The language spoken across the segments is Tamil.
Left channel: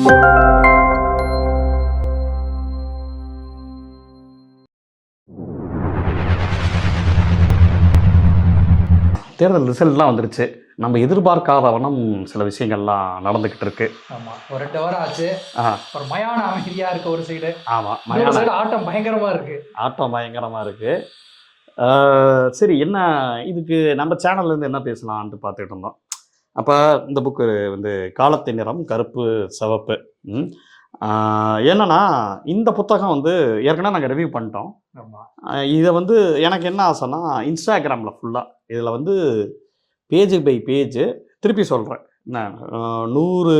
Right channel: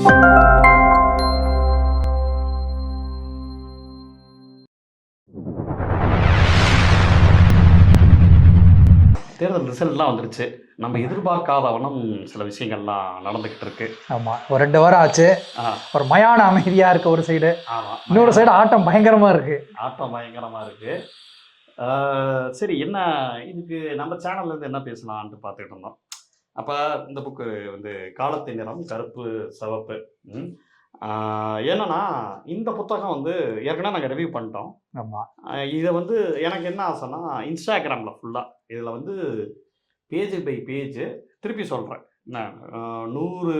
தேர்தல் ரிசல்ட்லாம் வந்துருச்சு. நம்ம எதிர்பார்க்காத வண்ணம் சில விஷயங்கள்லாம் நடந்துகிட்டு இருக்கு. ஆமா, ஒரு 2 வாரம் ஆச்சு. ஒரு மயான அமைதியா இருக்கு ஒரு சைடு. ஆமா, இன்னொரு சைடு ஆட்டம் பயங்கரமா இருக்கு. ஆட்டம் பயங்கரமா இருக்கு. சரி, என்ன இதுக்கு நம்ம சேனல்ல இருந்து என்ன பேசலாம்னு பார்த்துட்டு இருந்தோம். அப்ப இந்த புக்கு வந்து காலத்தின் நிறம் கருப்பு, சிவப்பு. என்னன்னா இந்த புத்தகம் வந்து ஏற்கனவே நாங்க ரிவ்யூ பண்ணிட்டோம். ஆமா. இத வந்து எனக்கு என்ன ஆசைன்னா, Instagramல ஃபுல்லா இதுல வந்து பேஜ் பை பேஜ் திருப்பி சொல்றேன். என்ன 100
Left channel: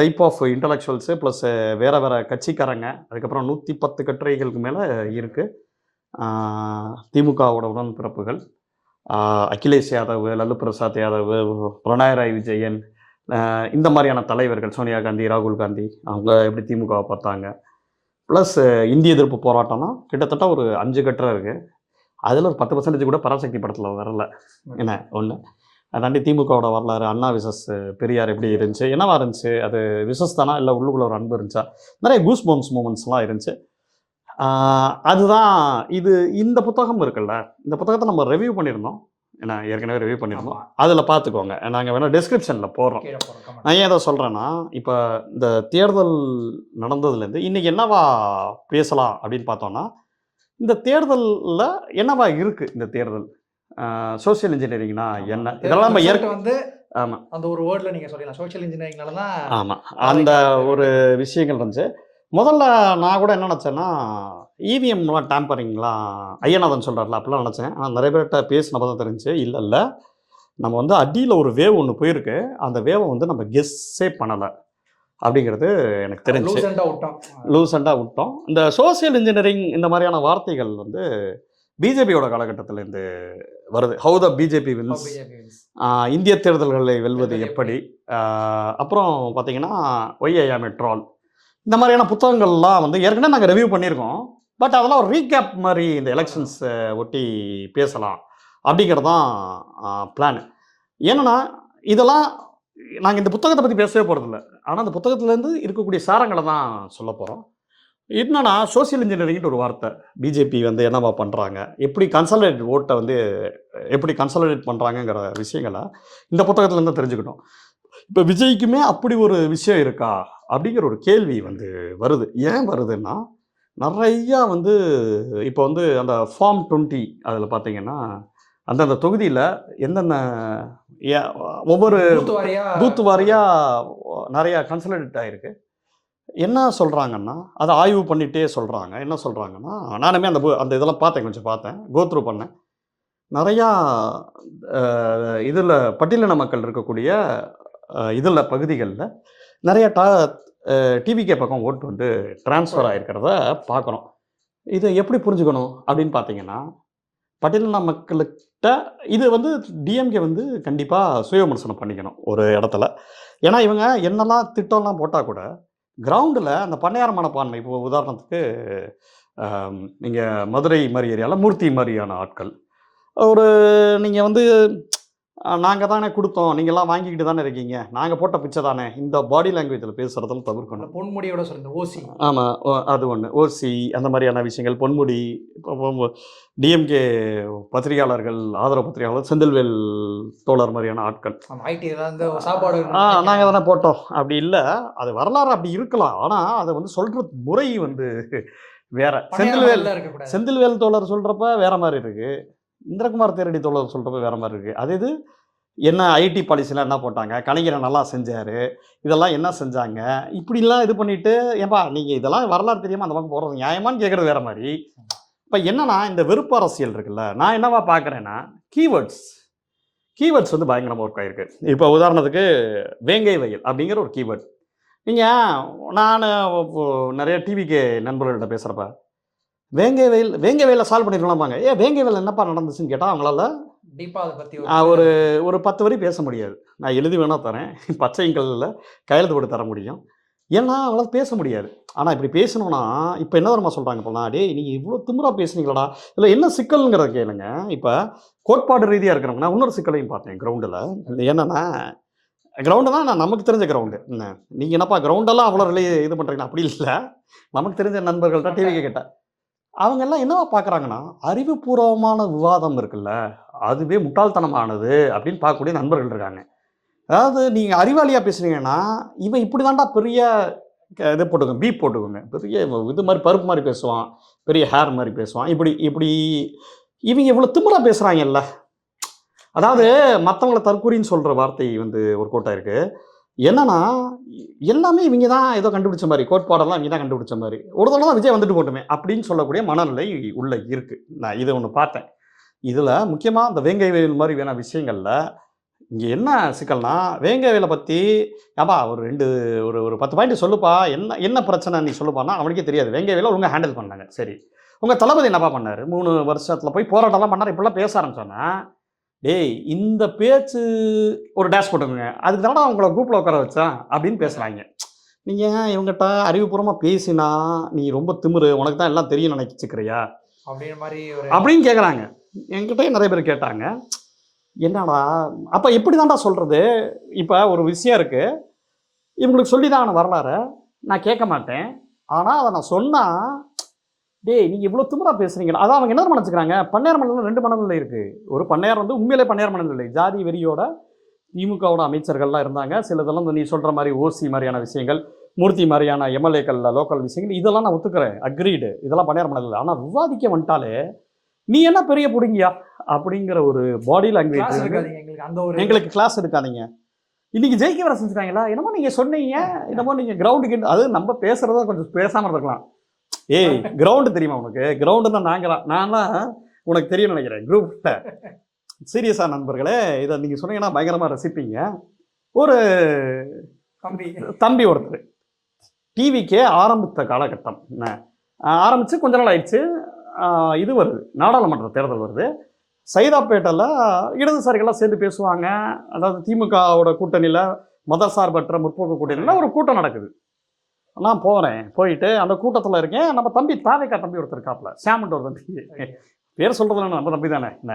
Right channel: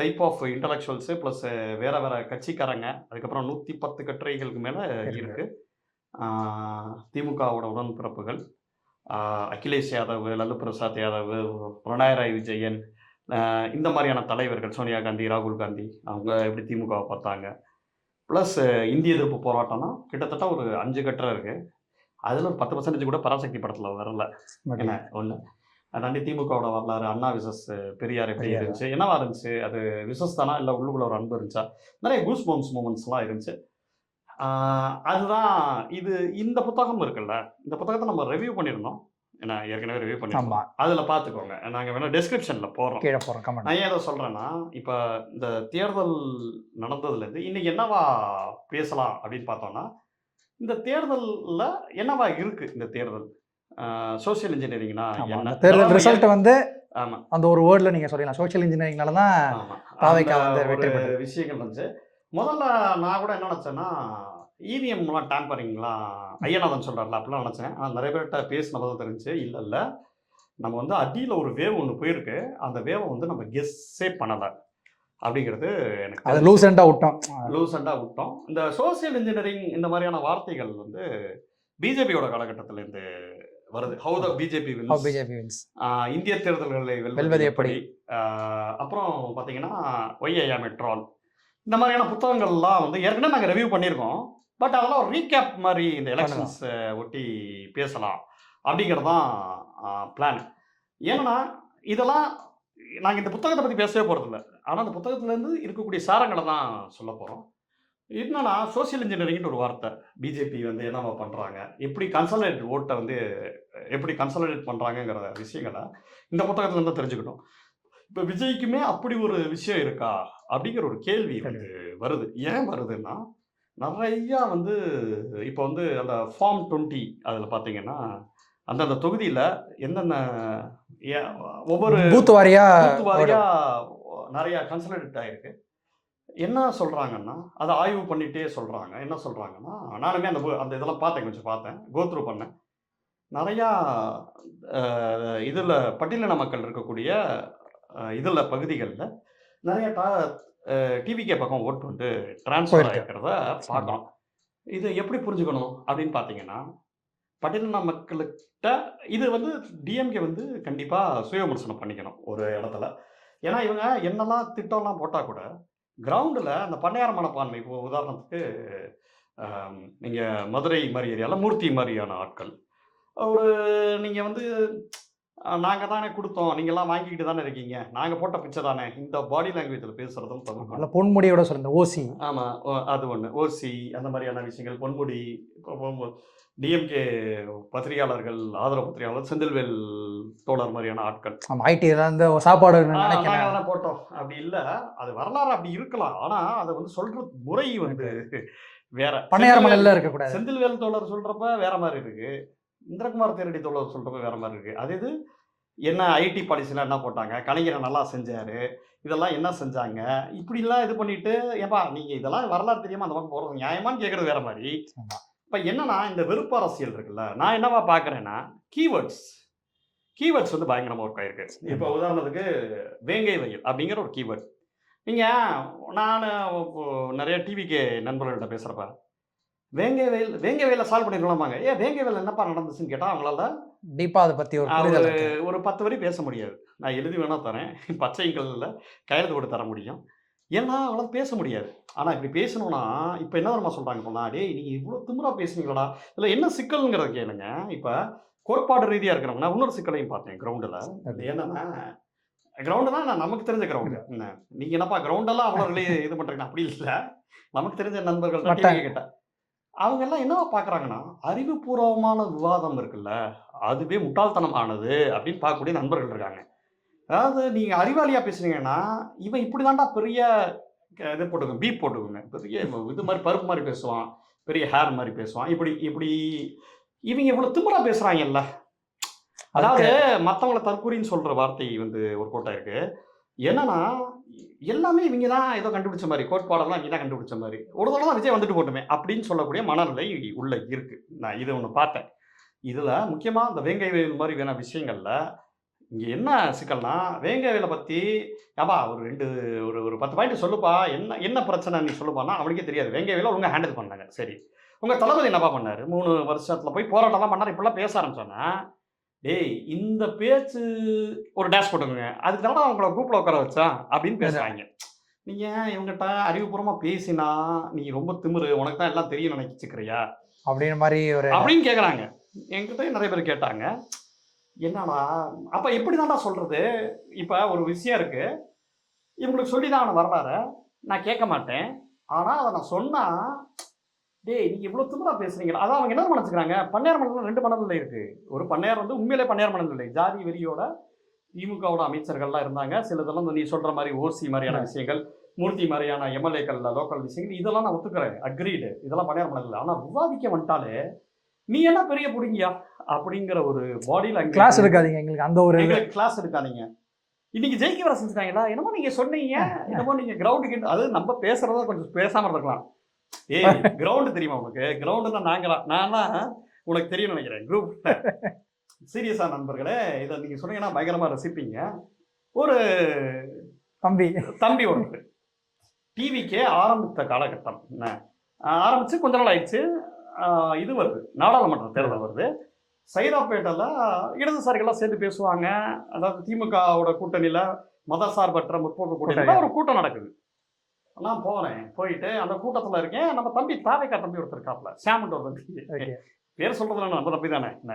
டைப் ஆஃப் இன்டலெக்சுவல்ஸு ப்ளஸ் வேற வேற கட்சிக்காரங்க, அதுக்கப்புறம் 110 கட்டுரைகளுக்கு மேல இருக்கு. திமுகவோட உடன்பிறப்புகள், அகிலேஷ் யாதவ், லல்லு பிரசாத் யாதவ், பினராயி விஜயன், இந்த மாதிரியான தலைவர்கள், சோனியா காந்தி, ராகுல் காந்தி, அவங்க எப்படி திமுகவை பார்த்தாங்க. ப்ளஸ் இந்திய எதிர்ப்பு போராட்டம்னா கிட்டத்தட்ட ஒரு 5 கட்டுரை இருக்கு. அதில் ஒரு 10% கூட பராசக்தி படத்தில் வரல. என்ன ஒன்று அதாண்டி திமுகவோட வரலாறு, அண்ணா விசஸ் பெரியார் எப்படி இருந்துச்சு, என்னவா இருந்துச்சு, அது விசஸ் தானா இல்லை உள்ளுக்குள்ள ஒரு அன்பு இருந்துச்சா, நிறைய கூஸ் பம்ப்ஸ் மூமெண்ட்ஸ்லாம் இருந்துச்சு. அதுதான் இது. இந்த புத்தகம் இருக்குல்ல, இந்த புத்தகத்தை நம்ம ரிவ்யூ பண்ணியிருந்தோம். ஏன்னா ஏற்கனவே ரிவ்யூ பண்ணியிருந்தோம். அதில் பார்த்துக்கோங்க, நாங்கள் வேணால் டிஸ்கிரிப்ஷனில் போடுறோம். நான் ஏன் அதை சொல்கிறேன்னா, இப்போ இந்த தேர்தல் நடந்ததுலேருந்து இன்றைக்கி என்னவா பேசலாம் அப்படின்னு பார்த்தோன்னா, இந்த தேர்தலில் என்னவா இருக்குது, இந்த தேர்தல் சோசியல் இன்ஜினியரிங்னா என்ன, ரிசல்ட் வந்து ஆமாம் அந்த ஒரு வேர்டில் நீங்கள் சொல்லலாம் சோசியல் இன்ஜினியரிங்னால தான். ஆமாம், அந்த ஒரு விஷயங்கள் இருந்துச்சு. முதல்ல நான் கூட என்ன நினச்சேன்னா, இவிஎம்லாம் டேம்பரிங்லாம் ஐயநாதன் சொல்கிறார்ல, அப்படிலாம் நினச்சேன். ஆனால் நிறைய பேர்கிட்ட பேசினப்போ தான் தெரிஞ்சு, இல்லை நம்ம வந்து அடியில் ஒரு வேவ் ஒன்று போயிருக்கு, அந்த வேவை வந்து நம்ம கெஸ்ஸே பண்ணலை அப்படிங்கிறது எனக்கு தெரியும். லூசண்டாக விட்டோம். இந்த சோசியல் இன்ஜினியரிங் இந்த மாதிரியான வார்த்தைகள் வந்து பிஜேபியோட காலகட்டத்தில் இருந்து வருது. ஹவு த பிஜேபி வின்ஸ், இந்திய தேர்தல்களை வெல்வது எப்படி, அப்புறம் பார்த்தீங்கன்னா ஒய்ஐஆ மெட்ரால், இந்த மாதிரியான புத்தகங்கள்லாம் வந்து ஏற்கனவே நாங்கள் ரிவ்யூ பண்ணியிருக்கோம். பட் அதெல்லாம் ஒரு ரீகேப் மாதிரி இந்த எலெக்ஷன்ஸை ஒட்டி பேசலாம் அப்படிங்கிறது தான் பிளான். ஏன்னா இதெல்லாம் நாங்கள் இந்த புத்தகத்தை பற்றி பேசவே போகிறதில்ல, ஆனால் அந்த புத்தகத்துலேருந்து இருக்கக்கூடிய சாரங்களை தான் சொல்ல போகிறோம். என்னன்னா சோசியல் இன்ஜினியரிங்னு ஒரு வார்த்தை, பிஜேபி வந்து என்னவா பண்ணுறாங்க, எப்படி கன்சாலிடேட் ஓட்டை வந்து எப்படி கன்சாலிடேட் பண்ணுறாங்கங்கிற விஷயங்களை இந்த புத்தகத்துலேருந்து தெரிஞ்சுக்கிட்டோம். இப்போ விஜய்க்குமே அப்படி ஒரு விஷயம் இருக்கா அப்படிங்கிற ஒரு கேள்வி வந்து வருது. ஏன் வருதுன்னா, நிறையா வந்து இப்போ வந்து அந்த ஃபார்ம் 20 அதில் பார்த்தீங்கன்னா, அந்தந்த தொகுதியில் எந்தெந்த ஒவ்வொரு பூத்து வாரியாக நிறையா கன்சாலிடேட் ஆகிருக்கு. என்ன சொல்கிறாங்கன்னா, அதை ஆய்வு பண்ணிகிட்டே சொல்கிறாங்க. என்ன சொல்கிறாங்கன்னா, நானுமே அந்த இதெல்லாம் பார்த்தேன், கோத்ரூ பண்ணேன். நிறையா இதில் பட்டியலின மக்கள் இருக்கக்கூடிய இதில் பகுதிகளில் நிறைய டிவிகே பக்கம் ஓட்டு வந்து டிரான்ஸ்ஃபர் ஆகிருக்கிறத பார்க்குறோம். இதை எப்படி புரிஞ்சுக்கணும் அப்படின்னு பார்த்தீங்கன்னா, பட்டியலின மக்கள்கிட்ட இது வந்து டிஎம்கே வந்து கண்டிப்பாக சுய விமர்சனம் பண்ணிக்கணும் ஒரு இடத்துல. ஏன்னா இவங்க என்னெல்லாம் திட்டம்லாம் போட்டால் கூட கிரவுண்டில் அந்த பண்ணையார் மனப்பான்மை, இப்போ உதாரணத்துக்கு நீங்கள் மதுரை மாதிரி ஏரியாவில் மூர்த்தி மாதிரியான ஆட்கள், ஒரு நீங்கள் வந்து நாங்கள் தானே கொடுத்தோம், நீங்கள்லாம் வாங்கிக்கிட்டு தானே இருக்கீங்க, நாங்கள் போட்ட பிச்சை தானே, இந்த பாடி லாங்குவேஜில் பேசுகிறதும் தவிர்க்கணும். பொன்முடியோட சொல்லுங்க, ஓசி. ஆமாம், அது ஒன்று, ஓசி அந்த மாதிரியான விஷயங்கள். பொன்முடி, டிஎம்கே பத்திரிகையாளர்கள், ஆதரவு பத்திரிகையாளர் செந்தில்வேல் தோழர் மாதிரியான ஆட்கள், ஐடி சாப்பாடு நாங்கள் தானே போட்டோம். அப்படி இல்லை, அது வரலாறு அப்படி இருக்கலாம், ஆனால் அதை வந்து சொல்கிற முறை வந்து வேற. செந்தில்வேல் தோழர் சொல்கிறப்ப வேற மாதிரி இருக்குது, இந்திரகுமார் தேரடி தோழர் சொல்கிறப்ப வேற மாதிரி இருக்குது. அது இது என்ன ஐடி பாலிசிலாம் என்ன போட்டாங்க, கலைஞரை நல்லா செஞ்சார், இதெல்லாம் என்ன செஞ்சாங்க, இப்படிலாம் இது பண்ணிவிட்டு ஏன்பா நீங்கள் இதெல்லாம் வரலாறு தெரியாமல் அந்த மாதிரி போகிறது நியாயமானு கேட்குறது வேறு மாதிரி. இப்போ என்னன்னா இந்த வெறுப்பு அரசியல் இருக்குல்ல, நான் என்னவா பார்க்குறேன்னா, கீவேர்ட்ஸ் வந்து பயங்கரமாக ஒர்க் ஆகிருக்கு. இப்போ உதாரணத்துக்கு வேங்கை வயல் அப்படிங்கிற ஒரு கீவேர்ட், நான் நிறைய டிவிக்கு நண்பர்கள்ட்ட பேசுகிறப்ப வேங்கை வயலில் சால்வ் பண்ணிருக்கலாம்பாங்க. வேங்கை வயல் என்னப்பா நடந்துச்சுன்னு கேட்டால் அவங்களால டீப்பாக அதை பற்றி ஒரு 10 வரி பேச முடியாது. நான் எழுதி வேணா தரேன், பச்சை கல்லில் கையெழுத்து போட்டு தர முடியும், ஏன்னா அவங்களால பேச முடியாது. ஆனால் இப்படி பேசணும்னா இப்போ என்ன நம்ம சொல்கிறாங்க, இப்போலாம் டே நீங்கள் இவ்வளோ திமிரா பேசுனீங்களா, இதில் என்ன சிக்கல்ங்கிறத கேளுங்க. இப்போ கோட்பாடு ரீதியாக இருக்கிறவங்கன்னா இன்னொரு சிக்கலையும் பார்த்தேன் கிரவுண்டில். அது என்னன்னா, கிரவுண்டு தான் நமக்கு தெரிஞ்ச கிரவுண்டு. நீங்கள் என்னப்பா கிரவுண்டெல்லாம் அவ்வளோ இது பண்ணுறீங்க அப்படி இல்லை. நமக்கு தெரிஞ்ச நண்பர்கள்ட்ட டிவி கிட்ட அவங்கெல்லாம் என்னவா பார்க்குறாங்கன்னா, அறிவுபூர்வமான விவாதம் இருக்குல்ல, அதுவே முட்டாள்தனமானது அப்படின்னு பார்க்கக்கூடிய நண்பர்கள் இருக்காங்க. அதாவது நீங்கள் அறிவாளியாக பேசுனீங்கன்னா, இவன் இப்படி தான்டா பெரிய இது போட்டுக்கோங்க, பீப் போட்டுக்கோங்க. பெரிய இது மாதிரி பருப்பு மாதிரி பேசுவான், பெரிய ஹேர் மாதிரி பேசுவான். இப்படி இப்படி இவங்க இவ்வளோ திமிரா பேசுகிறாங்கல்ல. அதாவது மற்றவங்கள தற்கூரின்னு சொல்கிற வார்த்தை வந்து ஒரு கோட்டா இருக்கு. என்னன்னா, எல்லாமே இவங்க தான் ஏதோ கண்டுபிடிச்ச மாதிரி, கோட்பாடெல்லாம் இவங்க தான் கண்டுபிடிச்ச மாதிரி. ஒரு தடவை தான் விஜய் வந்துட்டு போட்டுமே அப்படின்னு சொல்லக்கூடிய மனநிலை உள்ள இருக்கு. நான் இதை ஒன்று பார்த்தேன். இதில் முக்கியமாக இந்த வேங்கை வயல் மாதிரி வேணா விஷயங்கள்ல இங்கே என்ன சிக்கல்னா, வேங்கை வயலை பற்றி ஏப்பா ஒரு ஒரு 10 பாயிண்ட் சொல்லுப்பா, என்ன என்ன பிரச்சனை நீ சொல்லுப்பான்னா அவனுக்கே தெரியாது. வேங்கை வயலை ஒழுங்கா ஹேண்டில் பண்ணாங்க. சரி, உங்கள் தளபதி என்னப்பா பண்ணார்? 3 வருஷத்தில் போய் போராட்டம்லாம் பண்ணார். இப்படிலாம் பேச ஆரம்பிச்சோன்னா, டேய் இந்த பேச்சு ஒரு டேஷ் போட்டுக்கோங்க. அதுக்கு தானே அவங்கள குரூப்பில் உட்கார வச்சேன் அப்படின்னு பேசுகிறாங்க. நீங்கள் இவங்ககிட்ட அறிவுபூர்வமாக பேசினா நீ ரொம்ப திமிரு, உனக்கு தான் எல்லாம் தெரியும் நினைச்சிக்கிறியா அப்படின்னு மாதிரி ஒரு அப்படின்னு கேட்குறாங்க. என்கிட்ட நிறைய பேர் கேட்டாங்க, என்னடா அப்போ எப்படி தான்டா சொல்கிறது? இப்போ ஒரு விஷயம் இருக்குது, இவங்களுக்கு சொல்லி தான் வரலாறு நான் கேட்க மாட்டேன். ஆனால் அதை நான் சொன்னால், டேய் நீங்கள் இவ்வளோ திமிரா பேசுகிறீங்களா? அதான் அவங்க என்ன நினச்சிக்கிறாங்க, பண்ணையார் மனநிலை 2 மனநிலை இருக்குது. ஒரு பண்ணையார் வந்து உண்மையிலே பண்ணையார் மனநிலை, ஜாதி வெறியோட திமுகவோட அமைச்சர்கள்லாம் இருந்தாங்க. சிலதெல்லாம் நீ சொல்கிற மாதிரி ஓசி மாதிரியான விஷயங்கள், மூர்த்தி மாதிரியான எம்எல்ஏக்கள் லோக்கல் விஷயங்கள், இதெல்லாம் நான் ஒத்துக்கிறேன், அக்ரீடு, இதெல்லாம் பண்ணையார் மனநிலை. ஆனால் விவாதிக்க வந்துட்டாலே நீ என்ன பெரிய பிடிங்கியா அப்படிங்கிற ஒரு பாடியில் அங்கே கிளாஸ் எடுக்காதீங்க. எங்களுக்கு கிளாஸ் எடுக்காதீங்க. இன்னைக்கு ஜெயிக்க வர செஞ்சுட்டாங்களா? என்னமோ நீங்கள் சொன்னீங்க, என்னமோ நீங்கள் கிரவுண்டுக்கு, அது நம்ம பேசுகிறத கொஞ்சம் பேசாமல் இருக்கலாம். ஏய் கிரவுண்டு தெரியுமா உனக்கு? கிரவுண்டுன்னா நானா உனக்கு தெரியும் நினைக்கிறேன் குரூப்பில். சீரியஸாக நண்பர்களே, இதை நீங்கள் சொன்னீங்கன்னா பயங்கரமாக ரசிப்பீங்க. ஒரு தம்பி ஒருத்தர் டிவிக்கே ஆரம்பித்த காலகட்டம் ஆரம்பித்து கொஞ்ச நாள் ஆயிடுச்சு. இது வருது, நாடாளுமன்ற தேர்தல் வருது. சைதாப்பேட்டையில் இடதுசாரிகள்லாம் சேர்ந்து பேசுவாங்க. அதாவது திமுகவோட கூட்டணியில் மதசார்பற்ற முற்போக்கு கூட்டணியில் ஒரு கூட்டம் நடக்குது. நான் போகிறேன், போயிட்டு அந்த கூட்டத்தில் இருக்கேன். நம்ம தம்பி தாவேக்கா தம்பி ஒருத்தர் இருக்காப்புல, சாமண்ட் ஒரு தம்பி, பேர் சொல்கிறதுல நம்ம தம்பி தானே, என்ன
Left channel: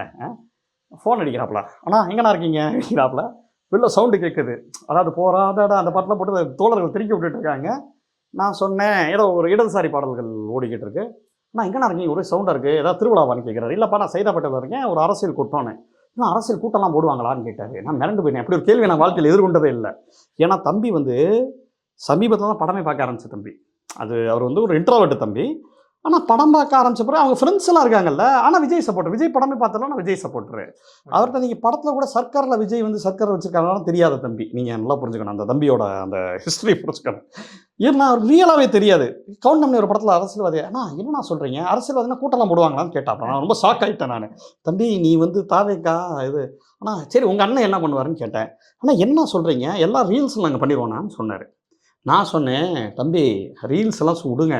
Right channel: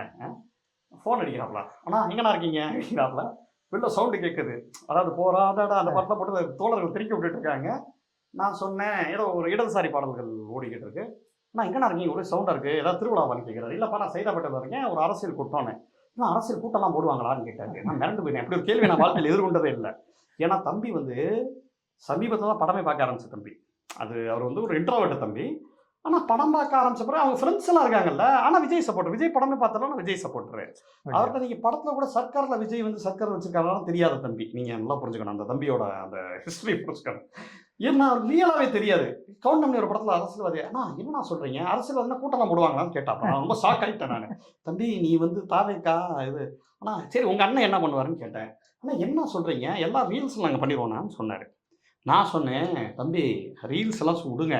ஃபோன் அடிக்கிறாப்புல, ஆனால் எங்கண்ணா இருக்கீங்க அடிக்கிறாப்புல. வெளில சவுண்டு கேட்குது. அதாவது போராட அந்த பாட்டில் போட்டு தோழர்கள் திருக்கி விட்டுட்டு இருக்காங்க. நான் சொன்னேன், ஏதோ ஒரு இடதுசாரி பாடல்கள் ஓடிக்கிட்டு இருக்கு. நான் எங்கண்ணா இருக்கீங்க, ஒரே சவுண்டாக இருக்குது, ஏதாவது திருவிழாவான்னு கேட்குறாரு. இல்லைப்பா நான் சைதாப்பேட்டையில் இருக்கேன், ஒரு அரசியல் கூட்டம்னு. இன்னும் அரசியல் கூட்டம்லாம் போடுவாங்களான்னு கேட்டாங்க. நான் மிரண்டு போயிட்டேன். அப்படி ஒரு கேள்வி நான் வாழ்க்கையில் எதிர்கொண்டதே இல்லை. ஏன்னா தம்பி வந்து சமீபத்தில் தான் படமே பார்க்க ஆரம்பிச்ச தம்பி. அவர் வந்து ஒரு இன்ட்ரோவர்ட் தம்பி. ஆனால் படம் பார்க்க ஆரம்பிச்ச பிறகு அவங்க ஃப்ரெண்ட்ஸ் எல்லாம் இருக்காங்கல்ல, ஆனால் விஜய் சப்போர்ட்டர், விஜய் படமே பார்த்தாலும் நான் விஜய் சப்போர்ட்டரு. அவர்கிட்ட நீங்கள் படத்தில் கூட சர்க்காரில் விஜய் வந்து சர்க்கார் வச்சுருக்காங்கன்னு தெரியாத தம்பி. நீங்கள் நல்லா புரிஞ்சுக்கணும், அந்த தம்பியோட அந்த ஹிஸ்ட்ரி புரிஞ்சுக்கணும். ஏன்னா அவர் ரியலாகவே தெரியாது. கவுண்ட் பண்ணி ஒரு படத்தில் அரசியல்வாதி, ஆனால் என்னண்ணா சொல்கிறீங்க, அரசியல்வாதினா கூட்டம்லாம் போடுவாங்களான்னு கேட்டாப்பா. நான் ரொம்ப ஷாக் ஆகிட்டேன். நான் தம்பி நீ வந்து தாவேக்கா இது, ஆனால் சரி உங்கள் அண்ணன் என்ன பண்ணுவாருன்னு கேட்டேன். ஆனால் என்ன சொல்கிறீங்க, எல்லா ரீல்ஸும் நாங்கள் பண்ணிடுவோம்னான்னு சொன்னார். நான் சொன்னேன், தம்பி ரீல்ஸ் எல்லாம் விடுங்க,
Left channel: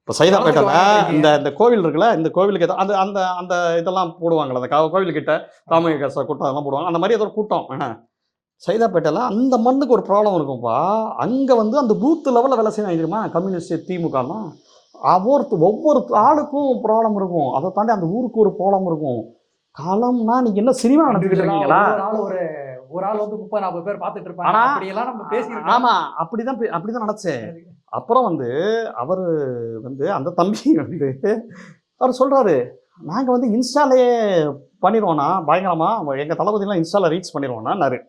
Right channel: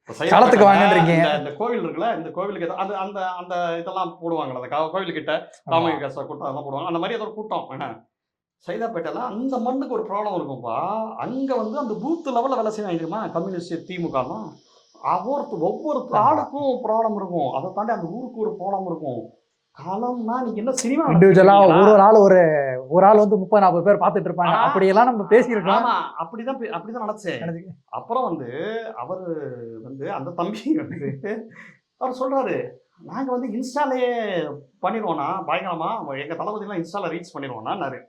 இப்போ சைதாப்பேட்டை இந்த கோவில் இருக்குல்ல, இந்த கோவிலுக்கு அந்த அந்த அந்த இதெல்லாம் போடுவாங்களே, அந்த கோவிலுக்கிட்ட ராமகிருஷ்ண கூட்டம் அதெல்லாம் போடுவாங்க. அந்த மாதிரி ஏதோ ஒரு கூட்டம் சைதாப்பேட்டையில் அந்த மண்ணுக்கு ஒரு ப்ராப்ளம் இருக்கும்ப்பா. அங்கே வந்து அந்த பூத்து லெவலில் வேலை செய்யணும் தெரியுமா, கம்யூனிஸ்ட் திமுகலாம் ஒவ்வொரு ஆளுக்கும் ப்ராப்ளம் இருக்கும். அதை தாண்டி அந்த ஊருக்கு ஒரு ப்ராப்ளம் இருக்கும். காலம்னா நீங்கள் என்ன சினிமா ஒரு ஆள் வந்து 30-40 பேர் பார்த்துட்டு இருப்பாங்க. அப்படியெல்லாம் நம்ம பேசியிருக்கோம். ஆமாம், அப்படிதான் நினச்சேன். அப்புறம் வந்து அவர் வந்து அந்த தம்பி வந்து அவர் சொல்கிறாரு, நாங்கள் வந்து இன்ஸ்டாலே பண்ணிடுவோண்ணா பயங்கரமாக, எங்கள் தளபதிலாம் இன்ஸ்டாவில் ரீச் பண்ணிடுவோண்ணான்னாரு.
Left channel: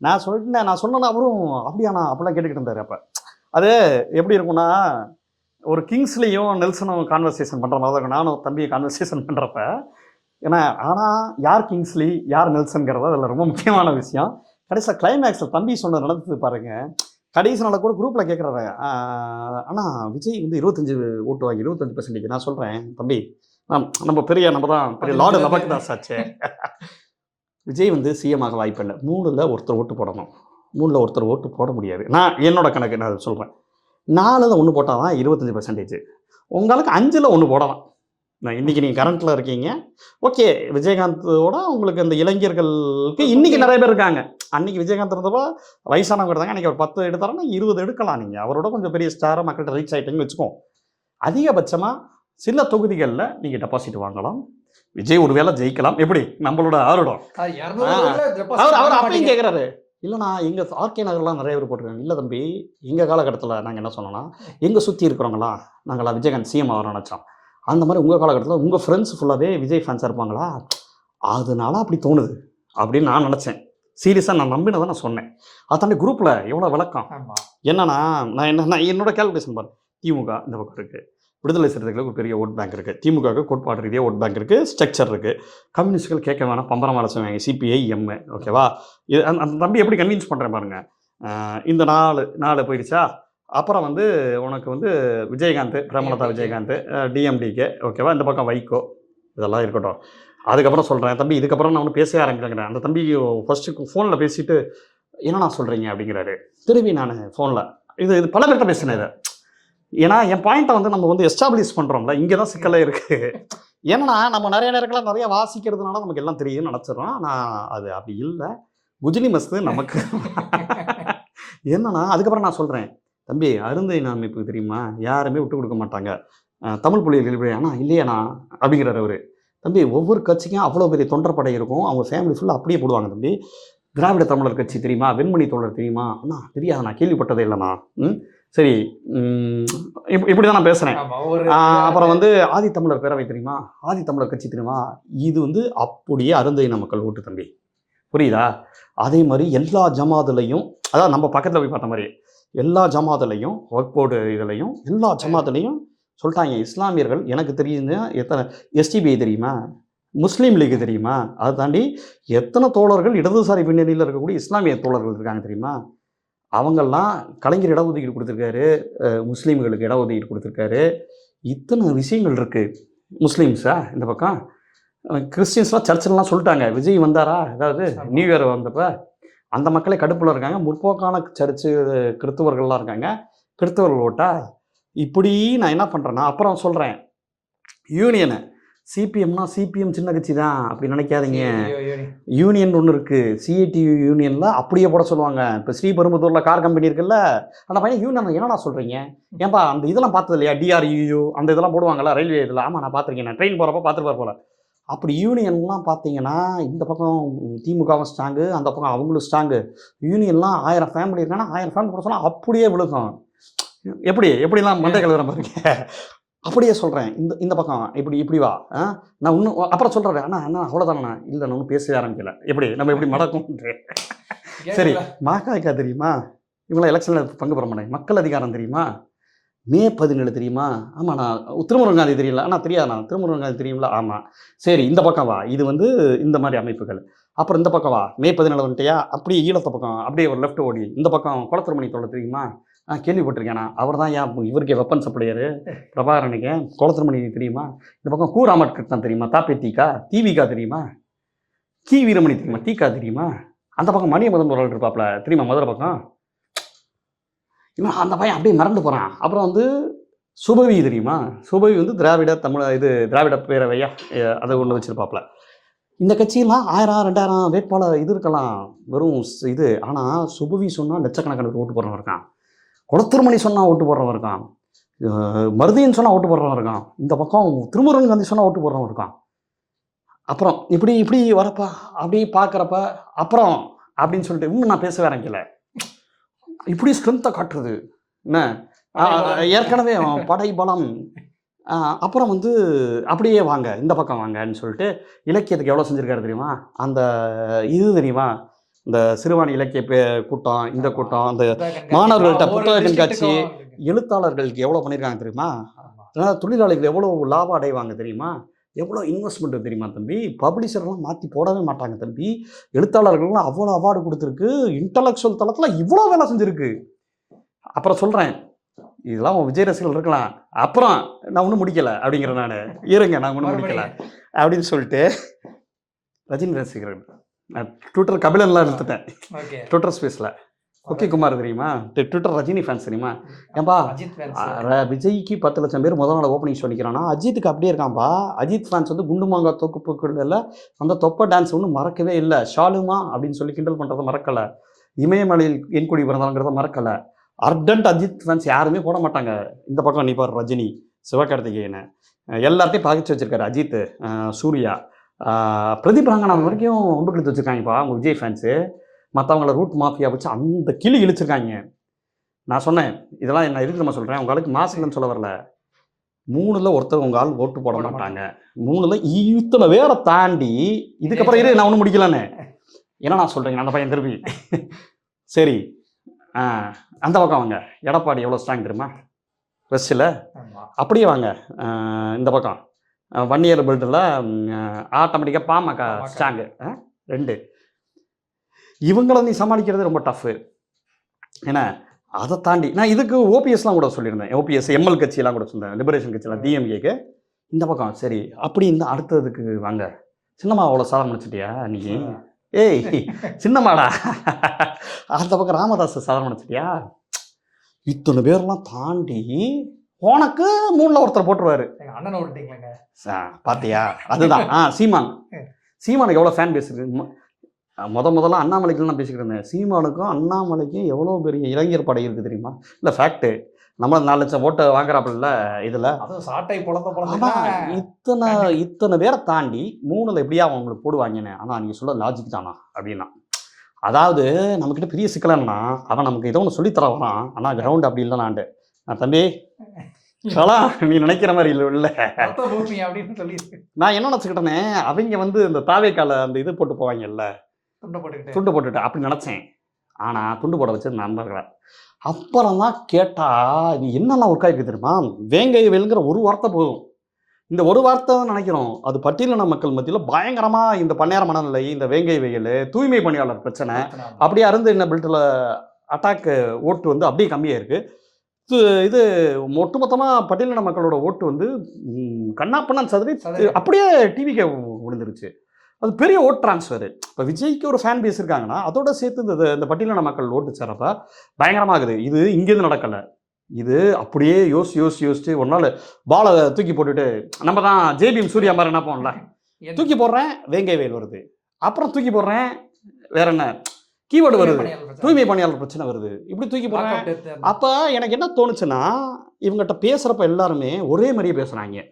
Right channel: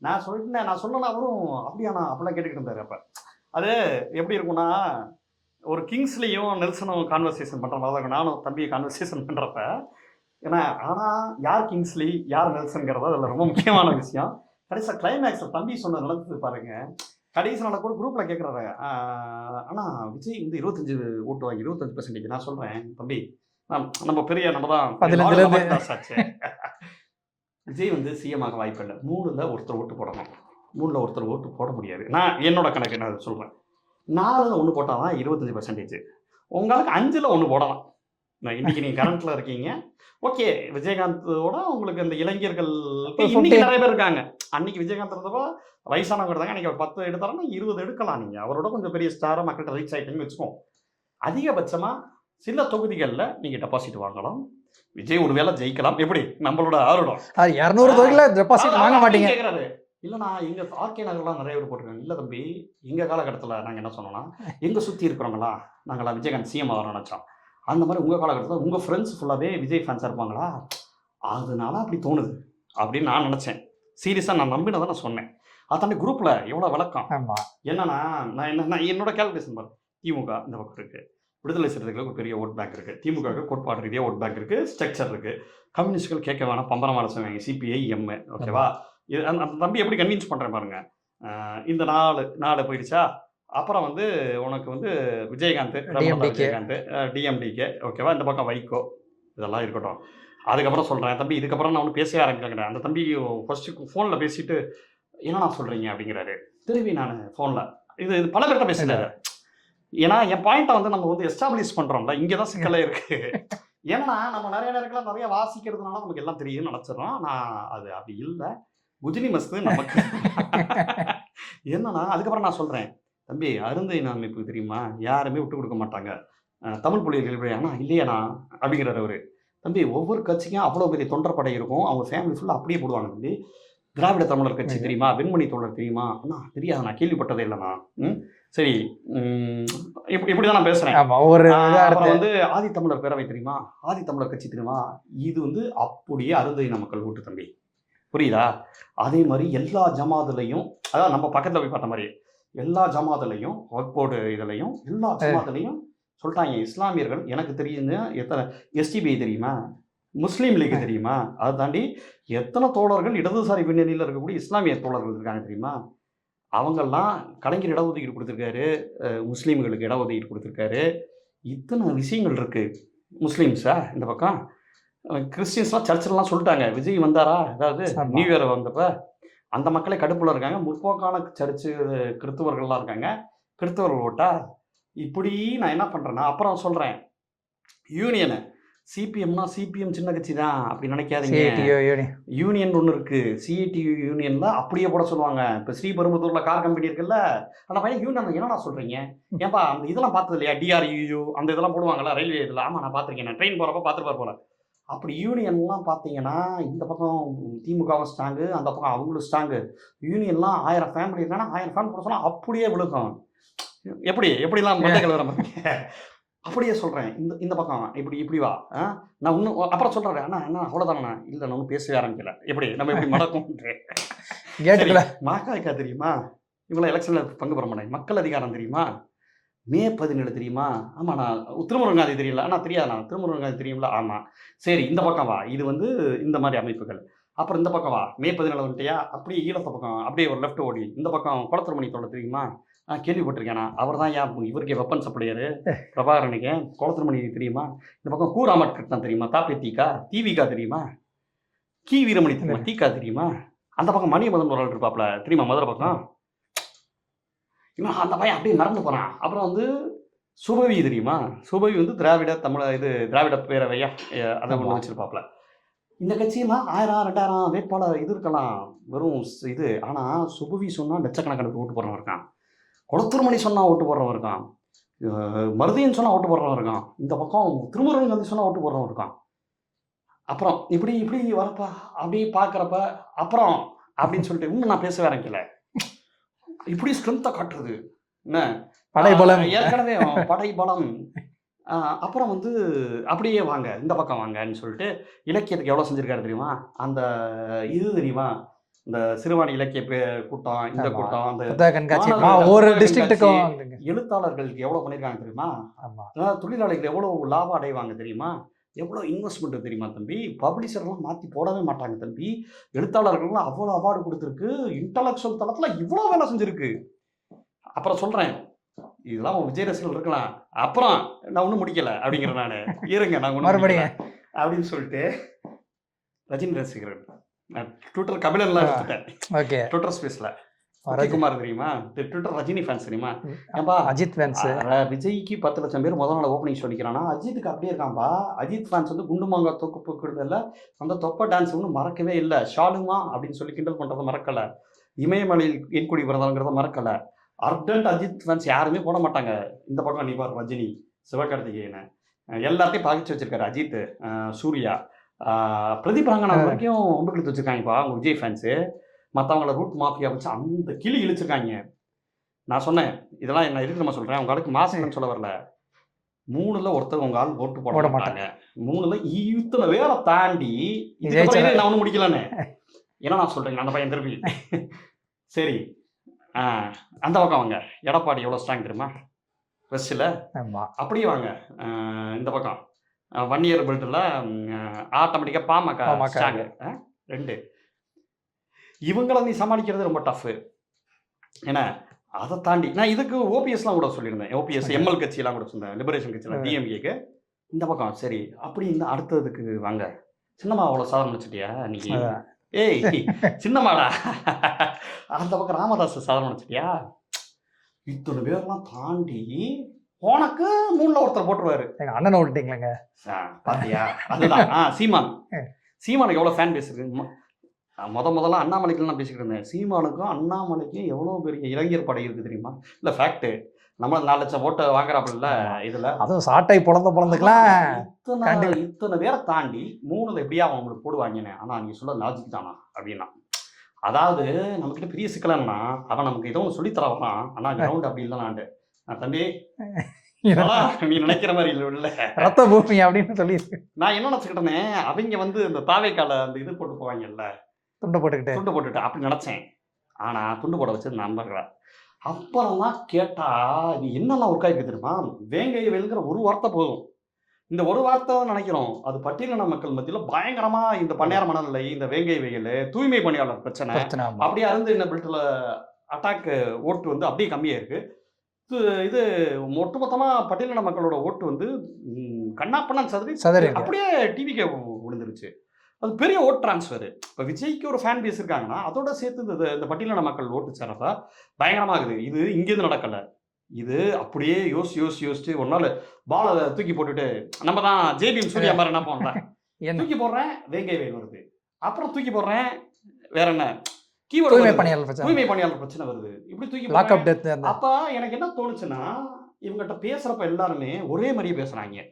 நான் சொன்னேன்னா அவரும் அப்படியாண்ணா அப்படிலாம் கேட்டுக்கிட்டு இருந்தார். அப்போ அது எப்படி இருக்கும்னா, ஒரு கிங்ஸ்லேயும் நெல்சனும் கான்வர்சேஷன் பண்ணுற மாதிரி இருக்கும். நானும் தம்பியை கான்வர்சேஷன் பண்ணுறப்ப ஏன்னா, ஆனால் யார் கிங்ஸ்லி யார் நெல்சன்கிறது அதில் ரொம்ப முக்கியமான விஷயம். கடைசியாக கிளைமேக்ஸில் தம்பி சொன்னது நடந்தது பாருங்கள். கடைசி நாள் கூட குரூப்பில் கேட்குறாரு, ஆனால் விஜய் வந்து 25 ஓட்டு வாங்கி 25%. நான் சொல்கிறேன், தம்பி நம்ம தான் ஆச்சு. விஜய் வந்து சிஎம் ஆக வாய்ப்பு இல்லை. 3ல் ஒருத்தர் ஓட்டு போடணும், 3ல் ஒருத்தர் ஓட்டு போட முடியாது. நான் என்னோட கணக்கு நான் சொல்கிறேன், 4ல் 1 போட்டால் தான் 25%. உங்களுக்கு 5ல் 1 போடலாம். இன்னைக்கு நீங்கள் கரண்ட்டில் இருக்கீங்க, ஓகே. விஜயகாந்தோட உங்களுக்கு இந்த இளைஞர்களுக்கு இன்னைக்கு நிறைய பேர் இருக்காங்க. அன்னைக்கு விஜயகாந்த் இருந்தப்போ வயசானவங்க இருந்தாங்க. அன்றைக்கி ஒரு 10 எடுத்தாருன்னா 20 எடுக்கலாம். நீங்கள் அவரோட கொஞ்சம் பெரிய ஸ்டாராக மக்கள்கிட்ட ரீச் ஆகிட்டீங்கன்னு வச்சுக்கோம். அதிகபட்சமாக சில தொகுதிகளில் நீங்கள் டெபாசிட் வாங்கலாம். விஜய் ஒருவேளை ஜெயிக்கலாம். எப்படி நம்மளோட ஆரோடம் 200 கேட்குறாரு, இல்லைண்ணா எங்கள் ஆர்கே நகர்லாம் நிறைய பேர் போட்டிருக்காங்க. இல்லை தம்பி, எங்கள் காலகட்டத்தில் நாங்கள் என்ன சொன்னோம்னா, எங்களை சுற்றி இருக்கிறவங்களா நாங்களாம் விஜயகாந்த் சிஎம் ஆகிறோம் நினச்சோம். அந்த மாதிரி உங்கள் காலகட்டத்தில் உங்கள் ஃப்ரெண்ட்ஸ் ஃபுல்லாகவே விஜய் ஃபேன்ஸாக இருப்பாங்களா, அதனால அப்படி தோணுது அப்படின்னு நான் நினச்சேன். சீரியஸாக நான் நம்பினதை நான் சொன்னேன். அதை தாண்டி குரூப்பில் எவ்வளோ விளக்கம் ஆமா. என்னன்னா, நான் என்னோட கால்குலேஷன் பாருங்க. திமுக இந்த பக்கம் இருக்குது, விடுதலை சிறுத்தைகளுக்கு ஒரு பெரிய ஓட் பேங்க் இருக்குது, திமுகவுக்கு கோட்பாடு ரீதியாக ஓட் பேங்க் இருக்குது, ஸ்ட்ரக்சர் இருக்குது, கம்யூனிஸ்ட்கள் கேட்க வேணாம் பம்பரம் வேலை செய்வாங்க, சிபிஐ எம்ஏ, ஓகேவா. அந்த தம்பி எப்படி கன்வின்ஸ் பண்ணுறேன் பாருங்க. இந்த நாலு போயிடுச்சா, அப்புறம் வந்து உனக்கு வந்து விஜயகாந்த், பிரேமலதா விஜயகாந்த், டிஎம்டிகே, ஓகேவா, இந்த பக்கம் வைகோ, இதெல்லாம் இருக்கட்டும். அதுக்கப்புறம் சொல்கிறேன் தம்பி, இதுக்கப்புறம் நான் ஒன்று பேசவே ஆரம்பிக்கிறேன். அந்த தம்பி ஃபஸ்ட்டு ஃபோனில் பேசிட்டு என்னண்ணா சொல்கிறீங்க அப்படிங்கிறாரு. திரும்பி நான் ஃபோனில் இது பல பேர்கிட்ட பேசினேன் இதை. ஏன்னா என் பாயிண்ட்டை வந்து நம்ம வந்து எஸ்டாப்ளிஷ் பண்ணுறோம்ல, இங்கே தான் சிக்கலே இருக்குது. ஏன்னா நம்ம நிறைய நேரங்களில் நிறைய வாசிக்கிறதுனால நமக்கு எல்லாம் தெரியும்னு நினச்சிடறோம். நான் அது அப்படி இல்லை. குஜிலி மஸ்து நமக்கு என்னன்னா, அதுக்கப்புறம் நான் சொல்கிறேன் தம்பி, அருந்தையின் அமைப்பு தெரியுமா, யாருமே விட்டு கொடுக்க மாட்டாங்க, தமிழ் புலிகள் ஆனால் இல்லையாண்ணா அப்படிங்கிறார் அவர். தம்பி, ஒவ்வொரு கட்சிக்கும் அவ்வளோ பெரிய தொண்டர்படை இருக்கும், அவங்க ஃபேமிலி ஃபுல்லாக அப்படியே போடுவாங்க தம்பி. திராவிட தமிழர் கட்சி தெரியுமா, வெண்மணி தோழர் தெரியுமா, அண்ணா தெரியாது, நான் கேள்விப்பட்டதே இல்லைண்ணா. சரி, இப்படி தான் நான் பேசுகிறேன். அப்புறம் வந்து ஆதித்தமிழர் பேரவை தெரியுமா, ஆதித்தமிழர் கட்சி தெரியுமா, இது வந்து அப்படியே அருந்தையின மக்கள் ஓட்டு தம்பி, புரியுதா. அதே மாதிரி எல்லா ஜமாத்துலையும், அதாவது நம்ம பக்கத்தில் போய் பார்த்த மாதிரி எல்லா ஜமாத்துலையும், ஒர்க்போர்டு இதுலையும் எல்லா ஜமாத்துலையும் சொல்லிட்டாங்க, இஸ்லாமியர்கள் எனக்கு தெரியுங்க எத்தனை எஸ்டிபிஐ தெரியுமா, முஸ்லீம் லீக் தெரியுமா, அதை தாண்டி எத்தனை தோழர்கள் இடதுசாரி பின்னணியில் இருக்கக்கூடிய இஸ்லாமிய தோழர்கள் இருக்காங்க தெரியுமா. அவங்கெல்லாம் கலைஞர் இடஒதுக்கீடு கொடுத்துருக்காரு, முஸ்லீம்களுக்கு இடஒதுக்கீடு கொடுத்துருக்காரு, இத்தனை விஷயங்கள் இருக்குது. முஸ்லீம்ஸா இந்த பக்கம், கிறிஸ்டின்ஸ்லாம் சர்ச்சிலலாம் சொல்லிட்டாங்க விஜய் வந்தாரா, அதாவது நியூ இயர் வந்தப்போ அந்த மக்களே கடுப்பில் இருக்காங்க. முற்போக்கான சர்ச்சு கிறிஸ்தவர்கள்லாம் இருக்காங்க, கிறிஸ்தவர்கள் ஓட்டா. இப்படி நான் என்ன பண்ணுறேன்னா, அப்புறம் சொல்கிறேன் யூனியனு, சிபிஎம்னா சிபிஎம் சின்ன கட்சி தான் அப்படி நினைக்காதீங்க, யூனியன் ஒன்று இருக்குது, சிஐடியு யூனியனில் அப்படியே போட சொல்லுவாங்க. இப்போ ஸ்ரீபெரும்புதூரில் கார் கம்பெனி இருக்குல்ல, அந்த பையன் யூனியன் என்னடா சொல்கிறீங்க, ஏன்பா அந்த இதெல்லாம் பார்த்தது இல்லையா, டிஆர்யூ அந்த இதெல்லாம் போடுவாங்கள்ல ரயில்வே இதில், ஆமாம் நான் பார்த்துருக்கேன், நான் ட்ரெயின் போகிறப்ப பார்த்துருப்பார் போல. அப்படி யூனியன்லாம் பார்த்தீங்கன்னா இந்த பக்கம் திமுகவும் ஸ்ட்ராங்கு, அந்த பக்கம் அவங்களும் ஸ்ட்ராங்கு. யூனியன்லாம் 1000 ஃபேமிலி இருக்காங்கன்னா 1000 ஃபேமிலி கூட சொன்னால் அப்படியே விழுக்கும். எப்படிலாம் மண்டைகள் வர மாதிரி அப்படியே சொல்கிறேன். இந்த பக்கம் இப்படி வா, நான் இன்னும் அப்புறம் சொல்கிறேன், அண்ணா அவ்வளோதானண்ணா, இல்லை நான் ஒன்றும் பேசவே ஆரம்பிக்கல, நம்ம எப்படி மடக்கும். சரி, மாக்காய்க்கா தெரியுமா, இவங்களாம் எலெக்ஷனில் பங்கு பெற மாட்டேன். மக்கள் அதிகாரம் தெரியுமா, மே 17 தெரியுமா, ஆமாம் நான் திருமுருகன் காந்தி தெரியல, ஆனால் தெரியாதுண்ணா திருமுருகன் காந்தி தெரியுங்களா, ஆமாம். சரி, இந்த பக்கம் வா, இது வந்து இந்த மாதிரி அமைப்புகள். அப்புறம் இந்த பக்கம் வா, மே 17 வந்துட்டியா, அப்படியே ஈழத்த பக்கம் அப்படியே ஒரு லெஃப்ட் ஓடி இந்த பக்கம் குளத்திருமணி தோழர் தெரியுமா, கேள்விப்பட்டிருக்கேண்ணா, அவர் தான் இவருக்கு வெப்பன் சப்ளையரு பிரபாகரனுக்கு, குளத்திருமணி தெரியுமா. இந்த பக்கம் கூ ராமகிருஷ்ணன் தெரியுமா, தாப்பேத்திகா, டிவிகா தெரியுமா, கி வீரமணி தெரியுமா, டிகா தெரியுமா. அந்த பக்கம் மணியமதன் ஒரு இருப்பாப்ல தெரியுமா, மதுரை பக்கம். இவன் அந்த பையன் அப்படியே மறந்து போகிறான். அப்புறம் வந்து சுபவி தெரியுமா, சுபவி வந்து திராவிட பேரவையா அதை ஒன்று வச்சுருப்பாப்புல. இந்த கட்சியெல்லாம் 1000 2000 வேட்பாளர் இது இருக்கலாம், வெறும் இது. ஆனால் சுபவி சொன்னால் லட்சக்கணக்கான ஓட்டு போடுறவன் இருக்கான், குளத்திருமணி சொன்னால் ஓட்டு போடுறவன் இருக்கான், மருதியன் சொன்னால் ஓட்டு போடுறவன் இருக்கான், இந்த பக்கம் திருமுருகன் காந்தி சொன்னால் ஓட்டு போடுறவன் இருக்கான். அப்புறம் இப்படி வரப்பா அப்படி பார்க்குறப்ப அப்புறம் அப்படின்னு சொல்லிட்டு இன்னும் நான் பேசவே ஆரம்பிக்கல. இப்படி ஸ்ட்ரென்த்தை காட்டுறது என்ன, ஏற்கனவே படைபலம். அப்புறம் வந்து அப்படியே வாங்க இந்த பக்கம் வாங்கன்னு சொல்லிட்டு இலக்கியத்துக்கு எவ்வளோ செஞ்சுருக்காரு தெரியுமா, அந்த இது தெரியுமா, இந்த சிறுவாணி இலக்கிய கூட்டம், இந்த கூட்டம், அந்த மாணவர்கள் எழுத்தாளர்களுக்கு எவ்வளோ பண்ணியிருக்காங்க தெரியுமா, தொழிலாளிகள் எவ்வளோ லாபம் அடைவாங்க தெரியுமா, எவ்வளோ இன்வெஸ்ட்மெண்ட் தெரியுமா தம்பி. பப்ளிஷர்லாம் மாற்றி போடவே மாட்டாங்க தம்பி. எழுத்தாளர்கள்லாம் அவ்வளோ அவார்டு கொடுத்துருக்கு, இன்டலெக்சுவல் தளத்தில் இவ்வளோ வேலை செஞ்சுருக்கு. அப்புறம் சொல்கிறேன், இதெல்லாம் விஜய் ரசிகர்கள் இருக்கலாம், அப்புறம் நான் ஒன்றும் முடிக்கலை அப்படிங்கிற, நான் இருங்க நான் ஒன்றும் முடிக்கல அப்படின்னு சொல்லிட்டு ரஜினி ரசிகர்கள் நான் ட்விட்டர் கபிலன்லாம் எடுத்துட்டேன். ஓகே, ட்விட்டர் ஸ்பேஸில் ஓகே குமார் தெரியுமா, ட்விட்டர் ரஜினி ஃபேன்ஸ் தெரியுமா, ஏன்பா அஜித் ஃபேன்ஸ். விஜய்க்கு 10 லட்சம் பேர் முதல் நாள் ஓப்பனிங் சொல்லிக்கிறான்னா அஜித்துக்கு அப்படியே இருக்கான்பா. அஜித் ஃபேன்ஸ் வந்து குண்டு மாங்கா தொகுப்புகளில் அந்த தொப்பை டான்ஸ் ஒன்றும் மறக்கவே இல்லை. ஷாலுமா அப்படின்னு சொல்லி கிண்டல் பண்ணுறதை மறக்கலை, இமயமலையில் என் குடி பிறந்தாங்கிறத மறக்கலை. அர்டன்ட் அஜித் ஃபேன்ஸ் யாருமே போட மாட்டாங்க. இந்த பக்கம் நீ பாரு, ரஜினி, சிவகார்த்திகேயனை எல்லாத்தையும் பாதிச்சு வச்சிருக்காரு. அஜித், சூர்யா, பிரதீப் ரங்கநாதன் வரைக்கும் ஒன்று கொடுத்து வச்சுருக்காங்கப்பா அவங்க விஜய் ஃபேன்ஸு. மற்றவங்கள ரூட் மாஃபியா வச்சு அந்த கிளி இழிச்சிருக்காங்க. நான் சொன்னேன், இதெல்லாம் என்ன இருக்குமா சொல்கிறேன், உங்களுக்கு மாசுங்கன்னு சொல்ல வரல. 3ல் ஒருத்தர் உங்கள் ஆள் ஓட்டு போட மாட்டாங்க. 3ல் இத்தனை பேரை தாண்டி இதுக்கப்புறம் இரு நான் ஒன்றும் முடிக்கலான்னு என்ன நான் சொல்கிறேங்க அந்த பையன் திருப்பி. சரி அந்த பக்கம் வாங்க. எடப்பாடி எவ்வளோ ஸ்ட்ராங் தெரியுமா வெஸ்ட்டில்? அப்படியே வாங்க இந்த பக்கம் வன்னியர் பெல்ட்டில் ஆட்டோமேட்டிக்காக பாமக ஸ்ட்ராங்கு 2. இவங்கள நீ சமாளிக்கிறது ரொம்ப டஃப்பு. ஏன்னா அதை தாண்டி நான் இதுக்கு ஓபிஎஸ்லாம் கூட சொல்லியிருந்தேன். ஓபிஎஸ் எம்எல் கட்சியெல்லாம் கூட சொல்லியிருந்தேன், லிபரேஷன் கட்சியெல்லாம் டிஎம்கேக்கு. இந்த பக்கம் சரி அப்படி இந்த அடுத்ததுக்கு வாங்க. சின்னம்மா அவ்வளோ சாதம் முடிச்சிட்டியா இன்னைக்கு? ஏய் சின்னம்மாடா. அந்த பக்கம் ராமதாஸ் சாதம் முடிச்சிட்டியா? இத்தனை பேர்லாம் தாண்டி உனக்கு 3ல் ஒருத்தர் போட்டுருவாரு. அண்ணனை விட்டுட்டீங்களேங்க பார்த்தியா? அதுதான் சீமானுக்கு எவ்வளோ ஃபேன் பேஸ் இருக்கு. முதல்ல அண்ணாமலைக்குலாம் பேசிக்கிட்டு இருந்தேன். சீமானுக்கும் அண்ணாமலைக்கும் எவ்வளோ பெரிய இளைஞர் படை இருக்குது தெரியுமா? இல்லை ஃபேக்ட்டு நம்ம 4 லட்சம் ஓட்டை வாங்குறாப்புல இதில். அதுவும் சாட்டை இத்தனை பேரை தாண்டி 3ல் எப்படியா அவங்களுக்கு போடுவாங்கன்னு. ஆனால் நீங்கள் சொல்ல லாஜிக் தானா அப்படின்னா, அதாவது நம்மக்கிட்ட பெரிய சிக்கலன்னா அவன் நமக்கு ஏதோ ஒன்று சொல்லித்தரவான். ஆனால் கிரவுண்ட் அப்படி இல்லைனாண்டு தம்பி நீ நினைக்கிற மாதிரி இல்லை ரத்த பூமி அப்படின்னு சொல்லி நான் என்ன நினச்சிக்கிட்டேனே, அவங்க இந்த தாவேக்கால அந்த இது போட்டு போவாங்கல்ல, துண்டு போட்டுக்கிட்டு அப்படி நினச்சேன். ஆனால் துண்டு போட வச்சது நான் இருக்கிறேன். அப்புறம் தான் கேட்டால் இது என்னென்ன ஒர்க் ஆகிருக்கு தெரியுமா? வேங்கை வேலுங்கிற ஒரு வார்த்தை போதும். இந்த ஒரு வார்த்தை தான் நினைக்கிறோம், அது பட்டியலின மக்கள் மத்தியில் பயங்கரமாக இந்த பன்னியார மனநிலை, இந்த வேங்கை வெயில், தூய்மை பணியாளர் பிரச்சனை அப்படியே அருந்து என்ன பில்ட்டில் அட்டாக்கு ஓட்டு அப்படியே கம்மியாக இருக்குது. இது ஒட்டுமொத்தமாக பட்டியலின மக்களோட ஓட்டு கண்ணாப்பண்ணன் சதுரி அப்படியே டிவிக்கு விழுந்துருச்சு. அது பெரிய ஓட் டிரான்ஸ்ஃபரு. இப்போ விஜய்க்கு ஒரு ஃபேன் பேஸ் இருக்காங்கன்னா அதோட சேர்த்து இந்த பட்டியலின மக்கள் ஓட்டு சேரப்ப பயங்கரமாகுது. இது இங்கேருந்து நடக்கலை. இது அப்படியே யோசிச்சு ஒரு நாள் பாலை தூக்கி போட்டுட்டு நம்ம தான் ஜேபிஎம் சூர்யா மாதிரி என்ன போனல தூக்கி போடுறேன், வேங்கை வேல் வருது. அப்புறம் தூக்கி போடுறேன், வேற என்ன கீவேர்டு தூய்மை பணியாளர் பிரச்சனை வருது. இப்படி தூக்கி போடுறேன். அப்போ எனக்கு என்ன தோணுச்சுன்னா, இவங்ககிட்ட பேசுகிறப்ப எல்லாருமே ஒரே மாதிரியே பேசுகிறாங்க,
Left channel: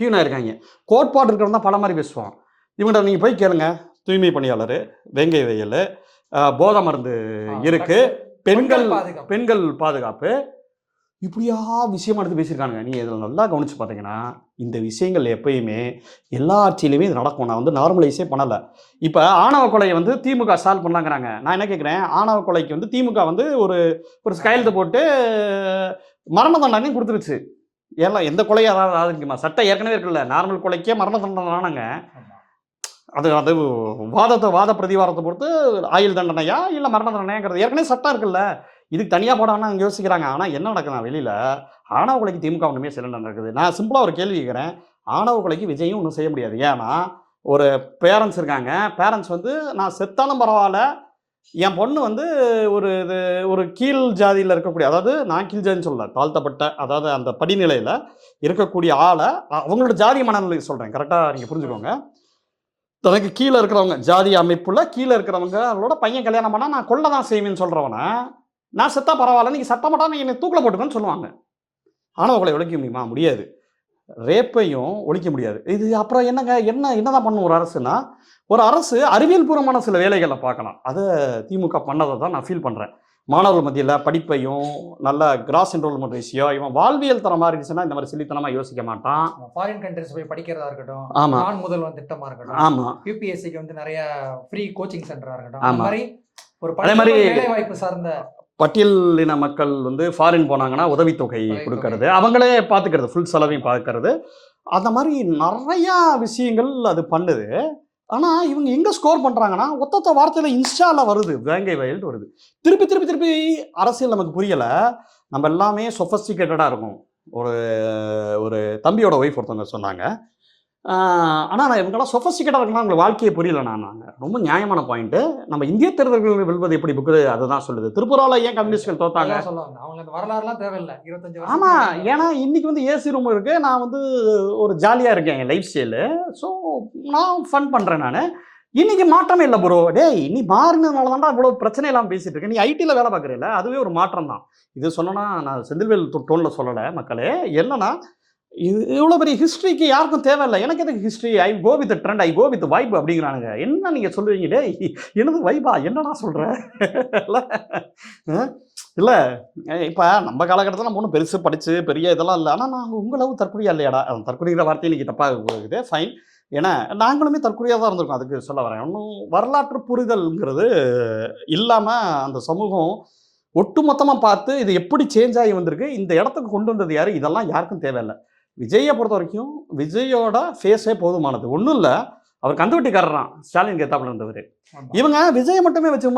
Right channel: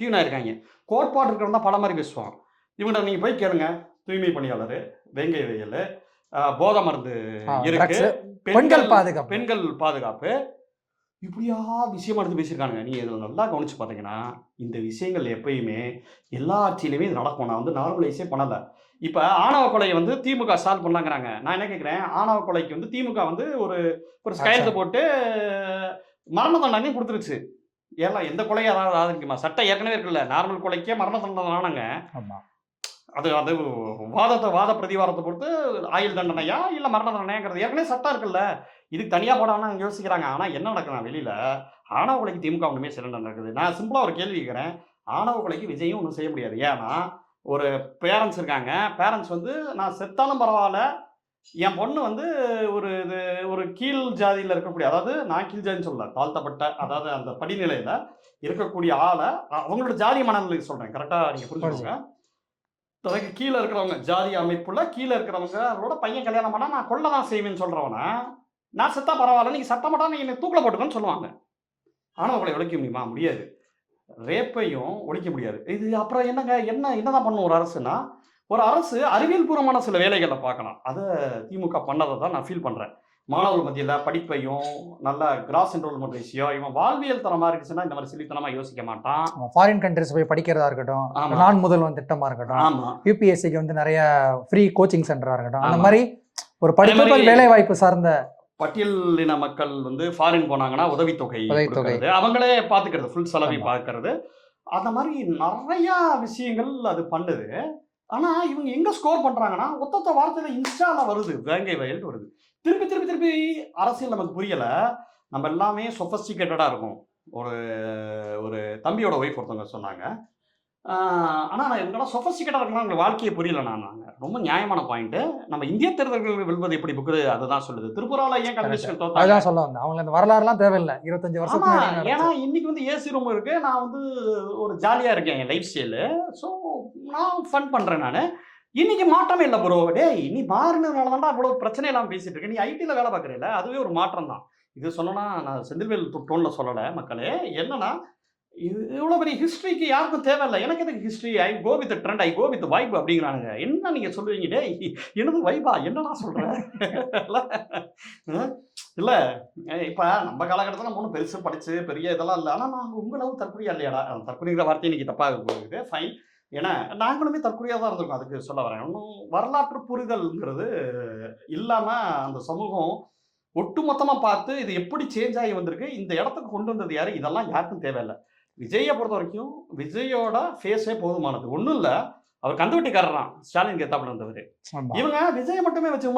டியூனாக இருக்காங்க. கோட்பாடு இருக்கிறவங்க தான் பல மாதிரி பேசுவான். இவங்கள்ட்ட நீங்கள் போய் கேளுங்க, தூய்மை பணியாளர், வேங்கை வெயில், போதை மருந்து இருக்கு, பெண்கள் பாதுகாப்பு, இப்படியா விஷயம் எடுத்து பேசியிருக்கானுங்க. நீங்கள் இதில் நல்லா கவனித்து பார்த்தீங்கன்னா இந்த விஷயங்கள் எப்பயுமே எல்லா ஆட்சியிலையுமே இது நடக்கும். நான் நார்மலைஸே பண்ணலை. இப்போ ஆணவ கொலையை திமுக சால்வ் பண்ணாங்கிறாங்க. நான் என்ன கேட்குறேன், ஆணவ கொலைக்கு திமுக ஒரு கையெழுத்து போட்டு மரண தண்டனை கொடுத்துருச்சு. ஏன்னா எந்த கொலையும் அதாவது சட்டம் ஏற்கனவே இருக்குல்ல, நார்மல் கொலைக்கே மரண தண்டனை வாங்கினாங்க. அது வாத பிரதிவாதத்தை பொறுத்து ஆயுள் தண்டனையா இல்லை மரண தண்டனையாங்கிறது ஏற்கனவே சட்டம் இருக்குல்ல. இதுக்கு தனியாக போடாமல் அவங்க யோசிக்கிறாங்க. ஆனால் என்ன நடக்குது வெளியில், ஆணவ கொலைக்கு திமுக ஒன்றுமே சிறந்த நடக்குது. நான் சிம்பிளாக ஒரு கேள்வி கேட்குறேன், ஆணவ கொலைக்கு விஜயும் ஒன்றும் செய்ய முடியாது. ஏன்னா ஒரு பேரண்ட்ஸ் இருக்காங்க, பேரண்ட்ஸ் நான் செத்தாலும் பரவாயில்ல, என் பொண்ணு ஒரு கீழ் ஜாதியில் இருக்கக்கூடிய, அதாவது நான் கீழ் ஜாதின்னு சொல்லல, தாழ்த்தப்பட்ட அதாவது அந்த படிநிலையில் இருக்கக்கூடிய ஆளை அவங்களோட ஜாதி மனநிலை சொல்கிறேன், கரெக்டாக நீங்கள் புரிஞ்சுக்கோங்க. தனக்கு கீழே இருக்கிறவங்க ஜாதி அமைப்புல கீழே இருக்கிறவங்க அவங்களோட பையன் கல்யாணம் பண்ணால் நான் கொள்ள தான் செய்வேன்னு சொல்கிறவனா, நான் செத்தா பரவாயில்ல நீங்கள் சட்ட மாட்டா நீங்கள் என்னை தூக்கில் போட்டுக்கன்னு சொல்லுவாங்க. ஆணவ கொலை ஒழிக்க முடியுமா? முடியாது. ரேப்பையும் ஒழிக்க முடியாது. இது அப்புறம் என்னதான் பண்ணும் ஒரு அரசுனா, ஒரு அரசு அறிவியல் பூர்வமான சில வேலைகளை பார்க்கலாம். அதை திமுக பண்ணதை தான் நான் ஃபீல் பண்ணுறேன். மாணவர்கள் மத்தியில் படிப்பையும் நல்ல கிராஸ் என்ரோல்மெண்ட் ரேஷியோ, இவன் வாழ்வியல் தரமாக இருந்துச்சுன்னா இந்த மாதிரி சில்லித்தனமாக யோசிக்க மாட்டான். ஃபாரின் கண்ட்ரிஸ் போய் படிக்கிறதா இருக்கட்டும், நான் முதல்வன் திட்டமாக இருக்கட்டும், ஆமாம், யூபிஎஸ்சிக்கு நிறைய ஃப்ரீ கோச்சிங் சென்டராக இருக்கட்டும், அந்த மாதிரி ஒரு படிப்பு வேலை வாய்ப்பு சார்ந்த பட்டியலின மக்கள் ஃபாரின் போனாங்கன்னா உதவித்தொகை கொடுக்கறது, அவங்களே பார்த்துக்கிறது, ஃபுல் செலவையும் பார்க்கறது, அந்த மாதிரி நிறையா விஷயங்கள் அது பண்ணுது. ஆனால் இவங்க எங்கே ஸ்கோர் பண்ணுறாங்கன்னா, ஒத்த வார்த்தையில் இன்ஸ்டாவில் வருது, வேங்கை வயல்ட்டு வருது. திருப்பி அரசியல் நமக்கு புரியலை. நம்ம எல்லாமே சொஃபஸ்டிகேட்டடாக இருக்கும். ஒரு தம்பியோட ஒய்ஃப் ஒருத்தவங்க சொன்னாங்க, ஆனால் நான் இவங்கெல்லாம் சொஃபஸ்டிகேட்டாக இருக்குன்னா அவங்க வாழ்க்கையை புரியல. நாங்கள் ரொம்ப நியாயமான பாயிண்ட்டு. நம்ம இந்திய தேர்தல்கள் வெல்வது எப்படி புக்கு அதை தான் சொல்லுது. திரிபுராவில் ஏன் கம்யூனிஸ்ட்கள் தோத்தாங்க சொல்ல வந்தேன். அவங்க அந்த வரலாறுலாம் தேவையில்லை, 25 வருஷம். ஆமாம், ஏன்னா இன்னைக்கு ஏசி ரூம் இருக்குது, நான் ஒரு ஜாலியாக இருக்கேன் என் லைஃப் ஸ்டைலு. ஸோ நான் ஃபன் பண்ணுறேன். நான் இன்னைக்கு மாற்றமே இல்லை ப்ரோ. நீ மாறினதுனால தான்டா இவ்வளோ பிரச்சனை இல்லாமல் பேசிகிட்டு இருக்கேன். நீ ஐடியில் வேலை பார்க்குறீல்ல, அதுவே ஒரு மாற்றம் தான். இது சொன்னோன்னா நான் செந்தில்வேல் டோனில் சொல்லலை மக்களே. என்னன்னா இது இவ்வளோ பெரிய ஹிஸ்ட்ரிக்கு யாருக்கும் தேவையில்ல. எனக்கு எதுக்கு history? I go with trend, I go with vibe அப்படிங்கிறானுங்க. என்ன நீங்க சொல்லுவீங்க? டேய் என்னது வைபா? என்னடா சொல்ற? இல்ல அ இல்ல இப்ப நம்ம காலகட்டத்தில நம்ம ஒண்ணும் பெருசா படிச்சு பெரிய இதெல்லாம் இல்ல. ஆனா நான் உங்க லவ் தற்குறியா இல்லையாடா? தற்குறிங்கிற வார்த்தை இன்னைக்கு தப்பா போகுது. ஃபைன். ஏன்னா நாங்களுமே தற்குறியா தான் இருந்திருக்கோம். அதுக்கு சொல்ல வரேன். இன்னும் வரலாற்று புரிதல்ங்கிறது இல்லாம அந்த சமூகம் ஒட்டுமொத்தமா பார்த்து இது எப்படி சேஞ்ச் ஆகி வந்திருக்கு, இந்த இடத்துக்கு கொண்டு வந்தது யாரு? இதெல்லாம் யாருக்கும் தேவையில்ல. விஜய பொறுத்தவரைக்கும் விஜயோட ஃபேஸே போதுமானது. ஒண்ணும் இல்ல. அவர் கந்துவட்டிக்காரராம். ஸ்டாலினுக்கு எதிர்த்தாப்புல இருந்தவரு. ஆமா. இவங்க விஜய மட்டுமே வச்சு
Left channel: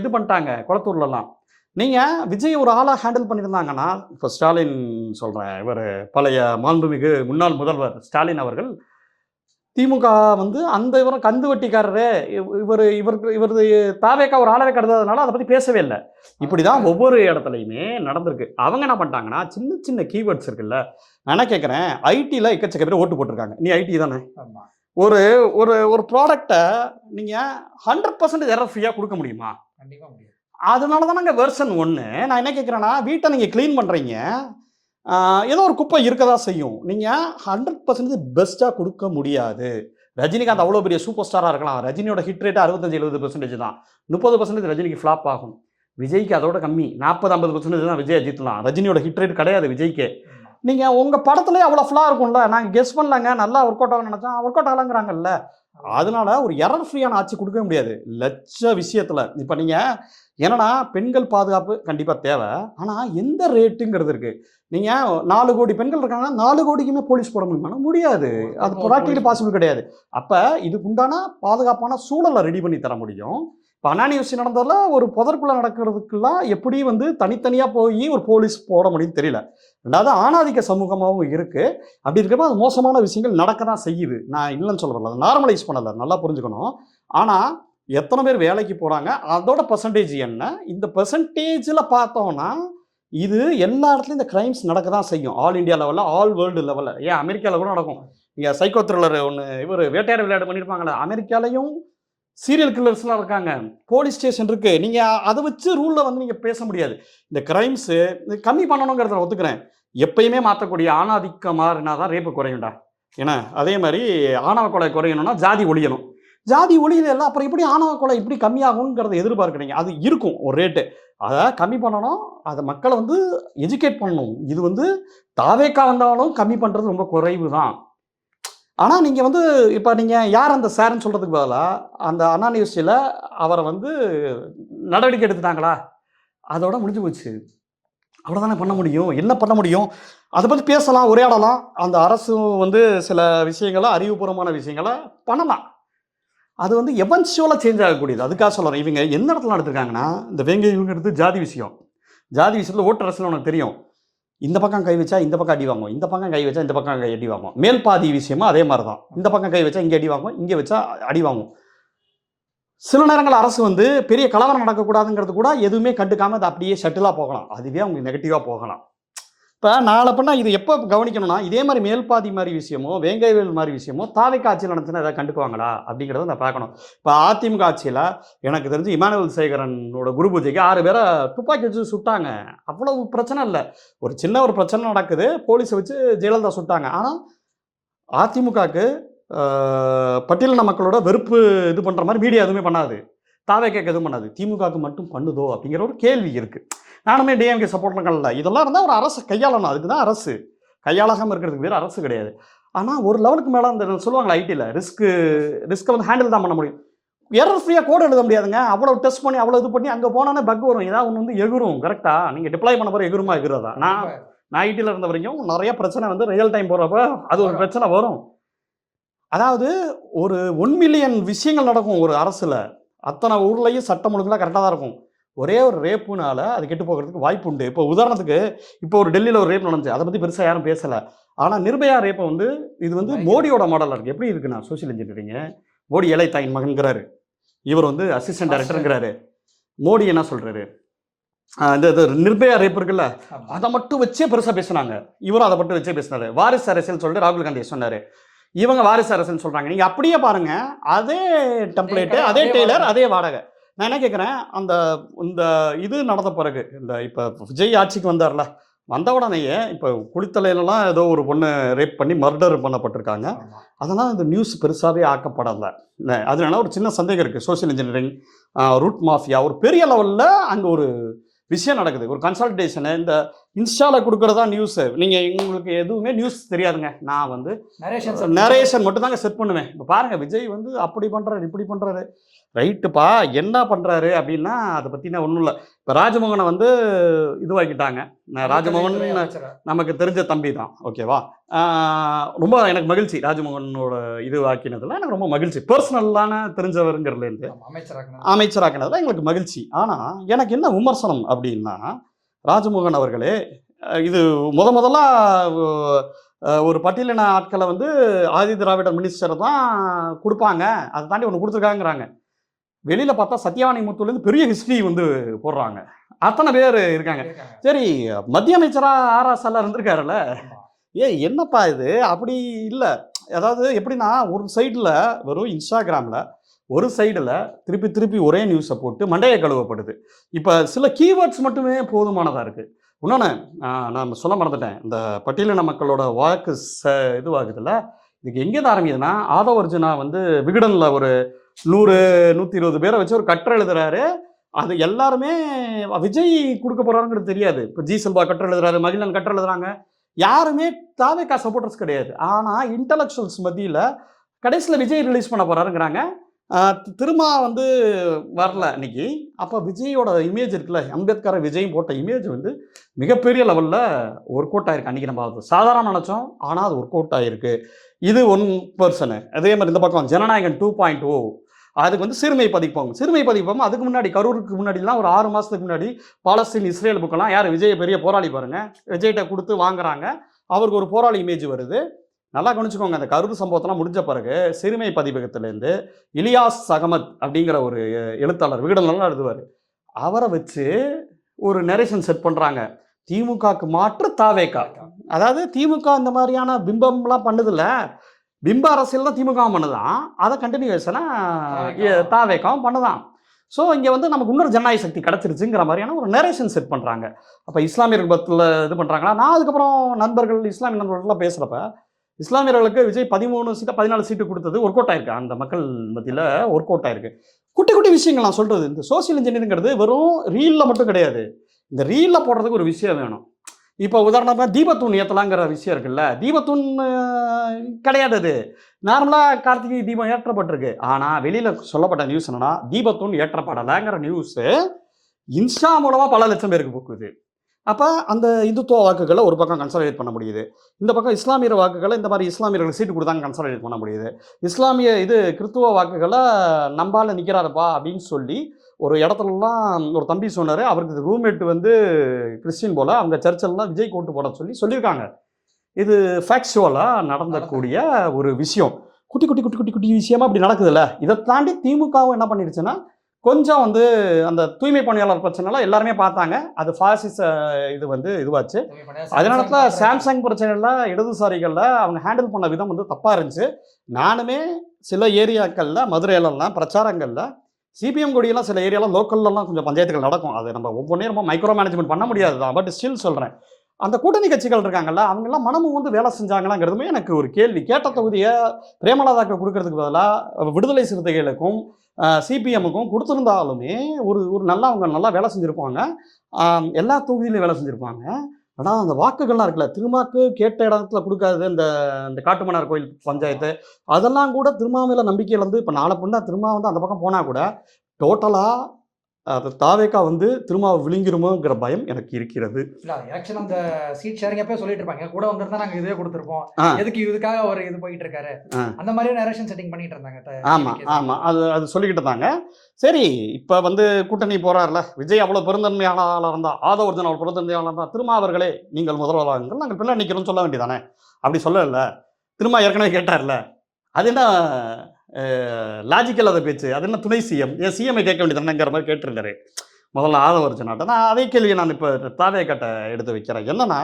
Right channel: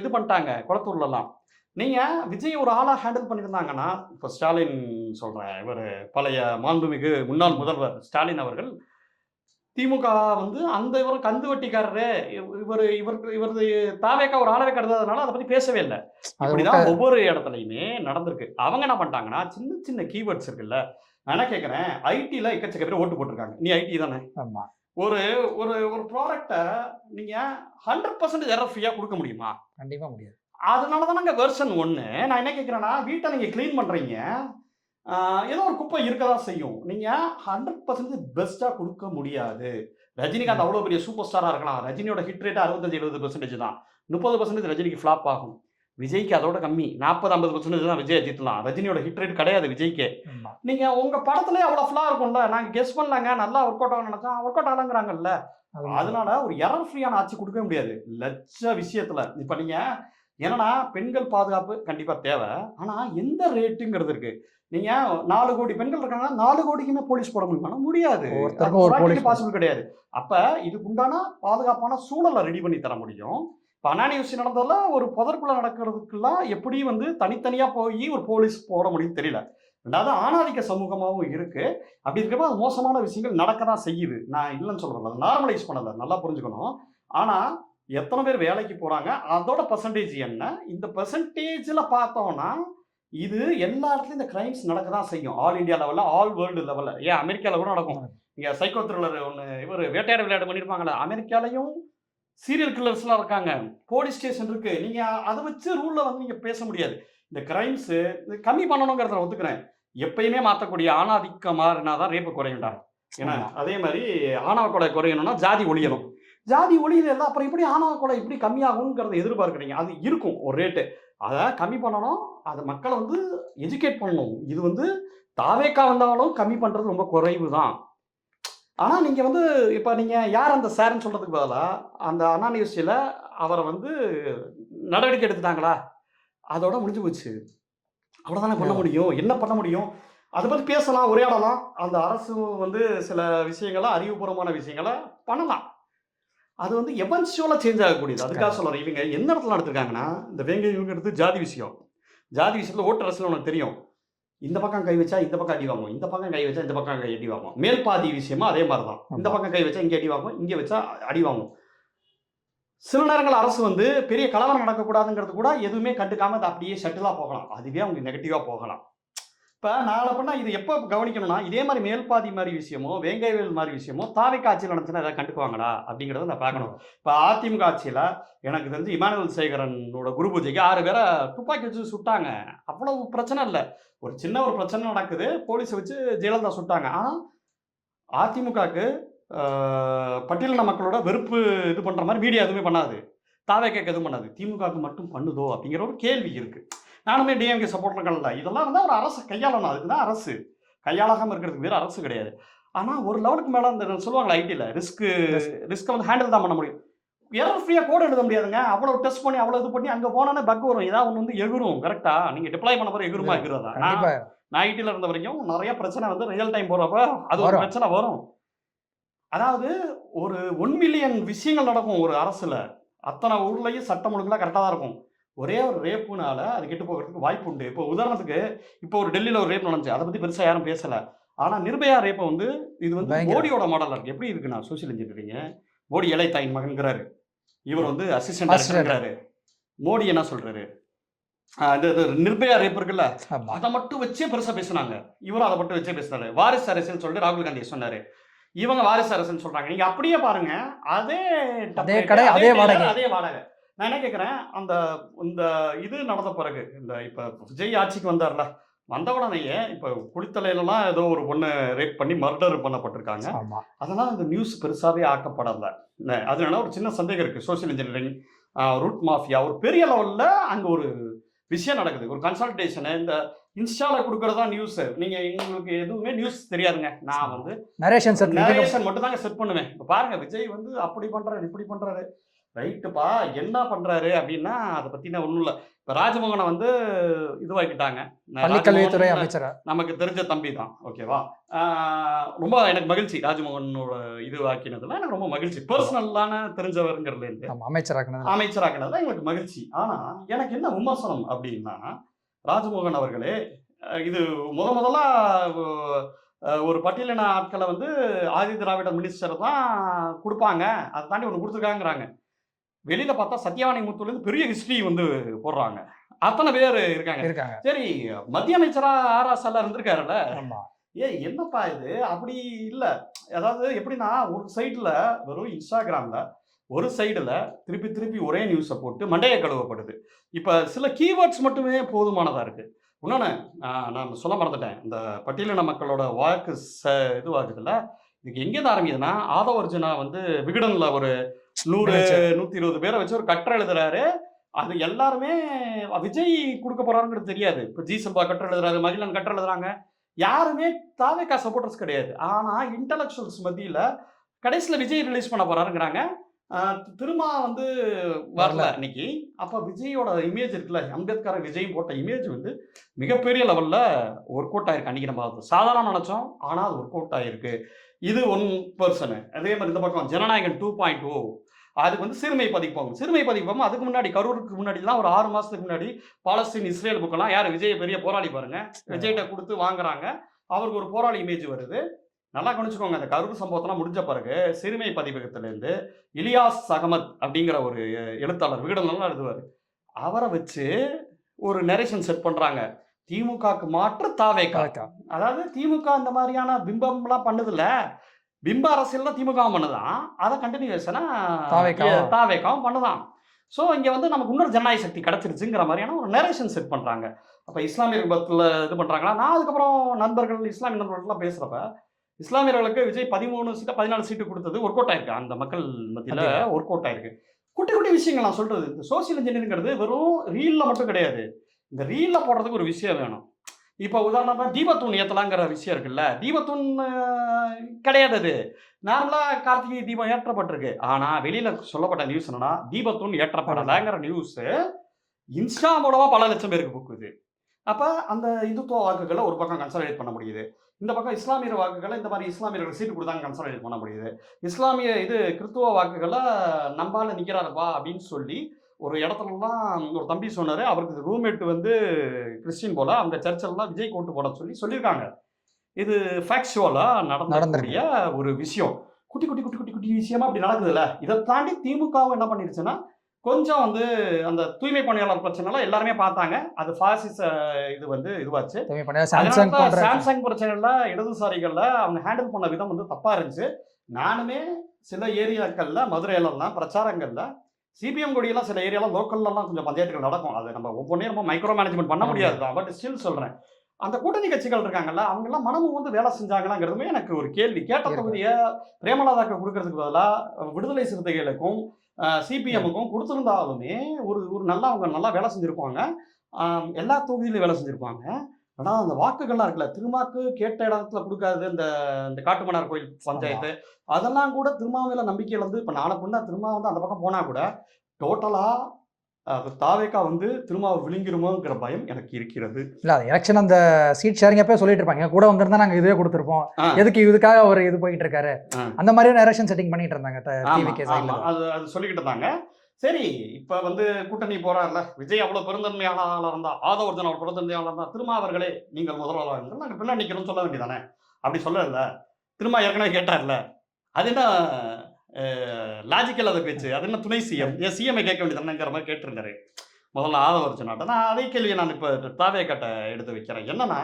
இது பண்ணிட்டாங்க கொளத்தூர்லலாம். நீங்க விஜய் ஒரு ஆளா ஹேண்டில் பண்ணியிருந்தாங்கன்னா, இப்ப ஸ்டாலின் சொல்றேன். இவரு பழைய மாண்புமிகு முன்னாள் முதல்வர் ஸ்டாலின் அவர்கள் திமுக வந்து அந்த இவரும் கந்து வட்டிக்காரரு, இவரது தாவேக்கா ஒரு ஆளவே கருதாதனால அத பத்தி பேசவே இல்ல. இப்படிதான் ஒவ்வொரு இடத்துலயுமே நடந்திருக்கு. அவங்க என்ன பண்ணிட்டாங்கன்னா, சின்ன சின்ன கீவேர்ட்ஸ் இருக்குல்ல. நான் என்ன கேட்கிறேன், ஐடில எக்கச்சக்க பேர் ஓட்டு போட்டுருக்காங்க. நீ ஐடி தானே? ஆமா. ஒரு ஒரு ஒரு ப்ராடக்ட்ட நீங்க 100% எரர் ஃப்ரீயா குடுக்க முடியுமா? கண்டிப்பா முடியாது. அதனால தானங்க வெர்ஷன் 1. நான் என்ன கேட்கிறேன்னா, வீட்ட நீங்க கிளீன் பண்றீங்க. ஏதோ ஒரு குப்பை இருக்க தான் செய்யும். நீங்க 100% பெஸ்ட்டா குடுக்க முடியாது. ரஜினிகாந்த் அவ்வளோ பெரிய சூப்பர் ஸ்டாரா இருக்கலாம். ரஜினியோட ஹிட் ரேட் 65, 70% தான். 30% ரஜினிக்கு ஃப்ளாப் ஆகும். விஜய்க்கு அதோட கம்மி. 40, 50% தான் விஜய் ஜெயிக்கலாம். ரஜினியோட ஹிட் ரேட் கிடையாது விஜய்க்கு. ஆமா. நீங்க உங்க படத்திலேயே அவ்வளோ ஃப்ளா இருக்கும்ல. நாங்க கெஸ் பண்ணலங்க. நல்லா ஒர்க் அவுட் ஆகும்னு நெனச்சோம். Work out ஆகலங்கிறாங்கல்ல. அதனால ஒரு எரர் ஃப்ரீயான ஆட்சி குடுக்கவே முடியாது. லட்ச விஷயத்துல. இப்ப நீங்க என்னன்னா, பெண்கள் பாதுகாப்பு கண்டிப்பா தேவ. ஆனா எந்த ரேட்டுங்கிறது இருக்கு. நீங்க 4 கோடி பெண்கள் இருக்காங்கன்னா, 4 கோடிக்குமே போலீஸ் போட முடியுமான்னா முடியாது. அது ப்ராக்டிகலி பாசிபிள் கிடையாது. அப்ப இதுக்கு உண்டான பாதுகாப்பான சூழல ரெடி பண்ணி தர முடியும். இப்ப அனானி விஷயம் நடந்ததுல ஒரு புதற்குள்ள நடக்கிறதுக்கெல்லாம் எப்படி வந்து தனித்தனியா போயி ஒரு போலீஸ் போட முடியும்னு தெரியல. 2வது ஆணாதிக்க சமூகமாவும் இருக்கு. அப்படி இருக்கிறப்ப அது மோசமான விஷயங்கள் நடக்க தான் செய்யுது. நான் இல்லன்னு சொல்ல வரல. நார்மலைஸ் பண்ணல. நல்லா புரிஞ்சுக்கணும். ஆனா எத்தன பேர் வேலைக்கு போறாங்க? அதோட பெர்சன்டேஜ் என்ன? இந்த பெர்சன்டேஜ்ல பார்த்தோம்னா, இது எல்லா இடத்துலயும் இந்த கிரைம்ஸ் நடக்க தான் செய்யும். ஆல் இந்தியா லெவல்ல, ஆல் வேர்ல்டு லெவல்ல. ஏன் அமெரிக்கால கூட நடக்கும். இங்க சைக்கோ த்ரில்லர் ஒண்ணு இவரு வேட்டையாடு விளையாடு பண்ணியிருப்பாங்கல்ல. அமெரிக்காலயும் சீரியல் கில்லர்ஸ்லாம் இருக்காங்க. போலீஸ் ஸ்டேஷன் இருக்கு. நீங்க அத வச்சு ரூல்ல வந்து நீங்க பேச முடியாது. இந்த கிரைம்ஸ் கம்மி பண்ணணுங்கிறத ஒத்துக்கிறேன். எப்பயுமே மாத்தக்கூடிய ஆணாதிக்கம் மாறினா தான் ரேப் குறையும்டா. ஏன்னா, அதே மாரி ஆணவ கொலை குறையணும்னா ஜாதி ஒழியணும். ஜாதி ஒழியல அப்புறம் எப்படி ஆணவ கொலை எப்படி கம்மியாகும்ங்கிறத எதிர்பார்க்கிறீங்க. அது இருக்கும் ஒரு ரேட்டு. அத கம்மி பண்ணணும். அத மக்கள வந்து எஜுகேட் பண்ணணும். இது வந்து தாவேக்கா வந்தாலும் கம்மி பண்றது ரொம்ப குறைவு தான். ஆனா நீங்க வந்து இப்ப நீங்க யார் அந்த சார்ன்னு சொல்றதுக்கு பதிலா, அந்த அண்ணா யூனிவர்சிட்டில அவர வந்து நடவடிக்கை எடுத்துட்டாங்களா? அதோட முடிஞ்சு போச்சு. அவ்வளோதானே பண்ண முடியும். என்ன பண்ண முடியும்? அத பத்தி பேசலாம், உரையாடலாம். அந்த அரசும் வந்து சில விஷயங்கள அறிவுபூர்வமான விஷயங்கள பண்ணலாம். அது வந்து எவென்ச்சுவலா சேஞ்ச் ஆகக்கூடியது. அதுக்காக சொல்றேன். இவங்க எந்த இடத்துல நடத்திருக்காங்கன்னா, இந்த வேங்கை இவங்க எடுத்து ஜாதி விஷயம். ஜாதி விஷயத்துல ஓட்டர் அரசியல் உனக்கு தெரியும். இந்த பக்கம் கை வச்சா இந்த பக்கம் அடி வாங்குவோம். இந்த பக்கம் கை வச்சா இந்த பக்கம் அடி வாங்குவோம். மேல் பாதி விஷயமும் அதே மாரி தான். இந்த பக்கம் கை வச்சா இங்க அடி வாங்குவோம். இங்க வச்சா அடி வாங்குவோம். சில நேரங்கள்ல அரசு வந்து பெரிய கலவரம் நடக்கக்கூடாதுங்கிறது கூட எதுவுமே கண்டுக்காம அது அப்படியே ஷட்டிலா போகலாம். அதுவே அவங்களுக்கு நெகட்டிவா போகலாம். இப்ப நாள பின்ன இது எப்ப கவனிக்கணும்னா, இதே மாரி மேல்பாதி மாரி விஷயமோ, வேங்கைவேல் மாரி விஷயமோ தாவேக்கா ஆட்சியில நடந்துச்சுன்னா ஏதாவது கண்டுக்குவாங்களா? அப்படிங்கிறத நான் பார்க்கணும். இப்ப அதிமுக ஆட்சியில எனக்கு தெரிஞ்சு இமானுவேல் சேகரனோட குரு பூஜைக்கு 6 பேர துப்பாக்கி வச்சு சுட்டாங்க. அவ்வளவு பிரச்சனை இல்ல. ஒரு சின்ன ஒரு பிரச்சனை நடக்குது. போலீஸ வச்சு ஜெயலலிதா சுட்டாங்க. ஆனா அதிமுகக்கு பட்டியலின மக்களோட வெறுப்பு இது பண்ற மாரி மீடியா எதுவுமே பண்ணாது. தாவேக்காக்கு எதுவும் பண்ணாது. திமுகவுக்கு மட்டும் பண்ணுதோ? அப்படிங்கிற ஒரு கேள்வி இருக்கு. நானுமே டிஎம்கே சப்போர்ட்ல இதெல்லாம் இருந்தா ஒரு அரசு கையாளணும். அதுக்கு தான் அரசு. கையாளாகாம இருக்கிறதுக்கு பேர் அரசு கிடையாது. ஆனா ஒரு லெவலுக்கு மேல அந்த சொல்லுவாங்கல்ல ஐடில ரிஸ்க்க வந்து ஹேண்டில் தான் பண்ண முடியும். எரர் ஃப்ரீயா கோட் எழுத முடியாதுங்க. அவ்வளவு டெஸ்ட் பண்ணி, அவ்வளவு இது பண்ணி அங்க போனானே பக் வரும். ஏதாவது ஒண்ணு வந்து எகுரும். கரெக்ட்டா? நீங்க டிப்ளாய் பண்ண போற எகுருமா எகுறதா? நான் ஐடில இருந்த வரைக்கும் நெறைய பிரச்சனை வந்து ரியல் டைம் போறப்ப அது ஒரு பிரச்சனை வரும். அதாவது ஒரு 1 மில்லியன் விஷயங்கள் நடக்கும் ஒரு அரசுல. அத்தனை ஊர்லயும் சட்டம் ஒழுங்குலாம் கரெக்ட்டா தான் இருக்கும். ஒரே ஒரு ரேப்புனால அது கெட்டு போகிறதுக்கு வாய்ப்பு உண்டு. இப்போ உதாரணத்துக்கு இப்போ ஒரு டெல்லியில ஒரு ரேப் நடந்துச்சு. அத பத்தி பெருசா யாரும் பேசல. ஆனா நிர்பயா ரேப்ப வந்து இது வந்து மோடியோட மாடலா இருக்கு. எப்படி இருக்குன்னா சோசியல் இன்ஜினியரிங். மோடி ஏழை தாயின் மகன்கிறாரு. இவர் வந்து அசிஸ்டன்ட் டைரக்டர்ங்கிறாரு. மோடி என்ன சொல்றாரு? இந்த நிர்பயா ரேப் இருக்குல்ல, அத மட்டும் வச்சே பெருசா பேசுனாங்க. இவரும் அத மட்டும் வச்சே பேசினாரு. வாரிசு அரசியல் சொல்லிட்டு ராகுல் காந்தி சொன்னாரு. இவங்க வாரிசு அரசுன்னு சொல்றாங்க. நீங்க அப்படியே பாருங்க. அதே டெம்ப்ளேட், அதே டெய்லர், அதே வாடகை. நான் என்ன கேட்கிறேன், இந்த இது நடந்த பிறகு, இந்த இப்ப விஜய் ஆட்சிக்கு வந்தார்ல, வந்த உடனேயே இப்போ குளித்தலையிலலாம் ஏதோ ஒரு பொண்ணு ரேப் பண்ணி மர்டர் பண்ணப்பட்டிருக்காங்க. அதனால் இந்த நியூஸ் பெருசாகவே ஆக்கப்படலை. அதனால ஒரு சின்ன சந்தேகம் இருக்குது. சோசியல் இன்ஜினியரிங், ரூட் மாஃபியா, ஒரு பெரிய லெவலில் அங்கே ஒரு விஷயம் நடக்குது. ஒரு கன்சல்டேஷனு இந்த இன்ஸ்டாவில் கொடுக்குறதா நியூஸு. நீங்கள் உங்களுக்கு எதுவுமே நியூஸ் தெரியாதுங்க. நான் வந்து நரேஷன் மட்டும் தாங்க செட் பண்ணுவேன். இப்போ பாருங்கள், விஜய் வந்து அப்படி பண்ணுறாரு, இப்படி பண்ணுறாரு. ரைட்டுப்பா, என்ன பண்ணுறாரு அப்படின்னா அதை பற்றினா ஒன்றும் இல்லை. இப்போ ராஜமோகனை வந்து இதுவாக்கிட்டாங்க. ராஜமோகன் நமக்கு தெரிஞ்ச தம்பி தான், ஓகேவா? ரொம்ப எனக்கு மகிழ்ச்சி. ராஜமோகனோட இது ஆக்கினதுல எனக்கு ரொம்ப மகிழ்ச்சி. பர்சனலான தெரிஞ்சவருங்கிறதுலேருந்து அமைச்சராக்கினதுல எங்களுக்கு மகிழ்ச்சி. ஆனால் எனக்கு என்ன விமர்சனம் அப்படின்னா, ராஜமோகன் அவர்களே, இது முதல்ல ஒரு பட்டியலின ஆட்களை வந்து ஆதி திராவிட மினிஸ்டர் தான் கொடுப்பாங்க, அதை தாண்டி ஒன்று கொடுத்துருக்காங்கிறாங்க. வெளியில் பார்த்தா சத்யவாணி முத்துலேருந்து பெரிய ஹிஸ்ட்ரி வந்து போடுறாங்க. அத்தனை பேர் இருக்காங்க. சரி, மத்திய அமைச்சராக ஆர்எஸ்எல்ல இருந்திருக்காருல்ல, என்னப்பா இது? அப்படி இல்லை. அதாவது எப்படின்னா, ஒரு சைடில் வெறும் இன்ஸ்டாகிராமில் ஒரு சைடில் திருப்பி திருப்பி ஒரே நியூஸை போட்டு மண்டையை கழுவப்படுது. இப்போ சில கீவேர்ட்ஸ் மட்டுமே போதுமானதாக இருக்குது. இன்னொன்று நான் சொல்ல மறந்துட்டேன். இந்த பட்டியலின மக்களோட வாக்கு இதுவாகுதுல்ல, இதுக்கு எங்கேருந்து ஆரம்பிக்குதுன்னா, ஆதவ அர்ஜுனா வந்து விகடனில் ஒரு 100-120 பேரை வச்சு ஒரு கட்டுரை எழுதுறாரு. அது எல்லாருமே விஜய் கொடுக்க போறாருங்கிறது தெரியாது. இப்போ ஜி செல்வா கட்டுரை எழுதுறாரு, மகிழன் கட்டுரை எழுதுறாங்க. யாருமே தாவேகா சப்போர்ட்டர்ஸ் கிடையாது. ஆனால் இன்டலெக்சுவல்ஸ் மத்தியில் கடைசியில் விஜய் ரிலீஸ் பண்ண போறாருங்கிறாங்க. திருமா வந்து வரல இன்னைக்கு. அப்போ விஜயோட இமேஜ் இருக்குல்ல, அம்பேத்கர் விஜய் போட்ட இமேஜ் வந்து மிகப்பெரிய லெவலில் ஒர்க் அவுட் ஆயிருக்கு. அன்றைக்கி நம்ம சாதாரண நினச்சோம், ஆனால் அது ஒர்க் அவுட் ஆகிருக்கு. இது 1%. அதே மாதிரி இந்த பக்கம் ஜனநாயகன் 2.0, அதுக்கு வந்து சிறுமை பதிப்போம். அதுக்கு முன்னாடி கரூருக்கு முன்னாடிலாம் ஒரு 6 மாதத்துக்கு முன்னாடி பாலஸ்தீன் இஸ்ரேல் புக்கெல்லாம் யார் விஜய் பெரிய போராளி பாருங்க, விஜய்கிட்ட கொடுத்து வாங்குறாங்க. அவருக்கு ஒரு போராளி இமேஜ் வருது. நல்லா கவனிச்சுக்கோங்க. அந்த கரூர் சம்பவத்தெல்லாம் முடிஞ்ச பிறகு சிறுமை பதிப்பகத்திலேருந்து இலியாஸ் அகமத் அப்படிங்கிற ஒரு எழுத்தாளர் விகடன்லாம் எழுதுவார். அவரை வச்சு ஒரு நரேஷன் செட் பண்ணுறாங்க. திமுகக்கு மாற்று தாவேகா. அதாவது திமுக இந்த மாதிரியான பிம்பம்லாம் பண்ணுதில்ல, பிம்ப அரசியல் தான் திமுக பண்ணுதான். அதை கண்டினியூஷனாக தாவேகாவும் பண்ணுதான். ஸோ இங்கே வந்து நமக்கு இன்னொரு ஜனநாயக சக்தி கிடச்சிருச்சுங்கிற மாதிரியான ஒரு நரேஷன் செட் பண்ணுறாங்க. அப்போ இஸ்லாமியர்கள் பத்தில் இது பண்ணுறாங்கன்னா, நான் அதுக்கப்புறம் நண்பர்கள் இஸ்லாமிய நண்பர்கள்லாம் பேசுகிறப்ப, இஸ்லாமியர்களுக்கு விஜய் 13 சீட்டு 14 சீட்டு கொடுத்தது ஒர்க் அவுட் ஆயிருக்கு. அந்த மக்கள் மத்தியில் ஒர்க் அவுட் ஆயிருக்கு. குட்டி குட்டி விஷயங்கள் நான் சொல்கிறது. இந்த சோசியல் இன்ஜினியரிங்கிறது வெறும் ரீலில் மட்டும் கிடையாது. இந்த ரீலில் போடுறதுக்கு ஒரு விஷயம் வேணும். இப்போ உதாரணமாக தீபத்தூண் ஏற்றலாங்கிற விஷயம் இருக்குல்ல, தீபத்தூண் கிடையாது. அது நார்மலாக கார்த்திகை தீபம் ஏற்றப்பட்டிருக்கு. ஆனால் வெளியில் சொல்லப்பட்ட நியூஸ் என்னன்னா, தீபத்தூண் ஏற்றப்படலைங்கிற நியூஸு இன்ஸ்டா மூலமாக பல லட்சம் பேருக்கு போக்குது. அப்போ அந்த இந்துத்துவ வாக்குகளை ஒரு பக்கம் கன்சாலிடேட் பண்ண முடியுது. இந்த பக்கம் இஸ்லாமியர் வாக்குகளை இந்த மாதிரி இஸ்லாமியர்கள் சீட்டு கொடுத்தாங்க கன்சாலிடேட் பண்ண முடியுது. இஸ்லாமிய கிறிஸ்துவ வாக்குகளை நம்பால நிற்கிறாருப்பா அப்படின்னு சொல்லி ஒரு இடத்துலலாம் ஒரு தம்பி சொன்னார். அவருக்கு ரூம்மேட் வந்து கிறிஸ்டின் போல், அவங்க சர்ச்செல்லாம் விஜய் ஓட்டு போட சொல்லியிருக்காங்க. இது ஃபேக்சுவலாக நடந்தக்கூடிய ஒரு விஷயம். குட்டி குட்டி குட்டி குட்டி குட்டி விஷயமா அப்படி நடக்குதுல்ல. இதை தாண்டி திமுகவும் என்ன பண்ணிடுச்சுன்னா, கொஞ்சம் வந்து அந்த தூய்மை பணியாளர் பிரச்சனைலாம் எல்லாருமே பார்த்தாங்க. அது ஃபாசிச இது வந்து இதுவாச்சு. அதனால தான் சாம்சங் பிரச்சனைல இடதுசாரிகளில் அவங்க ஹேண்டில் பண்ண விதம் வந்து தப்பாக இருந்துச்சு. நானுமே சில ஏரியாக்களில் மதுரையிலலாம் பிரச்சாரங்களில் சிபிஎம் கொடியெல்லாம் சில ஏரியாலாம் லோக்கல்லாம் கொஞ்சம் பஞ்சாயத்துகள் நடக்கும். அது நம்ம ஒவ்வொன்றே ரொம்ப மைக்ரோ மேனேஜ்மெண்ட் பண்ண முடியாது தான். பட் ஸ்டில் சொல்கிறேன், அந்த கூட்டணி கட்சிகள் இருக்காங்கல்ல, அவங்கெல்லாம் மனமும் வந்து வேலை செஞ்சாங்களாங்கிறதுமே எனக்கு ஒரு கேள்வி. கேட்ட தொகுதியை பிரேமலதாக்கு கொடுக்கறதுக்கு பதிலாக விடுதலை சிறுத்தைகளுக்கும் சிபிஎம்முக்கும் கொடுத்துருந்தாலுமே ஒரு நல்லா அவங்க நல்லா வேலை செஞ்சுருப்பாங்க. எல்லா தொகுதியிலையும் வேலை செஞ்சுருப்பாங்க. ஆனால் அந்த வாக்குகள்லாம் இருக்குல்ல, திருமாக்கு கேட்ட இடத்துல கொடுக்காது. இந்த காட்டுமன்னார் கோயில் பஞ்சாயத்து அதெல்லாம் கூட திருமாவில நம்பிக்கையில் வந்து இப்போ நாளை பின்னா திருமா வந்து அந்த பக்கம் போனால் கூட டோட்டலாக அது தாவேக்கா வந்து திருமாவை விழுங்கிருமோங்கிற பயம் எனக்கு இருக்கிறது. இல்லை, அது எலெக்ஷன் அந்த சீட் ஷேரிங் அப்போ சொல்லிட்டு இருப்பாங்க, கூட வந்திருந்தா நாங்கள் இதே கொடுத்துருப்போம், எதுக்கு இதுக்காக ஒரு இது போயிட்டு இருக்காரு, அந்த மாதிரியே எலெக்ஷன் செட்டிங் பண்ணிட்டு இருந்தாங்க. ஆமாம், அது சொல்லிக்கிட்டு இருந்தாங்க. சரி, இப்போ வந்து கூட்டணி போறாருல விஜய், அவ்வளோ பெருந்தன்மையாளராக இருந்தா, ஆதவ அர்ஜுனா அவ்வளோ பெருந்தன்மையாளர் இருந்தால், திருமாவர்களே நீங்கள் முதல்வராகுங்கள், நாங்கள் பின்னாடி நிற்கிறோம்னு சொல்ல வேண்டியதானே? அப்படி சொல்லல. திருமா ஏற்கனவே கேட்டார்ல, அது என்ன லாஜிக்கல் அதை பேச்சு, அது என்ன துணை சிஎம், ஏன் சிஎம்ஐ கேட்க வேண்டியதானேங்கிற மாதிரி கேட்டிருந்தாரு முதல்ல ஆதவ அர்ஜுனாட்ட. நான் அதே கேள்வியை நான் இப்போ தாவேக்காட்ட எடுத்து வைக்கிறேன். என்னன்னா,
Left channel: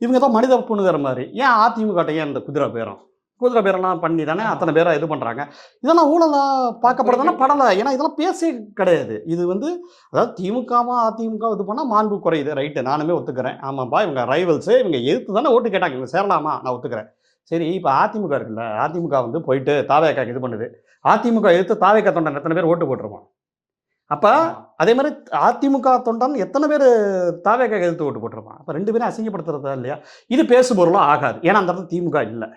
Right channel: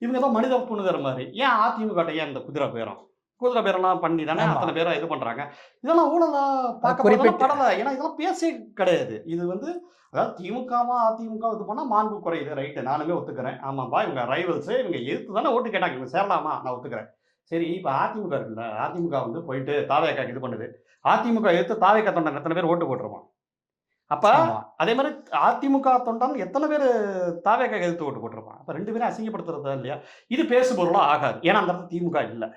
இவங்க தான் மனித புணுகிற மாதிரி, ஏன் அதிமுக ஏன் இந்த குதிரை பேரும் குதிரை பேரெல்லாம் பண்ணி தானே அத்தனை பேரை இது பண்ணுறாங்க. இதெல்லாம் ஊழலா பார்க்கப்படுறதுனா படலை. ஏன்னா இதெல்லாம் பேசி கிடையாது. இது வந்து அதாவது திமுகவும் அதிமுக இது பண்ணால் மாண்பு குறையுது. ரைட்டு, நானுமே ஒத்துக்கிறேன். ஆமாப்பா, இவங்க ரைவல்ஸு, இவங்க எதிர்த்து தானே ஓட்டு கேட்டாங்க, இவங்க சேரலாமா, நான் ஒத்துக்கிறேன். சரி, இப்போ அதிமுக இருக்குல்ல, அதிமுக வந்து போயிட்டு தாவேக்காக்கு இது பண்ணுது. அதிமுக எதிர்த்து தாவேக்கா தொண்டன் எத்தனை பேர் ஓட்டு போட்டுருவோம்? அப்போ அதே மாதிரி அதிமுக தொண்டன் எத்தனை பேர் தாவேக்காக்கு எதிர்த்து ஓட்டு போட்டிருப்பான்? அப்போ 2 பேரும் அசிங்கப்படுத்துறதா இல்லையா? இது பேசு பொருளாக ஆகாது. ஏன்னா அந்த இடத்துல திமுக இல்லை.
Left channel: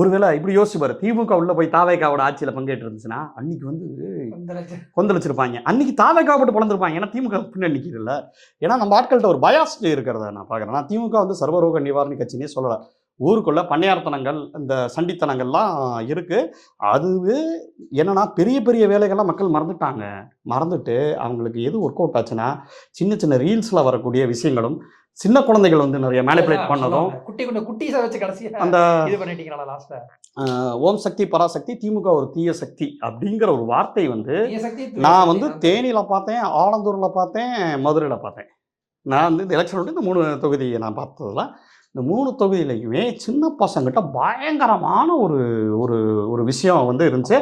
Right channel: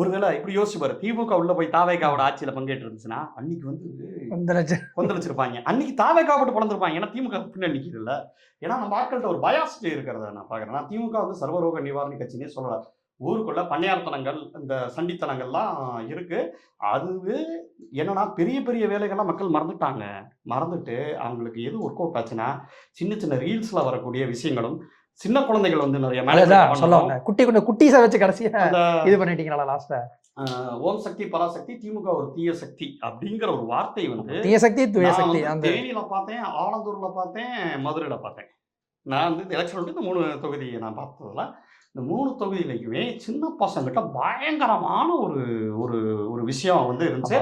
ஒருவேளை இப்படி யோசிச்சு பாரு, திமுக உள்ள போய் தாவேக்காவோட ஆட்சியில் பங்கேற்று இருந்துச்சுன்னா அன்னைக்கு வந்து கொந்தளிச்சிருப்பாங்க. அன்னைக்கு தாவேக்காவை போட்டு பிளந்திருப்பாங்க. ஏன்னா திமுக பின்னாடி நிற்கிது இல்லை. ஏன்னா நம்ம ஆட்கள்கிட்ட ஒரு பயாஸ் இருக்கிறத நான் பார்க்குறேன். நான் திமுக வந்து சர்வரோக நிவாரணி கட்சினே சொல்லலை. ஊருக்குள்ள பண்ணையார்த்தனங்கள், இந்த சண்டித்தனங்கள்லாம் இருக்கு. அது என்னன்னா பெரிய பெரிய வேலைகள்லாம் மக்கள் மறந்துட்டாங்க. மறந்துட்டு அவங்களுக்கு எது ஒர்க் அவுட் ஆச்சுன்னா சின்ன சின்ன ரீல்ஸ்ல வரக்கூடிய விஷயங்களும், சின்ன குழந்தைகள் வந்து நிறைய மேனிபுலேட் பண்ணணும். குட்டீஸை வச்சு கடைசி அந்த இது பண்ணிட்டீங்களா லாஸ்ட்ல? ஓம் சக்தி பராசக்தி, திமுக ஒரு தீய சக்தி அப்படிங்கிற ஒரு வார்த்தை வந்து நான் வந்து தேனியில பார்த்தேன், ஆலந்தூர்ல பார்த்தேன், மதுரையில பார்த்தேன். நான் வந்து இந்த எலெக்ஷன் இந்த 3 தொகுதியை நான் பார்த்ததுல இந்த 3 தொகுதியிலையுமே சின்ன பசங்கிட்ட பயங்கரமான ஒரு ஒரு ஒரு விஷயம் வந்து இருந்துச்சு.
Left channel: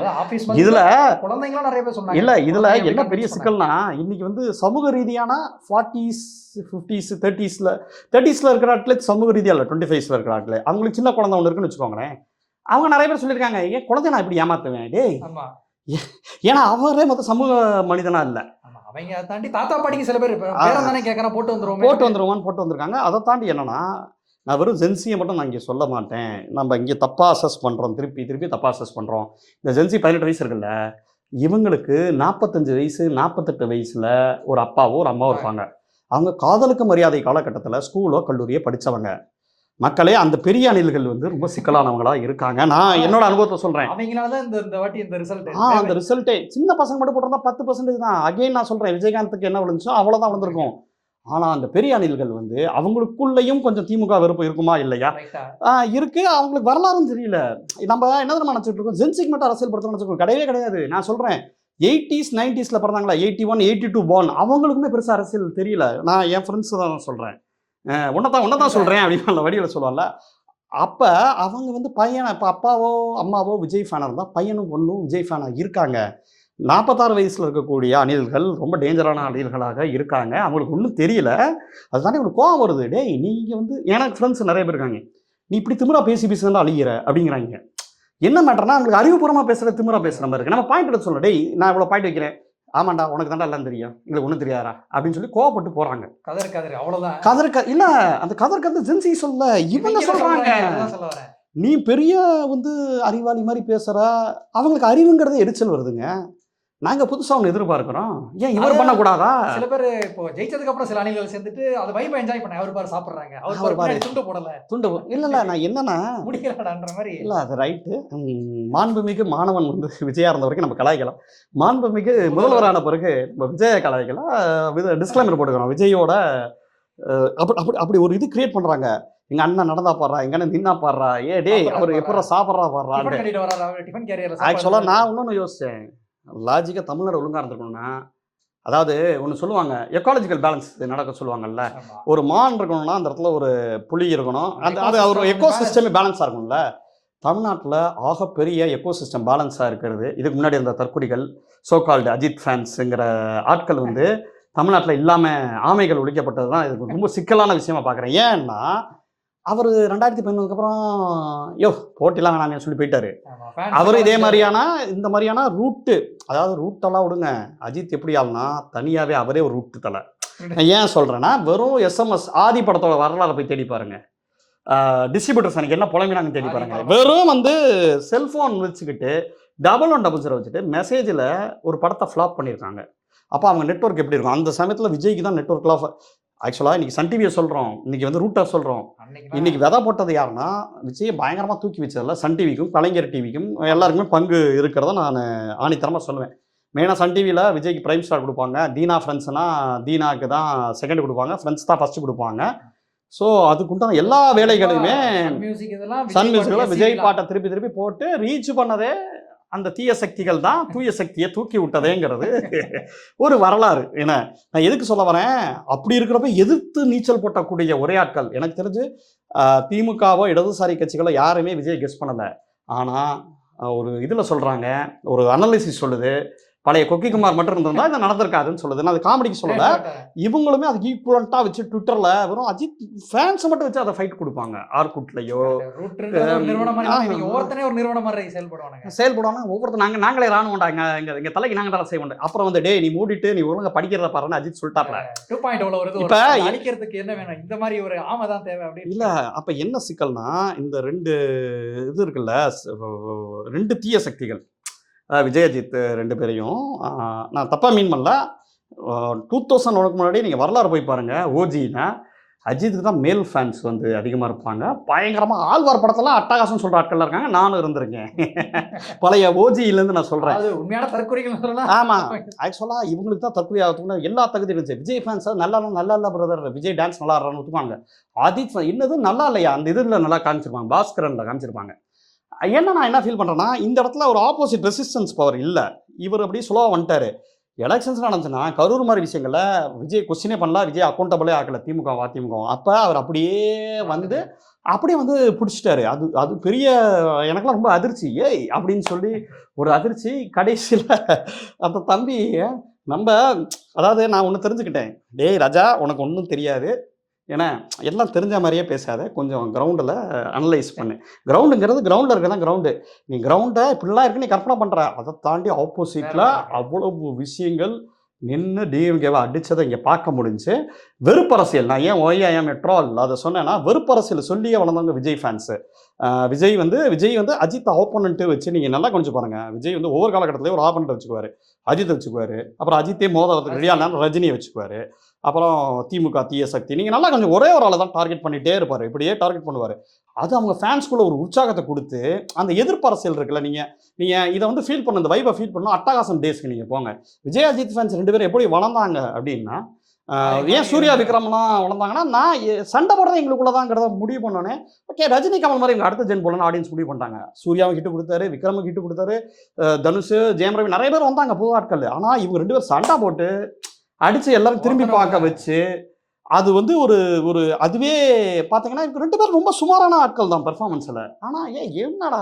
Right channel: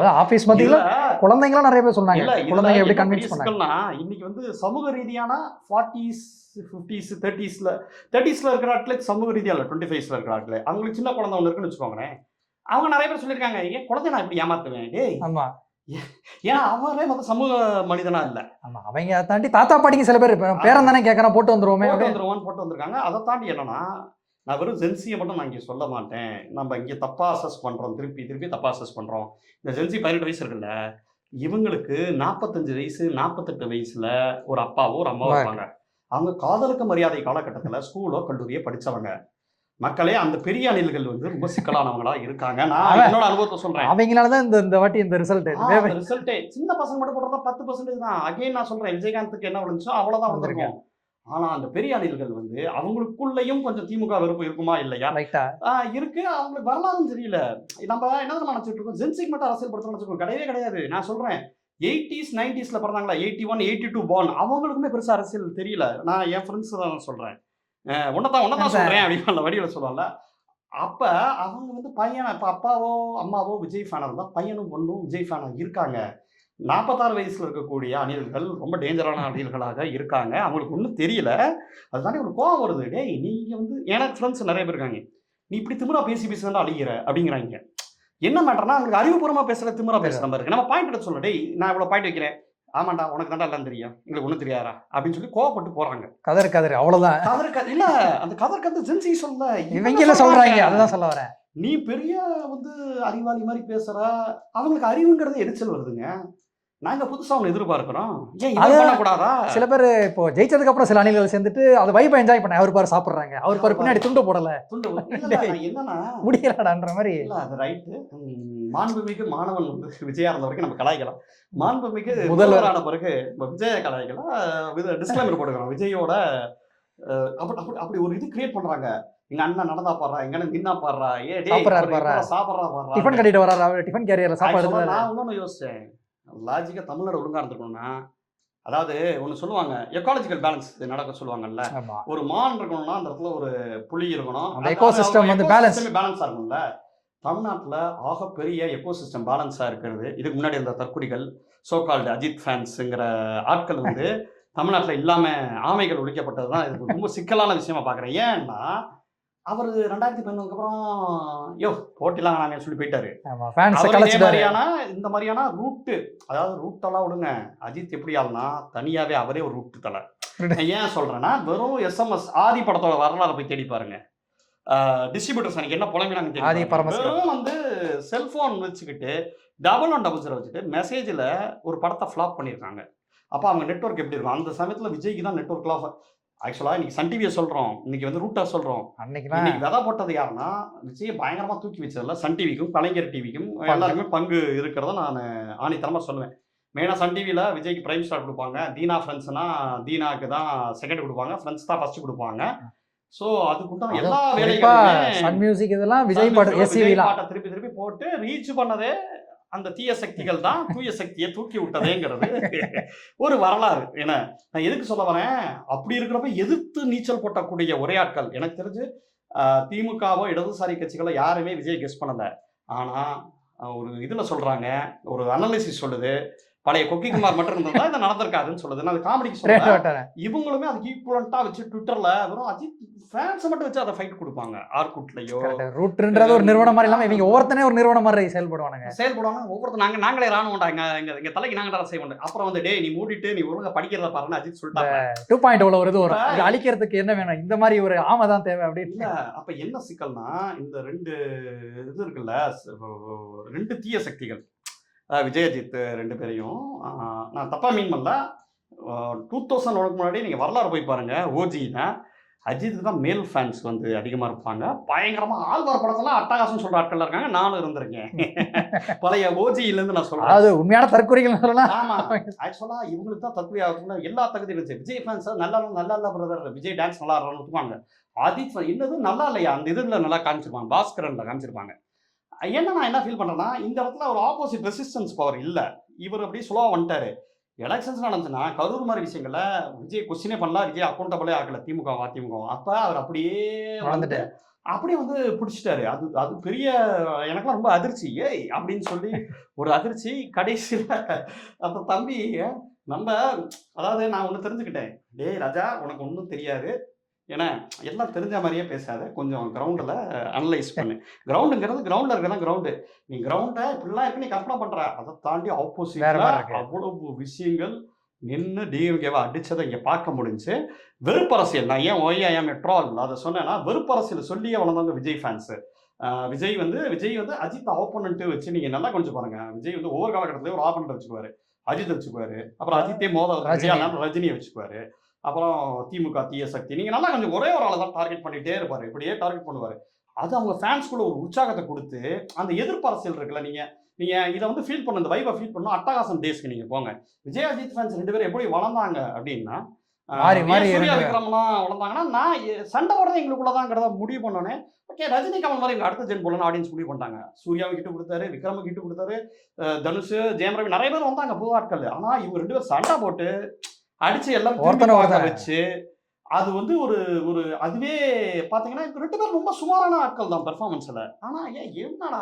இதுல குழந்தைங்களாம் நிறைய பேர் சொன்னாங்க. இல்ல, இதுல என்ன பெரிய சிக்கல்னா இன்னைக்கு வந்து சமூக ரீதியான 40s 50s 30ஸ்ல இருக்கிற ஆட்களே சமூக ரீதியா இல்ல, 25ஸ்ல இருக்கிற ஆட்களே அவங்களுக்கு சின்ன குழந்தை ஒன்று இருக்குன்னு வச்சுக்கோங்களேன். அவங்க நிறைய பேர் சொல்லியிருக்காங்க, ஏன் குழந்தை நான் இப்படி ஏமாத்துவேன் டேய். ஆமா, ஏன்னா அவரே மொத்தம் சமூக மனிதனா இல்லை. அவங்க தாண்டி தாத்தா பாட்டிக்கு சில பேர் பேரம் தானே கேட்கறேன், போட்டு வந்துருவோமான்னு போட்டு வந்திருக்காங்க. அதை தாண்டி என்னன்னா, நான் வெறும் ஜென்சியை மட்டும் நான் இங்கே சொல்ல மாட்டேன். நம்ம இங்கே தப்பாக அசஸ் பண்ணுறோம், திருப்பி தப்பாக அசஸ் பண்ணுறோம். இந்த ஜென்சி 18 வயசு இருக்குல்ல, இவங்களுக்கு 45 வயசு 48 வயசில் ஒரு அப்பாவோ ஒரு அம்மாவோ இருப்பாங்க. அவங்க காதலுக்கு மரியாதை காலகட்டத்தில் ஸ்கூலோ கல்லூரியை படித்தவங்க மக்களே. அந்த பெரிய அணில்கள் வந்து ரொம்ப சிக்கலானவங்களா இருக்காங்க. நான் என்னோட அனுபவத்தை சொல்றேன். அவங்களால தான் இந்த வாட்டி இந்த ரிசல்ட்டே சின்ன பசங்க மட்டும் போட்டிருந்தா 10% தான். அகைன் நான் சொல்றேன், விஜயகாந்துக்கு என்ன விழுந்துச்சோ அவ்வளோதான் வந்திருக்கும். ஆனால் அந்த பெரிய அணில்கள் வந்து அவங்களுக்குள்ளேயும் கொஞ்சம் திமுக வெறுப்பு இருக்குமா இல்லையா? இருக்கு. அவங்களுக்கு வரலாறும் தெரியல. நம்ம என்ன தெரியுமா நினச்சிட்டு இருக்கோம், ஜென்சிக்கு மட்டும் அரசியல் படுத்தணும்னு வச்சுக்கோங்க. கிடையவே கிடையாது. நான் சொல்கிறேன், 80s 90ஸ்ல பிறந்தாங்களா, 81 82 born, அவங்களுக்குமே பெருசாக அரசியல் தெரியல. நான் என் ஃப்ரெண்ட்ஸ் தான் சொல்கிறேன், உன்னதான் சொல்கிறேன் அப்படின்னு வடிவில் சொல்லுவாங்கல்ல. அப்போ அவங்க வந்து பையன், இப்போ அப்பாவோ அம்மாவோ விஜய் ஃபேனாக இருந்தால் பையனும் பொண்ணும் விஜய் ஃபேனாக இருக்காங்க. 46 வயசில் இருக்கக்கூடிய அணில்கள் ரொம்ப டேஞ்சரான அணில்களாக இருக்காங்க. அவங்களுக்கு ஒன்றும் தெரியல. அதுதானே ஒரு கோவம் வருது. டேய், நீங்கள் வந்து எனக்கு ஃப்ரெண்ட்ஸ் நிறைய பேர் இருக்காங்க, நீ இப்படி திமிரா பேசி தான் அழிகிற அப்படிங்கிறாங்க. என்ன மேட்டர்னா, அவங்களுக்கு அறிவுபூர்வமாக பேசுகிற திமிரா பேசுகிற மாதிரி இருக்குது. நம்ம பாயிண்ட் எடுத்து சொல்ல, டேய் நான் இவ்வளோ பாயிண்ட் வைக்கிறேன், ஆமாண்டா உனக்கு தாண்டா எல்லாம் தெரியும், எங்களுக்கு ஒன்றும் தெரியாதா அப்படின்னு சொல்லி கோவப்பட்டு போகிறாங்க. கதறு அவ்வளோதான். இல்லை, அந்த கதருக்கு வந்து ஜென்சி சொல்ல இவங்க சொல்கிறாங்க. அதுதான் சொல்ல வரேன். நீ பெரிய வந்து அறிவாளி மாதிரி பேசுகிறா, அவங்களுக்கு அறிவுங்கிறது எரிச்சல் வருதுங்க. நாங்க புதுசா ஒன்று எதிர்பார்க்கிறோம், ஏன் இது பண்ணக்கூடாதா? சில பேர் இப்போ ஜெயிச்சதுக்கு அப்புறம் சில அணில்கள் சேர்ந்துட்டு அதை வைப்பை என்ஜாய் பண்ண, அவர் பாரு சாப்பிட்றாங்க, அவர் பாரு பின்னாடி துண்டு போடல, இல்லை நான் என்னன்னா முடியலன்ற மாதிரி. இல்லை, அது ரைட்டு. மாண்புமிகு மாணவன் வந்து விஜயா இருந்த வரைக்கும் நம்ம கலாய்க்கலாம். மாண்புமிகு முதல்வரான பிறகு விஜய கலாய்க்கலாம். டிஸ்க்ளைமர் போட்டுக்கிறோம், விஜயோட அப்படி ஒரு இது கிரியேட் பண்றாங்க. எங்க அண்ணன் நடந்தா பாடுறா, எங்க அண்ணன் நின்னா பாடுறா, ஏ டே அவர் எப்போ சாப்பிட்றா பாடுறா, டிஃபன் கட்டிட்டு வர்றா, டிஃபன் கேரியர். ஆக்சுவலா நான் இன்னொன்று யோசிச்சேன், லாஜிக்காக தமிழ்நாடு ஒழுங்காக இருந்திருக்கணும்னா, அதாவது ஒன்று சொல்லுவாங்க, எக்காலஜிக்கல் பேலன்ஸ் நடக்க சொல்லுவாங்கல்ல. ஒரு மான் இருக்கணும்னா அந்த இடத்துல ஒரு புலி இருக்கணும், எக்கோசிஸ்டம் பேலன்ஸாக இருக்கும்ல. தமிழ்நாட்டில் ஆகப்பெரிய எக்கோசிஸ்டம் பேலன்ஸாக இருக்கிறது. இதுக்கு முன்னாடி அந்த தற்குறிகள், சோகால்டு அஜித் ஃபேன்ஸுங்கிற ஆட்கள் வந்து தமிழ்நாட்டில் இல்லாமல் ஆமைகள் ஒழிக்கப்பட்டது தான் இது ரொம்ப சிக்கலான விஷயமா பார்க்குறேன். ஏன்னா அவர் 2011 அப்புறம் போட்டிலாம் வேணாம் சொல்லி போயிட்டாரு. அவர் இதே மாதிரியான இந்த மாதிரியான ரூட்டு, அதாவது ரூட்டெல்லாம் விடுங்க, அஜித் எப்படி ஆகுனா தனியாகவே அவரே ஒரு ரூட்டு தலை. ஏன் சொல்கிறேன்னா, வெறும் SMS ஆதி படத்தோட வரலாறு போய் தேடி பாருங்க. டிஸ்ட்ரிபியூட்டர்ஸ் எனக்கு என்ன புலம்பினாங்க தேடி, வெறும் வந்து செல்ஃபோன் வச்சுக்கிட்டு 1100 வச்சுட்டு மெசேஜில் ஒரு படத்தை ஃப்ளாப் பண்ணியிருக்காங்க. அப்போ அவங்க நெட்ஒர்க் எப்படி இருக்கும்? அந்த சமயத்தில் விஜய்க்கு தான் நெட்ஒர்க்லாம். ஆக்சுவலாக இன்றைக்கி சன் டிவியை சொல்கிறோம், இன்றைக்கி வந்து ரூட்டாக சொல்கிறோம். இன்றைக்கி விதை போட்டது யாருன்னா, விஜயை பயங்கரமாக தூக்கி வச்சதில்ல சன் டிவிக்கும் கலைஞர் டிவிக்கும் எல்லாருக்குமே பங்கு இருக்கிறத நான் ஆணித்தரமாக சொல்லுவேன். மெயினாக சன் டிவியில் விஜய்க்கு பிரைம் ஸ்டார் கொடுப்பாங்க, தீனா ஃப்ரெண்ட்ஸ்னா தீனாவுக்கு தான் செகண்ட் கொடுப்பாங்க, ஃப்ரெண்ட்ஸ் தான் ஃபஸ்ட்டு கொடுப்பாங்க. ஸோ அதுக்குண்டான எல்லா வேலைகளுமே மியூசிக் இதெல்லாம் விஜய் பாட்டை திருப்பி போட்டு ரீச் பண்ணதே அந்த தீய சக்திகள் தான் தூய சக்தியை தூக்கி விட்டதேங்கிறது ஒரு வரலாறு. ஏன்னா நான் எதுக்கு சொல்ல வரேன், அப்படி இருக்கிறப்ப எதிர்த்து நீச்சல் போட்டக்கூடிய ஒரே ஆட்கள் எனக்கு தெரிஞ்சு திமுகவோ இடதுசாரி கட்சிகளோ யாருமே விஜய் கெஸ் பண்ணலை. ஆனால் ஒரு இதில் சொல்கிறாங்க, ஒரு அனாலிசிஸ் சொல்லுது, பழைய கொக்கி குமார் மட்டும் இருந்திருந்தா இதை நடந்திருக்காதுன்னு சொல்லுது. நான் அது காமெடிக்கு சொல்லல, இவங்களுமே அதுக்கு ஈக்குவலண்ட்டாக வச்சு ட்விட்டரில் வெறும் அஜித் ஃபேன்ஸ் மட்டும் வச்சு அதை ஃபைட் கொடுப்பாங்க. ஆர்குட்லையோ ரூட்ன்றது ஒரு நிறுவனம் மாதிரி இல்லாமல் இவங்க ஒவ்வொருத்தனே ஒரு நிறுவனம் மாதிரி செயல்படுவாங்க. ஒவ்வொருத்தர் நாங்களே ரான் மாட்டாங்க, எங்கள் தலைக்கு நாங்கள் தான் செய்ய மாட்டோம். அப்புறம் வந்து டே நீ மூடிட்டு நீ ஒழுங்கா படிக்கிறத பாருன்னு அஜித் சொல்லிட்டாங்க. 2.0 வருது, இப்போ அழிக்கிறதுக்கு என்ன வேணும், இந்த மாதிரி ஒரு ஆமை தான் தேவை அப்படின்னு இல்லை. அப்போ என்ன சிக்கல்னா, இந்த 2 இது இருக்குல்ல, 2 தீய சக்திகள், விஜய் அஜித் 2 பேரையும் நான் தப்பாக மீன் பண்ணல. 2001 முன்னாடி நீங்கள் வரலாறு போய் பாருங்கள். ஓஜின்னா அஜித்துக்கு தான் மேல் ஃபேன்ஸ் வந்து அதிகமாக இருப்பாங்க. பயங்கரமாக ஆழ்வார் படத்தெல்லாம் அட்டகாசம் சொல்கிற ஆட்கள் இருக்காங்க. நானும் இருந்திருக்கேன். பழைய ஓஜியிலேருந்து நான் சொல்கிறேன். அது உண்மையான தற்கொலைகள் சொல்லலாம். ஆமாம், ஆக்சுவலாக இவங்களுக்கு தான் தற்கொலை ஆகிறதுக்கு எல்லா தகுதி இருந்துச்சு. விஜய் ஃபேன்ஸ் நல்லா இல்லை பிரதர், விஜய் டான்ஸ் நல்லா ஆடுறான்னு ஒத்துப்பாங்க. அஜித் என்னது நல்லா இல்லையா, அந்த இதில் நல்லா காமிச்சிருப்பாங்க, பாஸ்கரனில் காமிச்சிருப்பாங்க. என்ன நான் என்ன ஃபீல் பண்ணுறேன்னா, இந்த இடத்துல ஒரு ஆப்போசிட் ரெசிஸ்டன்ஸ் பவர் இல்லை. இவர் அப்படி ஸ்லோவாக வந்துட்டார். எலெக்ஷன்ஸ் நடந்துச்சுன்னா கரூர் மாதிரி விஷயங்களில் விஜய் கொஸ்டினே பண்ணலாம், விஜய் அக்கௌண்டபிளே ஆகலை, திமுக அதிமுக. அப்போ அவர் அப்படியே வந்துட்டு அப்படியே வந்து பிடிச்சிட்டாரு. அது பெரிய எனக்குலாம் ரொம்ப அதிர்ச்சி. ஏய் அப்படின்னு சொல்லி ஒரு அதிர்ச்சி. கடைசியில் அந்த தம்பி நம்ம, அதாவது நான் ஒன்று தெரிஞ்சுக்கிட்டேன், டேய் ராஜா உனக்கு ஒன்றும் தெரியாது, ஏன்னா எல்லாம் தெரிஞ்ச மாதிரியே பேசாத, கொஞ்சம் கிரவுண்டில் அனலைஸ் பண்ணு. கிரவுண்டுங்கிறது கிரவுண்டில் இருக்க தான் கிரவுண்டு. நீ கிரவுண்டை இப்படிலாம் இருக்கு நீ கற்பனை பண்ணுற, அதை தாண்டி ஆப்போசிட்டில் அவ்வளவு விஷயங்கள் நின்று டிஎம்கேவை அடித்ததை இங்கே பார்க்க முடிஞ்சு. வெறுப்பரசியல், நான் ஏன் ஒய்ஐஎம் ட்ரால் அதை சொன்னேன்னா, வெறுப்பரசியல் சொல்லியே வளர்ந்தாங்க விஜய் ஃபேன்ஸு. விஜய் வந்து அஜித் ஆப்போனண்ட்டு வச்சு நீங்கள் நல்லா கொஞ்சம் பாருங்கள். விஜய் வந்து ஒவ்வொரு காலகட்டத்திலேயே ஒரு ஆப்போனண்ட் வச்சுக்குவார். அஜித் வச்சுக்குவார், அப்புறம் அஜித்தே ரஜினியை வச்சுக்குவார், அப்புறம் திமுக தீய சக்தி. நீங்கள் நல்லா கொஞ்சம் ஒரே ஒரு ஆளை தான் டார்கெட் பண்ணிகிட்டே இருப்பார், இப்படியே டார்கெட் பண்ணுவார். அது அவங்க ஃபேன்ஸ்குள்ளே ஒரு உற்சாகத்தை கொடுத்து, அந்த எதிர்ப்பு அரசியல் இருக்குல்ல, நீங்கள் இதை வந்து ஃபீல் பண்ண, இந்த வைபை ஃபீல் பண்ணணும். அட்டகாசம் டேஸ்க்கு நீங்கள் போங்க. விஜய் அஜித் ஃபேன்ஸ் 2 பேரும் எப்படி வளர்ந்தாங்க அப்படின்னா, ஏன் சூர்யா விக்ரம்னா வளர்ந்தாங்கன்னா, நான் சண்டை போடுறது எங்களுக்குள்ள தான்ங்கிறத முடிவு பண்ணோன்னே, ஓகே ரஜினி கமல் மாதிரி எங்கள் அடுத்த ஜென் போலன்னு ஆடியன்ஸ் முடிவு பண்ணிட்டாங்க. சூர்யாவும் ஹிட்டு கொடுத்தாரு, விக்ரமும் ஹிட்டு கொடுத்தாரு, தனுஷ், ஜெயம் ரவி நிறைய பேர் வந்தாங்க புது ஆட்கள். ஆனால் இவங்க 2 பேரும் சண்டை போட்டு அடிச்சு எல்லாரும் திரும்பி பார்க்க வச்சு, அது வந்து ஒரு அதுவே பார்த்தீங்கன்னா 2 பேரும் ரொம்ப சுமாரான ஆட்கள் தான் பெர்ஃபார்மன்ஸில். ஆனால் என்னடா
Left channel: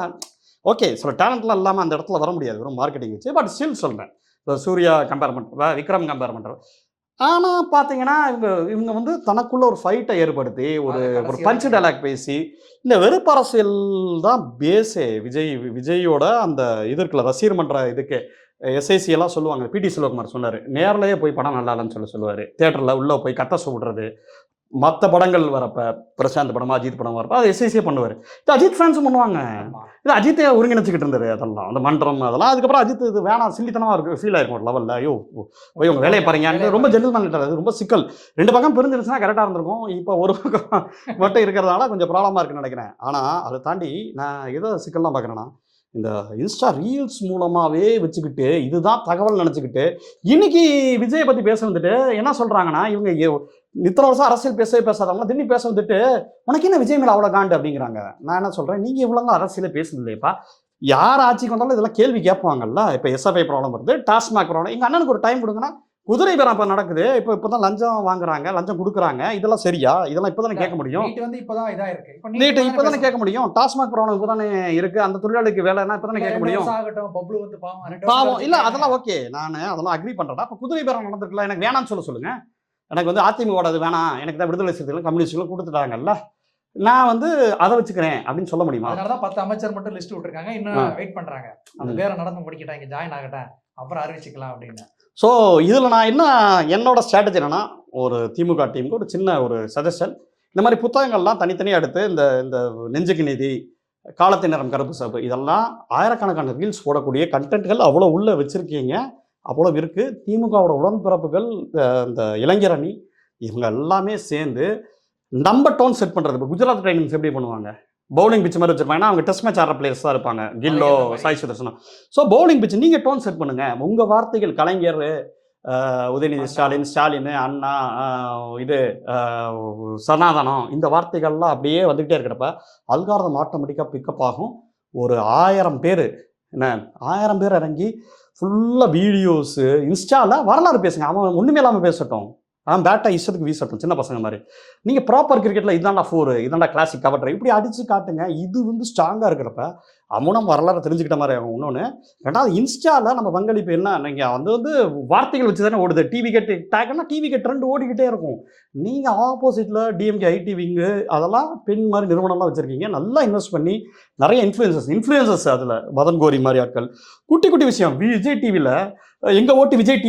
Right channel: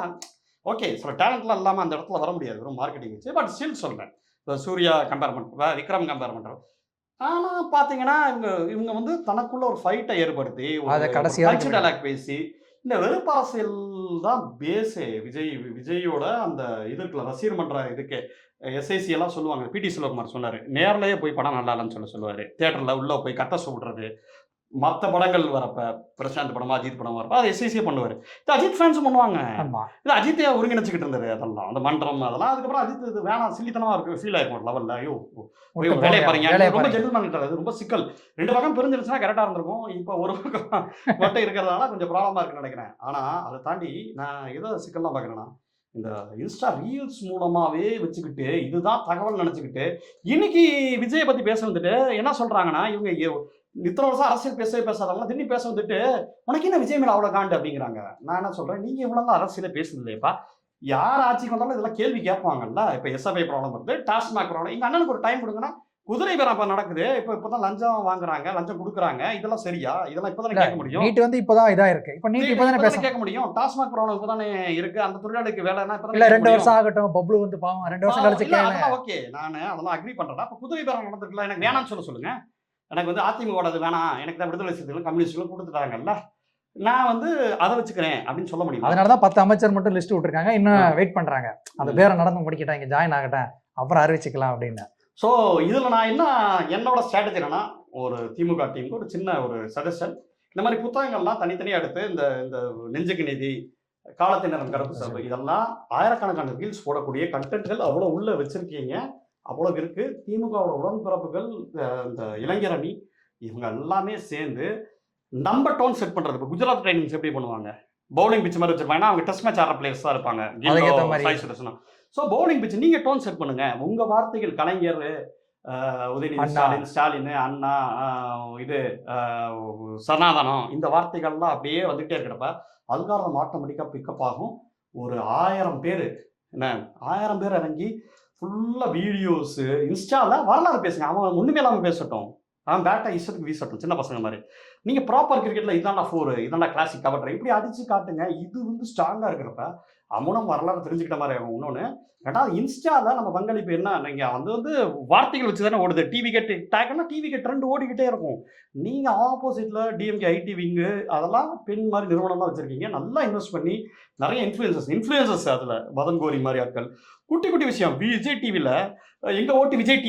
ஓகே சில டேலண்ட்லாம் இல்லாமல் அந்த இடத்துல வர முடியாது, வெறும் மார்க்கெட்டிங் வச்சு. பட் ஸ்டில் சொல்கிறேன், இப்போ சூர்யா கம்பேர் பண்ணுற, விக்ரம் கம்பேர் பண்ணுறோம். ஆனால் பார்த்தீங்கன்னா இவங்க வந்து தனக்குள்ள ஒரு ஃபைட்டை ஏற்படுத்தி ஒரு பஞ்ச் டைலாக் பேசி, இந்த வெறுப்பு அரசியல் தான் பேஸே. விஜயோட அந்த இது இருக்குல்ல, ரசிகர் மன்ற இதுக்கு எஸ்ஐசி எல்லாம் சொல்லுவாங்க. பிடி சிவகுமார் சொன்னார், நேரிலேயே போய் படம் நல்லா இல்லைன்னு சொல்லுவார். தியேட்டரில் உள்ளே போய் கத்த சொல்கிறது. மற்ற படங்கள் வரப்போ, பிரசாந்த் படமா அஜித் படம் வரப்போ அது எஸ்ஐசியே பண்ணுவார். இது அஜித் ஃபேன்ஸும் பண்ணுவாங்க. இது அஜித்தை ஒருங்கிணைச்சிக்கிட்டு இருந்தது அதெல்லாம், அந்த மன்றம் அதெல்லாம். அதுக்கப்புறம் அஜித் இது வேணாம், சில்லித்தனமாக இருக்கு, ஃபீல் ஆகிருக்கும் ஒரு லெவலில். ஐயோ உங்க வேலையை பாருங்க, ரொம்ப ஜெல்லு பண்ணிட்டாரு. அது ரொம்ப சிக்கல். 2 பக்கம் பிரிஞ்சிருச்சுன்னா கரெக்டாக இருந்திருக்கும். இப்போ ஒரு பக்கம் மட்டும் இருக்கிறதால கொஞ்சம் ப்ராப்ளமாக இருக்குன்னு நினைக்கிறேன். ஆனால் அதை தாண்டி நான் எதோ சிக்கல்லாம் பார்க்குறேன்னா, இந்த இன்ஸ்டா ரீல்ஸ் மூலமாகவே வச்சுக்கிட்டு இதுதான் தகவல் நினச்சிக்கிட்டு இன்னைக்கு விஜயை பற்றி பேச வந்துட்டு என்ன சொல்கிறாங்கன்னா, இவங்க இத்தனை வருஷம் அரசியல் பேசாதவங்க திடீர்னு பேச வந்துட்டு உனக்கு என்ன விஜய் மேலே அவ்வளோ காண்டு அப்படிங்கிறாங்க. நான் என்ன சொல்கிறேன், நீங்கள் இவ்வளோ அரசியலே பேசுது இல்லையப்பா, யார் ஆட்சிக்கு வந்தாலும் இதெல்லாம் கேள்வி கேட்பாங்கல்ல. இப்போ எஸ்எஃப்ஐ ப்ராப்ளம் வருது, டாஸ்மாக் ப்ராப்ளம், எங்கள் அண்ணனுக்கு ஒரு டைம் கொடுங்கன்னா குதிரை பேரம் இப்போ நடக்குது. இப்போ தான் லஞ்சம் வாங்குறாங்க, லஞ்சம் கொடுக்குறாங்க, இதெல்லாம் சரியா? இதெல்லாம் இப்போ தானே கேட்க முடியும். நீட் வந்து இப்போ தான் இதாக இருக்கு, இப்போ தானே கேட்க முடியும். டாஸ்மாக் ப்ராப்ளம் இப்போ தானே இருக்குது, அந்த தொழிலாளிக்கு வேலைன்னா இப்போ தானே 2 வருஷம் ஆகட்டும். பப்ளு வந்து பாவம் இல்லை, அதெல்லாம் ஓகே, நான் அதெல்லாம் அக்ரி பண்ணுறேன். அப்போ குதிரை பேரம் நடந்துருக்கலாம், எனக்கு வேணாம்னு சொல்லுங்க. எனக்கு வந்து அதிமுக அது வேணாம், எனக்கு தான் விடுதலை சிறுத்தைகள் கம்யூனிஸ்டுகளும் கொடுத்துட்டாங்கல்ல, நான் வந்து அதை வச்சுக்கிறேன் அப்படின்னு சொல்ல முடியுமா? அதனால தான் 10 அமைச்சர் மட்டும் லிஸ்ட் விட்டுருக்காங்க, இன்னும் வெயிட் பண்ணுறாங்க. அந்த பேரை நடந்து முடிக்கிட்டேன், இங்கே ஜாயின் ஆகிட்டேன், அப்புறம் அறிவிச்சிக்கலாம் அப்படின்னு. ஸோ இதில் நான் என்னோட ஸ்ட்ராட்டஜி என்னன்னா, ஒரு திமுக டீமுக்கு ஒரு சின்ன ஒரு சஜஷன், இந்த மாதிரி புத்தகங்கள்லாம் தனித்தனியாக எடுத்து இந்த நெஞ்சுக்கு நீதி, காலத்தின் நேரம், கருப்பு சாப்பு, இதெல்லாம் ஆயிரக்கணக்கான ரீல்ஸ் போடக்கூடிய கண்டென்ட்கள் அவ்வளோ உள்ளே வச்சுருக்கீங்க, அவ்வளோ இருக்குது. திமுகவோட உடன்பிறப்புகள், இந்த இளைஞர் அணி, இவங்க எல்லாமே சேர்ந்து நம்ம டோன் செட் பண்ணுறது. இப்போ குஜராத் ட்ரைனிங்ஸ் எப்படி பண்ணுவாங்க, பவுலிங் பிச் மாதிரி வச்சிருப்பாங்க, ஏன்னா அவங்க டெஸ்ட் மேட்ச் ஆடுற பிளேயர்ஸ் தான் இருப்பாங்க, கில்லோ, சாய் சுதர்சனா. ஸோ பவுலிங் பிச் நீங்கள் டோன் செட் பண்ணுங்க. உங்கள் வார்த்தைகள் கலைஞர், உதயநிதி ஸ்டாலின், அண்ணா, இது சனாதனம், இந்த வார்த்தைகள்லாம் அப்படியே வந்துகிட்டே இருக்கிறப்ப அல்காரதம் ஆட்டோமேட்டிக்காக பிக்கப் ஆகும். ஒரு 1000 பேர் 1000 பேர் இறங்கி ஃபுல்லாக வீடியோஸு இன்ஸ்டாவில் வரலாறு பேசுங்க. அவன் ஒன்றுமே இல்லாமல் பேசட்டும், பேட்டா இஷ்டத்துக்கு வீசட்டும், சின்ன பசங்க மாதிரி. நீங்கள் ப்ராப்பர் கிரிக்கெட்டில் இதாண்டா 4, இதாண்டா கிளாசிக் கவர், இப்படி அடித்து காட்டுங்க. இது வந்து ஸ்ட்ராங்காக இருக்கிறப்ப அமுனம் வரலாறு தெரிஞ்சுக்கிட்ட மாதிரி ஆகும். இன்னொன்று, ரெண்டாவது இன்ஸ்டாவில் நம்ம பங்களிப்பு என்ன, நீங்கள் வந்து வார்த்தைகள் வச்சு தானே ஓடுது. டிவி கெட் டேக்னா டிவி கெட் ட்ரெண்ட் ஓடிக்கிட்டே இருக்கும். நீங்கள் ஆப்போசிட்டில் டிஎம்கே ஐடி விங்கு அதெல்லாம் பெண் மாதிரி நிறுவனம்லாம் வச்சுருக்கீங்க. நல்லா இன்வெஸ்ட் பண்ணி நிறைய இன்ஃப்ளூயன்சஸ் அதில் மதன் கோரி மாதிரி ஆட்கள். குட்டி குட்டி விஷயம் விஜய் டிவியில் எங்கள் ஓட்டு விஜய்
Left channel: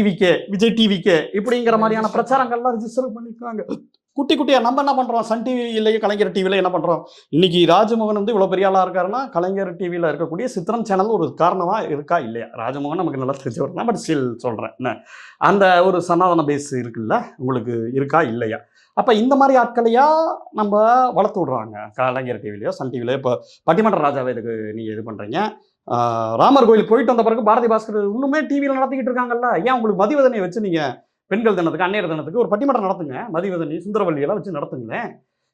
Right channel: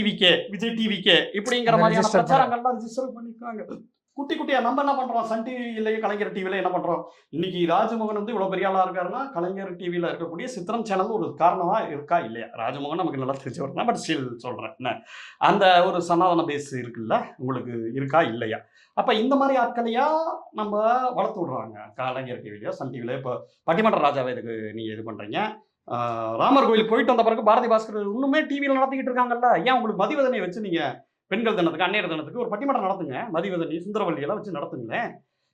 டிவிக்கே இப்படிங்கிற மாதிரியான பிரச்சாரங்கள்லாம் ரிஜிஸ்டர் பண்ணியிருக்காங்க. குட்டி குட்டியாக நம்ம என்ன பண்ணுறோம், சன் டிவி இல்லையே கலைஞர் டிவியில் என்ன பண்ணுறோம். இன்றைக்கி ராஜமோகன் வந்து இவ்வளோ பெரிய ஆளாக இருக்காருன்னா கலைஞர் டிவியில் இருக்கக்கூடிய சித்திரம் சேனல் ஒரு காரணமாக இருக்கா இல்லையா. ராஜமோகன் நமக்கு நல்லா தெரிஞ்சவர் தான், பட் ஸ்டில் சொல்கிறேன் என்ன, அந்த ஒரு சனாதன பேஸ் இருக்குல்ல உங்களுக்கு இருக்கா இல்லையா. அப்போ இந்த மாதிரி ஆட்களையா நம்ம வளர்த்து விட்றாங்க கலைஞர் டிவிலையோ சன் டிவிலையோ. இப்போ பட்டிமன்ற ராஜாவை இதுக்கு நீங்கள் இது பண்ணுறீங்க. ராமர் கோயில் போயிட்டு வந்த பிறகு பாரதி பாஸ்கர் இன்னுமே டிவியில் நடத்திக்கிட்டு இருக்காங்கல்ல. ஏன் உங்களுக்கு மதிவதனையை வச்சு நீங்கள் பெண்கள் தினத்துக்கு அன்னையர் தினத்துக்கு ஒரு பட்டிமன்றம் நடத்துங்க, மதிவதனி சுந்தரவல்லியெல்லாம் வச்சு நடத்துங்களேன்.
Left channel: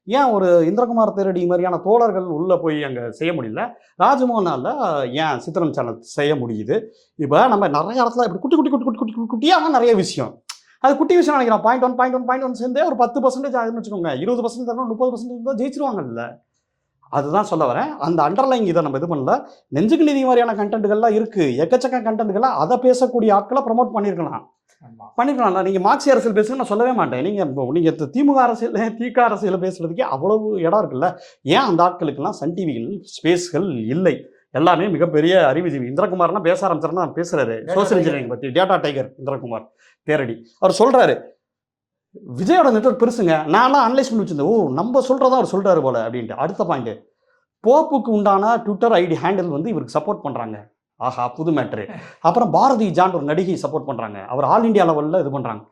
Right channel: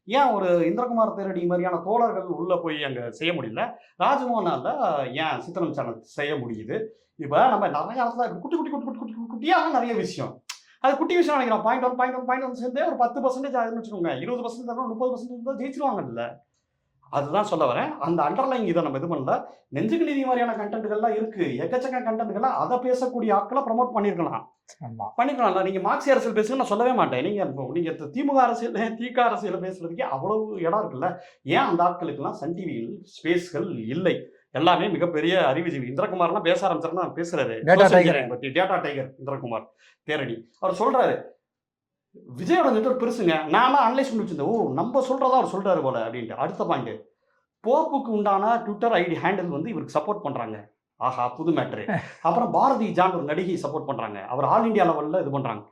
ஏன் ஒரு இந்திரகுமார் தேரடி மாதிரியான தோழர்கள் உள்ளே போய் அங்கே செய்ய முடியல, ராஜமோகனால் ஏன் சித்திரம் சேனல் செய்ய முடியுது. இப்போ நம்ம நிறைய இடத்துல இப்படி குட்டி குட்டி குட்டி குட்டி குட்டி குட்டியாக நிறைய விஷயம், அது குட்டி விஷயம் நினைக்கிறோம். பாயிண்ட் ஒன் சேர்ந்தே ஒரு 10% ஆகுதுன்னு வச்சுக்கோங்க, 20% தரணும், 30% தான் ஜெயிச்சிருவாங்கல்ல. அதுதான் சொல்ல வரேன். அந்த அண்டர்லைங் இதை நம்ம இது பண்ணல. நெஞ்சுக்கு நீதி மாதிரியான கண்டென்ட்டுகள்லாம் இருக்குது, எக்கச்சக்க கண்டென்ட்டுகள்லாம் அதை பேசக்கூடிய ஆட்களை ப்ரமோட் பண்ணியிருக்கலாம். நீங்கள் மார்க்சி அரசியல் பேசுங்க நான் சொல்லவே மாட்டேன். நீங்கள் திமுக அரசியல் திக அரசியல் பேசுறதுக்கே அவ்வளவு இடம் இருக்குல்ல. ஏன் அந்த ஆட்களுக்கெல்லாம் சன் டிவியில் ஸ்பேஸ்கள் இல்லை. எல்லாமே மிகப்பெரிய அறிவுஜீவி. இந்திரகுமார்னா பேச ஆரம்பிச்சாருன்னா பேசுறாரு சோசியல் இன்ஜினியரிங் பற்றி. டேட்டா டைகர் இந்திரகுமார் தேரடி அவர் சொல்றாரு, விஜயோட நெட்வொர்க் பெருசுங்க, நான் அனலைஸ் பண்ணி வச்சிருந்தேன். ஓ நம்ம சொல்றதா அவர் சொல்றாரு போல அப்படின்ட்டு. அடுத்த பாயிண்ட், போப்புக்கு உண்டான ட்விட்டர் ஐடி ஹேண்டில் வந்து இவருக்கு சப்போர்ட் பண்றாங்க. ஆஹா புது மேட்ரு. அப்புறம் பாரதி ஜான் ஒரு நடிகை சப்போர்ட் பண்றாங்க, அவர் ஆல் இண்டியா லெவலில் இது பண்றாங்க.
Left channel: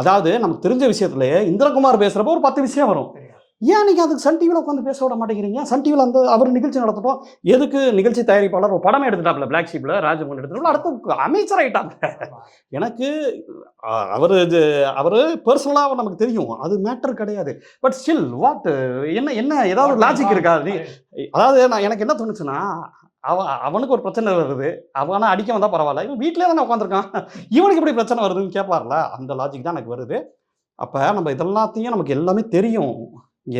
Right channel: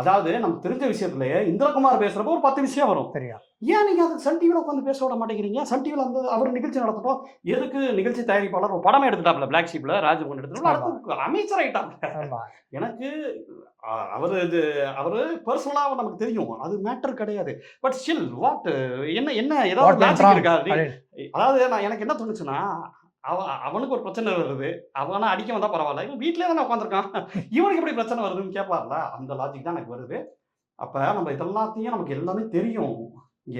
அதாவது நமக்கு தெரிஞ்ச விஷயத்துலயே இந்திரகுமார் பேசுறப்போ ஒரு 10 விஷயம் வரும். ஏன் நீங்க அதுக்கு சன் டிவியில் உட்காந்து பேச விட மாட்டேங்கிறீங்க. சன் டிவியில் அந்த அவர் நிகழ்ச்சி நடத்தட்டும். எதுக்கு நிகழ்ச்சி தயாரிப்பாளர் ஒரு படமே எடுத்துட்டாப்ல, பிளாக் ஷீப்ல ராஜமோகன் எடுத்துட்டோம், அடுத்து அமைச்சர் ஆயிட்டாங்க. எனக்கு அவரு பர்சனலாக நமக்கு தெரியும், அது மேட்டர் கிடையாது. பட் ஸ்டில் வாட் என்ன ஏதாவது லாஜிக் இருக்கா. அதாவது எனக்கு என்ன தோணுச்சுன்னா, அவனுக்கு ஒரு பிரச்சனை வருது, அவனை அடிக்க வந்தால் பரவாயில்ல, இவன் வீட்டிலே தானே உட்காந்துருக்கான், இவனுக்கு இப்படி பிரச்சனை வருதுன்னு கேட்பார்ல, அந்த லாஜிக் தான் எனக்கு வருது. அப்போ நம்ம இதெல்லாத்தையும் நமக்கு எல்லாமே தெரியும்.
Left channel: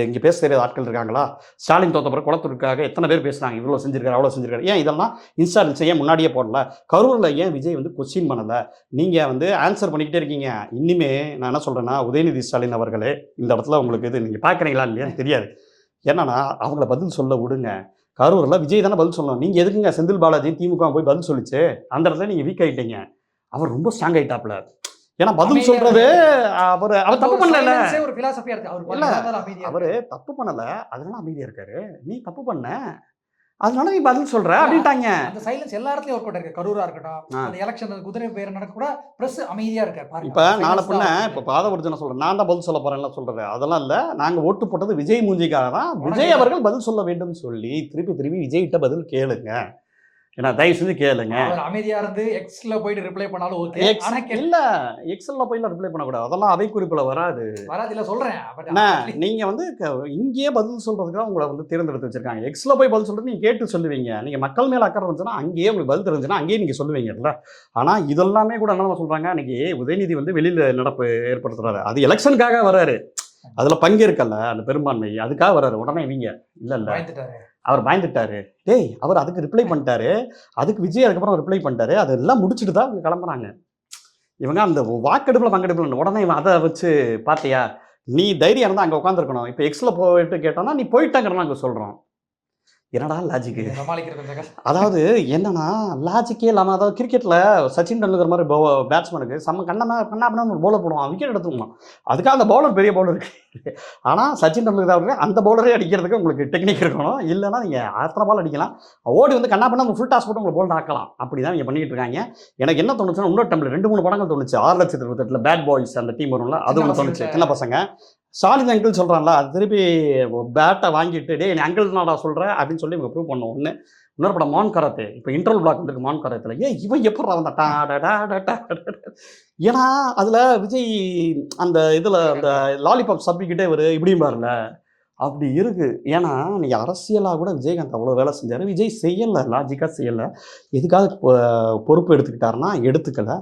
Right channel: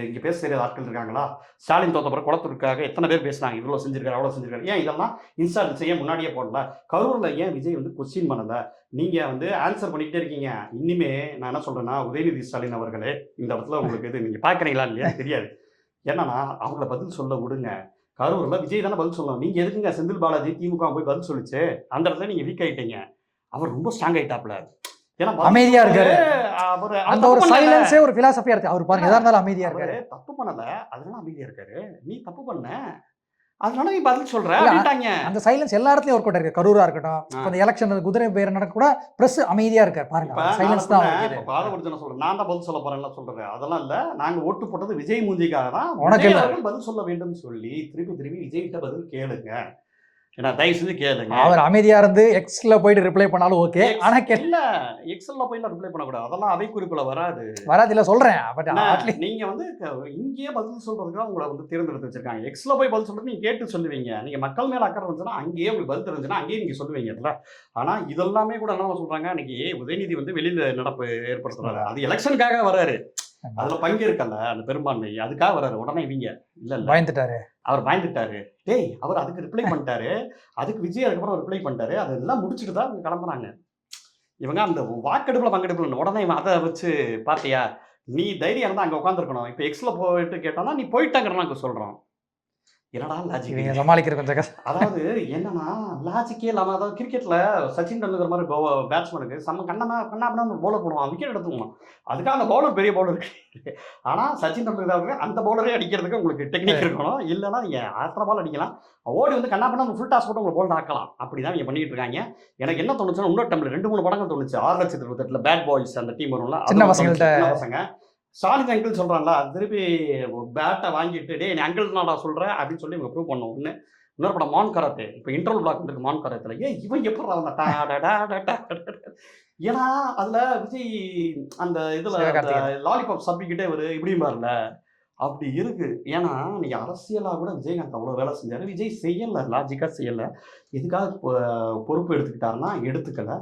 இங்கே பேச தெரியாத ஆட்கள் இருக்காங்களா. ஸ்டாலின் தோத்த பிறகு குளத்தூருக்காக எத்தனை பேர் பேசுனாங்க, இவ்வளோ செஞ்சிருக்காரு அவ்வளோ செஞ்சிருக்காரு. ஏன் இதெல்லாம் இன்ஸ்டா ஏன் முன்னாடியே போடல. கரூரில் ஏன் விஜய் வந்து கொஸ்டின் பண்ணலை. நீங்கள் வந்து ஆன்சர் பண்ணிக்கிட்டே இருக்கீங்க. இனிமே நான் என்ன சொல்கிறேன்னா, உதயநிதி ஸ்டாலின் அவர்களே இந்த இடத்துல உங்களுக்கு இது நீங்கள் பார்க்குறீங்களா இல்லையா தெரியாது. என்னன்னா அவங்கள பதில் சொல்ல விடுங்க. கரூரில் விஜய் தானே பதில் சொல்லணும். நீங்கள் எதுக்குங்க செந்தில் பாலாஜி திமுக போய் பதில் சொல்லிச்சு, அந்த இடத்துல நீங்கள் வீக் ஆகிட்டீங்க. அவர் ரொம்ப ஸ்ட்ராங் ஆகிட்டாப்ல. ஏன்னா பதில் சொல்றது அவர் ஒரு பிலாசபியா இருக்கு. அவர் பாருங்க அமைதியா, அவர் தப்பு பண்ணல, அதனால அமைதியா இருக்காரு. நீ தப்பு பண்ண, அதனால நீ பதில் சொல்ற அப்படின்ட்டாங்க. அந்த சைலன்ஸ் எல்லா இடத்துலயும் ஒர்க் அவுட் இருக்கு. கரூரா இருக்கட்டும், அந்த எலெக்ஷன் குதிரை பேர் நடக்க கூட பிரஸ் அமைதியா இருக்காரு பாருங்க. இப்ப நான் இப்ப பாதவர்ஜன சொல்றேன், நான் தான் பதில் சொல்ல போறேன்ல சொல்றது அதெல்லாம் இல்ல. நாங்க ஓட்டு போட்டது விஜய் மூஞ்சிக்காக தான். விஜய் அவர்கள் பதில் சொல்ல வேண்டும் சொல்லி திருப்பி விஜய் கிட்ட பதில் கேளுங்க. ஏன்னா தயவு செஞ்சு கேளுங்க. அவர் அமைதியா இருந்து எக்ஸ்ல போயிட்டு ரிப்ளை பண்ணாலும் ஓகே. ஆனா இல்ல எக்ஸ்ல போயில ரிப்ளை பண்ணக்கூடாது, அதெல்லாம் அவை குறிப்புல வராது இல்ல சொல்றேன். நீங்க வந்து இங்கேயே பதில் சொல்றதுக்கு உங்களை வந்து தேர்ந்தெடுத்து வச்சிருக்காங்க. எக்ஸ்ல போய் பதில் சொல்றது நீங்க கேட்டு சொல்லுவீங்க. நீங்க மக்கள் மேல அக்கறை இருந்துச்சுன்னா அங்கேயே உங்களுக்கு பதில் தெரிஞ்சுன்னா அங்கேயே நீங்க சொல்லுவீங்கல்ல. ஆனா இதெல்லாமே கூட என்ன சொல்றாங்க, இன்னைக்கு உதயநிதி வந்து வெளியில நடப்பு ஏற்படுத்துறாரு. அது எலெக்ஷனுக்காக வராரு, அதுல பங்கேற்கல அந்த பெரும்பான்மை, அதுக்காக வர்றாரு. உடனே இவங்க இல்ல பயந்துட்டாரு, அவர் பயந்துட்டாரு. டேய் அவர் அதுக்கு ரிப்ளை பண்ணிட்டாரு, அதுக்கு விஜய் அதுக்கப்புறம் ரிப்ளை பண்ணிட்டாரு, அதெல்லாம் முடிச்சுட்டு தான் இவங்க கிளம்புறாங்க. இவங்க அந்த வாக்கெடுப்புல பங்கெடுப்பு உடனே இவன் அதை வச்சு பாத்தியா, நீ தைரியம் இருந்தா அங்க உட்காந்துருக்கணும். இப்ப எக்ஸ்ல போயிட்டு கேட்டோம்னா நீ போயிட்டாங்கிறனா அங்க சொல்றோம். என்னடா லாஜிக் சமாளிக்கிற கொஞ்சம். அதாவது என்னன்னா லாஜிக்கே இல்லாம, அதாவது கிரிக்கெட்ல சச்சின் டெண்டுல்கர் மாதிரி பேட்ஸ்மேனுக்கு செம்ம கண்ணா ஒரு பவுலர் போடுவான், விக்கெட் எடுத்துக்கணும். அதுக்காக அந்த பவுலர் பெரிய பவுலர் இருக்கு. ஆனா சச்சின் டெண்டுல்கர் அந்த பவுலரே அடிக்கிறதுக்கு உங்களுக்கு டெக்னிக் இருக்கணும். இல்லைன்னா நீங்க அத்தனை பால் அடிக்கலாம், ஓடி வந்து கண்ணா பண்ண ஃபுல் டாஸ் போட்டு உங்களை பவுலர் ஆக்கலாம். அப்படிதான் நீங்க பண்ணிட்டு இருக்காங்க. எனக்கு என்ன தோணுச்சுன்னா, இன்னொரு டைம்ல 2-3 படங்கள் தோணுச்சு. 6,28,000 பேட் பாய்ஸ் அந்த டீம் வரும்ல, சின்ன பசங்க. ஸ்டாலின் அங்கிள் சொல்கிறான்ல, அது திருப்பி பேட்டை வாங்கிட்டு டே நீ அங்கிள் நான் சொல்கிறேன் அப்படின்னு சொல்லி இவங்க ப்ரூவ் பண்ணுவோம். இன்னொரு படம் மான் கராத்தே, இப்போ இன்டர்வல் பிளாக் வந்துருக்கு மான் கராத்தில். இவன் எப்படி வந்தா ஏன்னா அதில் விஜய் அந்த இதில் அந்த லாலிபாப் சப்பிக்கிட்டே ஒரு இப்படியும் பாருங்க அப்படி இருக்குது. ஏன்னா நீங்கள் அரசியலாக கூட விஜயகாந்த் அவ்வளோ வேலை செஞ்சார், விஜய் செய்யலை, லாஜிக்காக செய்யலை. எதுக்காக பொறுப்பு எடுத்துக்கிட்டாருன்னா எடுத்துக்கலை.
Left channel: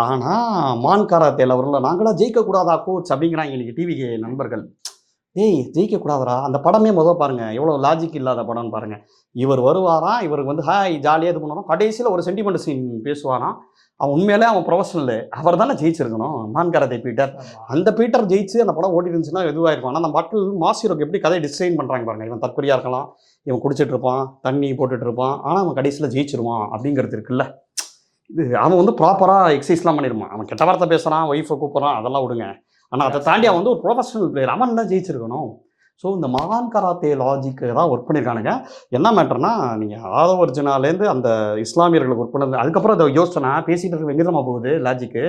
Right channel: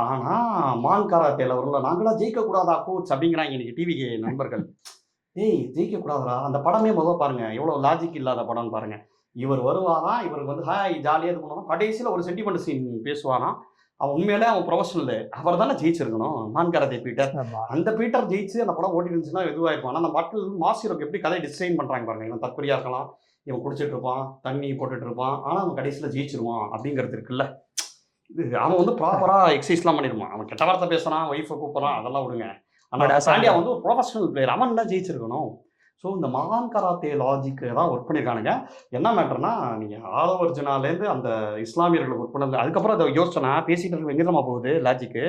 ஆனால் மான் கராத்தேல அவர்கள நாங்களாம் ஜெயிக்கக்கூடாதா கோச் அப்படிங்கிறாங்க இன்னைக்கு டிவிக்கு நண்பர்கள். ஏய் ஜெயிக்கக்கூடாதுடா அந்த படமே பாருங்க எவ்வளோ லாஜிக் இல்லாத படம்னு பாருங்க. இவர் வருவாராம், இவருக்கு வந்து ஹாய் ஜாலியாக இது பண்ணுவாராம், கடைசியில் ஒரு சென்டிமெண்ட் சீன் பேசுவாராம். அவன் உண்மையிலே அவன் ப்ரொஃபஷனலு அவர் தானே ஜெயிச்சிருக்கணும், நான் கராத்தே பீட்டர். அந்த பீட்டர் ஜெயிச்சு அந்த படம் ஓடி இருந்துச்சுன்னா இதுவாக இருக்கும். ஆனால் அந்த மக்கள் மாஸ் ஹீரோக்கு எப்படி கதை டிசைன் பண்ணுறாங்க பாருங்க. இவன் தற்கொலையாக இருக்கலாம், இவன் குடிச்சிட்டு இருப்பான், தண்ணி போட்டுட்டு இருப்பான், ஆனால் அவன் கடைசியில் ஜெயிச்சிருவான் அப்படிங்கிறது இருக்குல்ல. இது அவன் வந்து ப்ராப்பராக எக்ஸசைஸ்லாம் பண்ணிடுவான். அவன் கெட்ட வார்த்தை பேசுகிறான், ஒய்ஃபை கூப்பிட்றான், அதெல்லாம் விடுங்க. ஆனால் அதை தாண்டி அவன் வந்து ஒரு ப்ரொஃபஷனல் பிளேயர், அவன் தான் ஜெயிச்சிருக்கணும். ஸோ இந்த மகான் கராத்தே லாஜிக்கு தான் ஒர்க் பண்ணியிருக்கானுங்க. என்ன மேட்டர்னா, நீங்கள் ஆதவ அர்ஜுனாலேருந்து அந்த இஸ்லாமியர்களுக்கு ஒர்க் பண்ணது, அதுக்கப்புறம் அதை யோசனை பேசிகிட்டு இருக்க எங்கேதான் போகுது லாஜிக்கு,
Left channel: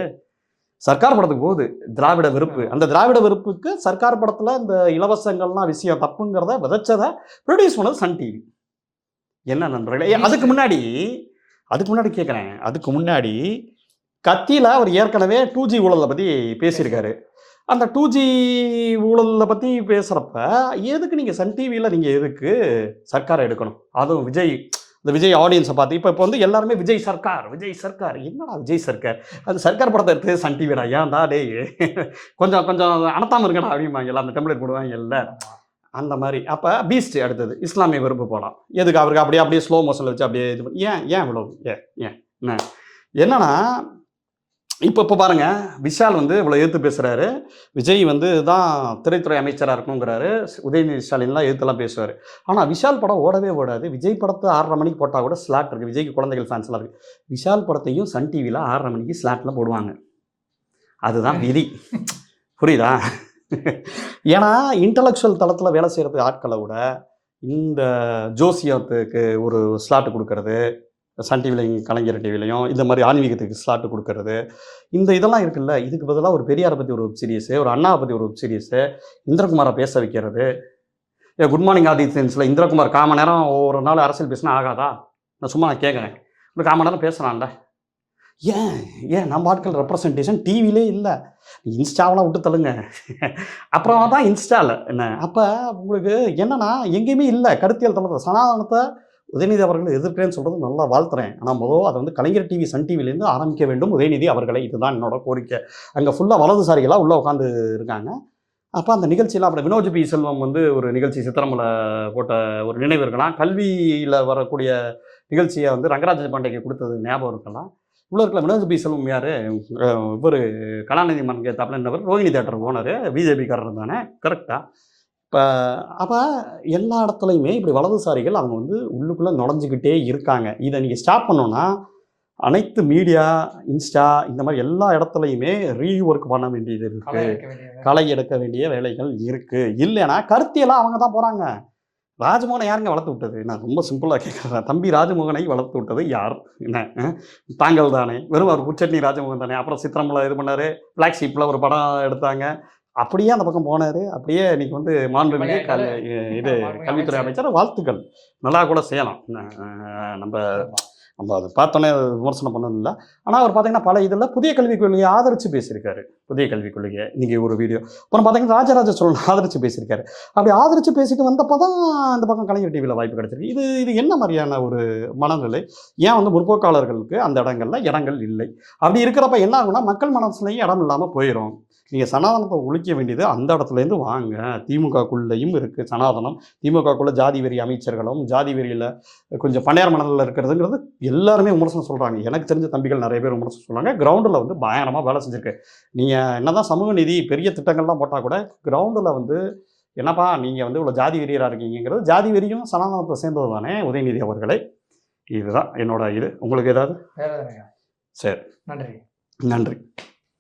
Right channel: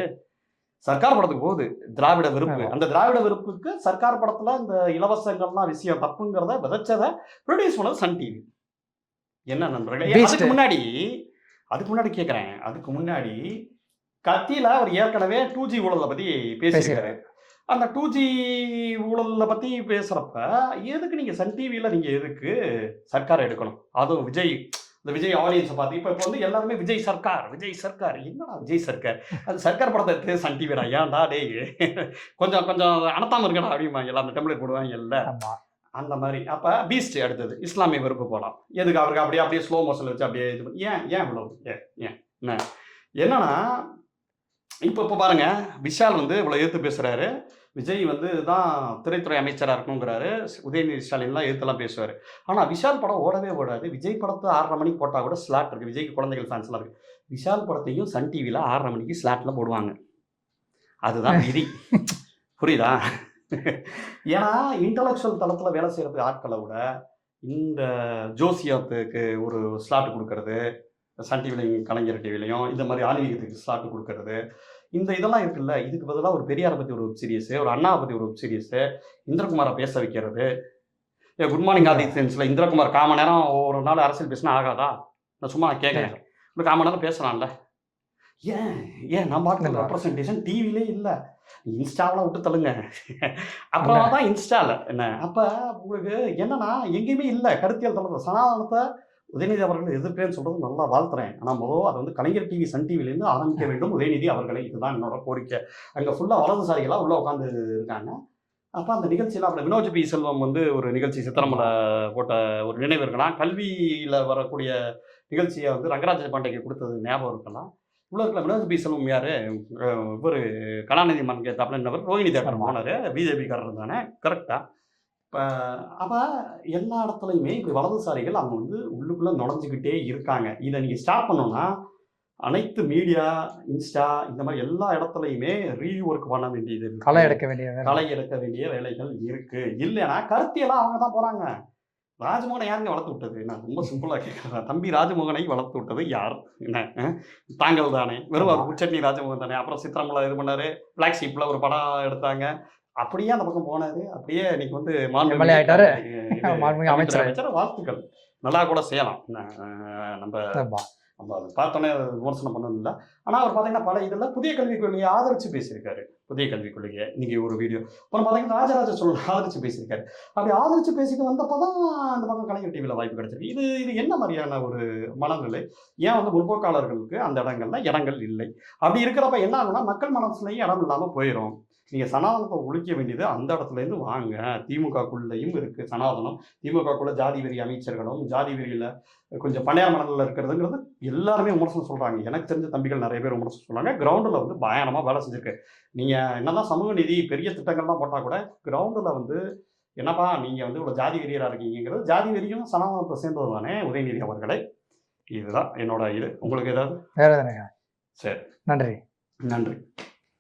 சர்க்கார் படத்துக்கு போகுது. திராவிட வெறுப்பு, அந்த திராவிட வெறுப்புக்கு சர்க்கார் படத்தில் இந்த இலவசங்கள்லாம் விஷயம் தப்புங்கிறத விதைச்சதை ப்ரொடியூஸ் பண்ணது சன் டிவி. என்ன நண்பர்களே, அதுக்கு முன்னாடி கேட்குறேன், அதுக்கு முன்னாடி கத்தியில் அவர் ஏற்கனவே 2G ஊழலை பற்றி பேசியிருக்காரு. அந்த 2G ஊழலை பற்றி பேசுகிறப்ப எதுக்கு நீங்கள் சன் டிவியில் நீங்கள் எதுக்கு சர்க்காரை எடுக்கணும்? அதுவும் விஜய், இந்த விஜய் ஆடியன்ஸை பார்த்து இப்போ வந்து எல்லாருமே விஜய் சர்க்கார் என்னடா விஜய் சர்க்கார், அது சர்க்கார் படத்தை எடுத்து சன் டிவிடா, ஏன்டா டே கொஞ்சம் அனத்தாமல் இருக்கடா அப்படிம்பாங்க, எல்லாம் அந்த டெம்ப்ளேட் போடுவாங்க இல்லை அந்த மாதிரி. அப்போ பீஸ்ட் அடுத்தது இஸ்லாமிய வெறுப்பு போகலாம். எதுக்கு அவருக்கு அப்படியே ஸ்லோ மோஷனில் வச்சு அப்படியே இது பண்ணி ஏன் இவ்வளோ என்னன்னா, இப்போ பாருங்க, விஷால் வந்து இவ்வளோ எதிர்த்து பேசுகிறாரு, விஜய் வந்து தான் திரைத்துறை அமைச்சராக இருக்கணுங்கிறாரு, உதயநிதி ஸ்டாலின்லாம் எதிர்த்துலாம் பேசுவார். ஆனால் விஷால் படம் ஓடவே ஓடாது. விஜய் படத்தை 6:30 மணிக்கு போட்டால் கூட ஸ்லாட் இருக்குது, விஜய்க்கு குழந்தைகள் ஃபேன்ஸ்லாம் இருக்குது. விஷால் படத்தையும் சன் டிவியில் 6:30 மணிக்கு ஸ்லாட்டில் போடுவாங்க. அதுதான் விதி. புரியுதா? ஏன்னா இன்டலெக்சுவல் தளத்தில் வேலை செய்கிறது ஆட்களை விட இந்த ஜோசியத்துக்கு ஒரு ஸ்லாட்டு கொடுக்கறது, சன் டிவிலையும் கலைஞர் டிவிலையும் இந்த மாதிரி ஆன்மீகத்துக்கு ஸ்லாட்டு கொடுக்கறது, இந்த இதெல்லாம் இருக்குல்ல. இதுக்கு பதிலாக ஒரு பெரியாரை பற்றி ஒரு வெப் சீரிஸு, ஒரு அண்ணாவை பற்றி ஒரு வெப் சீரிஸு, இந்திரகுமாரை பேச வைக்கிறது. குட் மார்னிங் ஆதித்யன்ஸில் இந்திரகுமார் 1/4 மணி நேரம் ஒரு நாள் அரசியல் பேசினா ஆகாதா? நான் கேட்குறேன், ஒரு 1/4 மணி நேரம் பேசலாம்ல. ஏன் நம்ம ஆட்கள் ரெப்ரசன்டேஷன் டிவிலே இல்லை, இன்ஸ்டாவெலாம் விட்டு தள்ளுங்க. அப்புறமா தான் இன்ஸ்டாவில் என்ன. அப்போ உங்களுக்கு என்னன்னா எங்கேயுமே இல்லை கருத்தியல் தளத்தில். சனாதனத்தை உதயநிதி அவர்களை எதிர்க்கிறேன்னு சொல்கிறது நல்லா வாழ்த்துறேன். ஆனால் அதை வந்து கலைஞர் டிவி சன் டிவிலேருந்து ஆரம்பிக்க வேண்டும் உதயநிதி அவர்களை, இதுதான் என்னோட கோரிக்கை. அங்கே ஃபுல்லாக வலதுசாரிகளாக உள்ளே உட்காந்து இருக்காங்க. அப்போ அந்த நிகழ்ச்சியில் அப்புறம் வினோஜ் பி செல்வம் வந்து ஒரு நிகழ்ச்சி சித்திரமில் போட்ட ஒரு நினைவு இருக்கலாம். கல்வியில் வரக்கூடிய நிகழ்ச்சியை வந்து ரங்கராஜ பாண்டேக்கு கொடுத்தது ஞாபகம் இருக்கலாம். உள்ள இருக்கல வினோஜ் பி செல்வம் யார், இவர் கலாநிதி மன் கேத்தாப்பில் என்னவர் ரோஹிணி தேட்டர் ஓனர், பிஜேபிக்காரர் தானே, கரெக்டாக. இப்போ அப்போ எல்லா இடத்துலையுமே இப்படி வலதுசாரிகள் அவங்க வந்து உள்ளுக்குள்ளே நுழைஞ்சிக்கிட்டே இருக்காங்க. இதை நீங்கள் ஸ்டாப் பண்ணோன்னா அனைத்து மீடியா, இன்ஸ்டா இந்த மாதிரி எல்லா இடத்துலையுமே ரீஒர்க் பண்ண வேண்டியது இருக்குது, களை எடுக்க வேண்டிய வேலைகள் இருக்குது. இல்லைன்னா கருத்தியெல்லாம் அவங்க தான் போகிறாங்க. ராஜ்மோகனை யாருங்க வளர்த்து விட்டது? நான் ரொம்ப சிம்பிளாக கேட்குறேன், தம்பி ராஜ்மோகனை வளர்த்து விட்டது யார்? என்ன தாங்கள் தானே, வெறும் ஒரு உச்சட்னி ராஜ்மோகன் தானே. அப்புறம் சித்திரமில் இது பண்ணார், பிளாக் ஷீப்பில் ஒரு படம் எடுத்தாங்க, அப்படியே அந்த பக்கம் போனார். அப்படியே இன்னைக்கு வந்து மாண்புமிகு அமைச்சர், வாழ்த்துக்கள், நல்லா கூட செய்யலாம். நம்ம அதை பார்த்தோன்னே விமர்சனம் பண்ணதில்லை. ஆனால் அவர் பார்த்தீங்கன்னா பல இதில் புதிய கல்விக் கொள்கையை ஆதரித்து பேசியிருக்காரு. புதிய கல்விக் கொள்கையை இன்றைக்கி ஒரு வீடியோ. அப்புறம் பார்த்தீங்கன்னா ராஜராஜ சோழன் ஆதரித்து பேசியிருக்காரு. அப்படி ஆதரித்து பேசிட்டு வந்தப்போ தான் இந்த பக்கம் கலைஞர் டிவியில் வாய்ப்பு கிடைச்சிருக்கு. இது என்ன மாதிரியான ஒரு மனநிலை? ஏன் வந்து முற்போக்காளர்களுக்கு அந்த இடங்கள் இல்லை? அப்படி இருக்கிறப்ப என்ன ஆகுனா, மக்கள் மனசுலையும் இடம் இல்லாமல் போயிடும். நீங்கள் சனாதனத்தை ஒழிக்க வேண்டியது அந்த இடத்துலேருந்து வாங்க. திமுகக்குள்ளேயும் இருக்குது சனாதனம், திமுகக்குள்ளே ஜாதி வெறி அமைச்சர்களும் ஜாதி வெறியில் கொஞ்சம் பணியார் மனதில் இருக்கிறதுங்கிறது எல்லாருமே விமர்சனம் சொல்கிறாங்க. எனக்கு தெரிஞ்ச தம்பிகள் நிறைய பேர் விமர்சனம் சொல்கிறாங்க. கிரவுண்டில் வந்து பயங்கரமாக வேலை செஞ்சுருக்கு. நீங்கள் என்ன தான் சமூக நீதி பெரிய திட்டங்கள்லாம் போட்டால் கூட கிரவுண்டில் வந்து என்னப்பா நீங்கள் வந்து இவ்வளோ ஜாதி வெறியராக இருக்கீங்கிறது, ஜாதி வெறியும் சனாதனத்தை சேர்ந்தது தானே உதயநிதி அவர்களே. இதுதான் என்னோட இது. உங்களுக்கு ஏதாவது? வேறு சரி, நன்றி.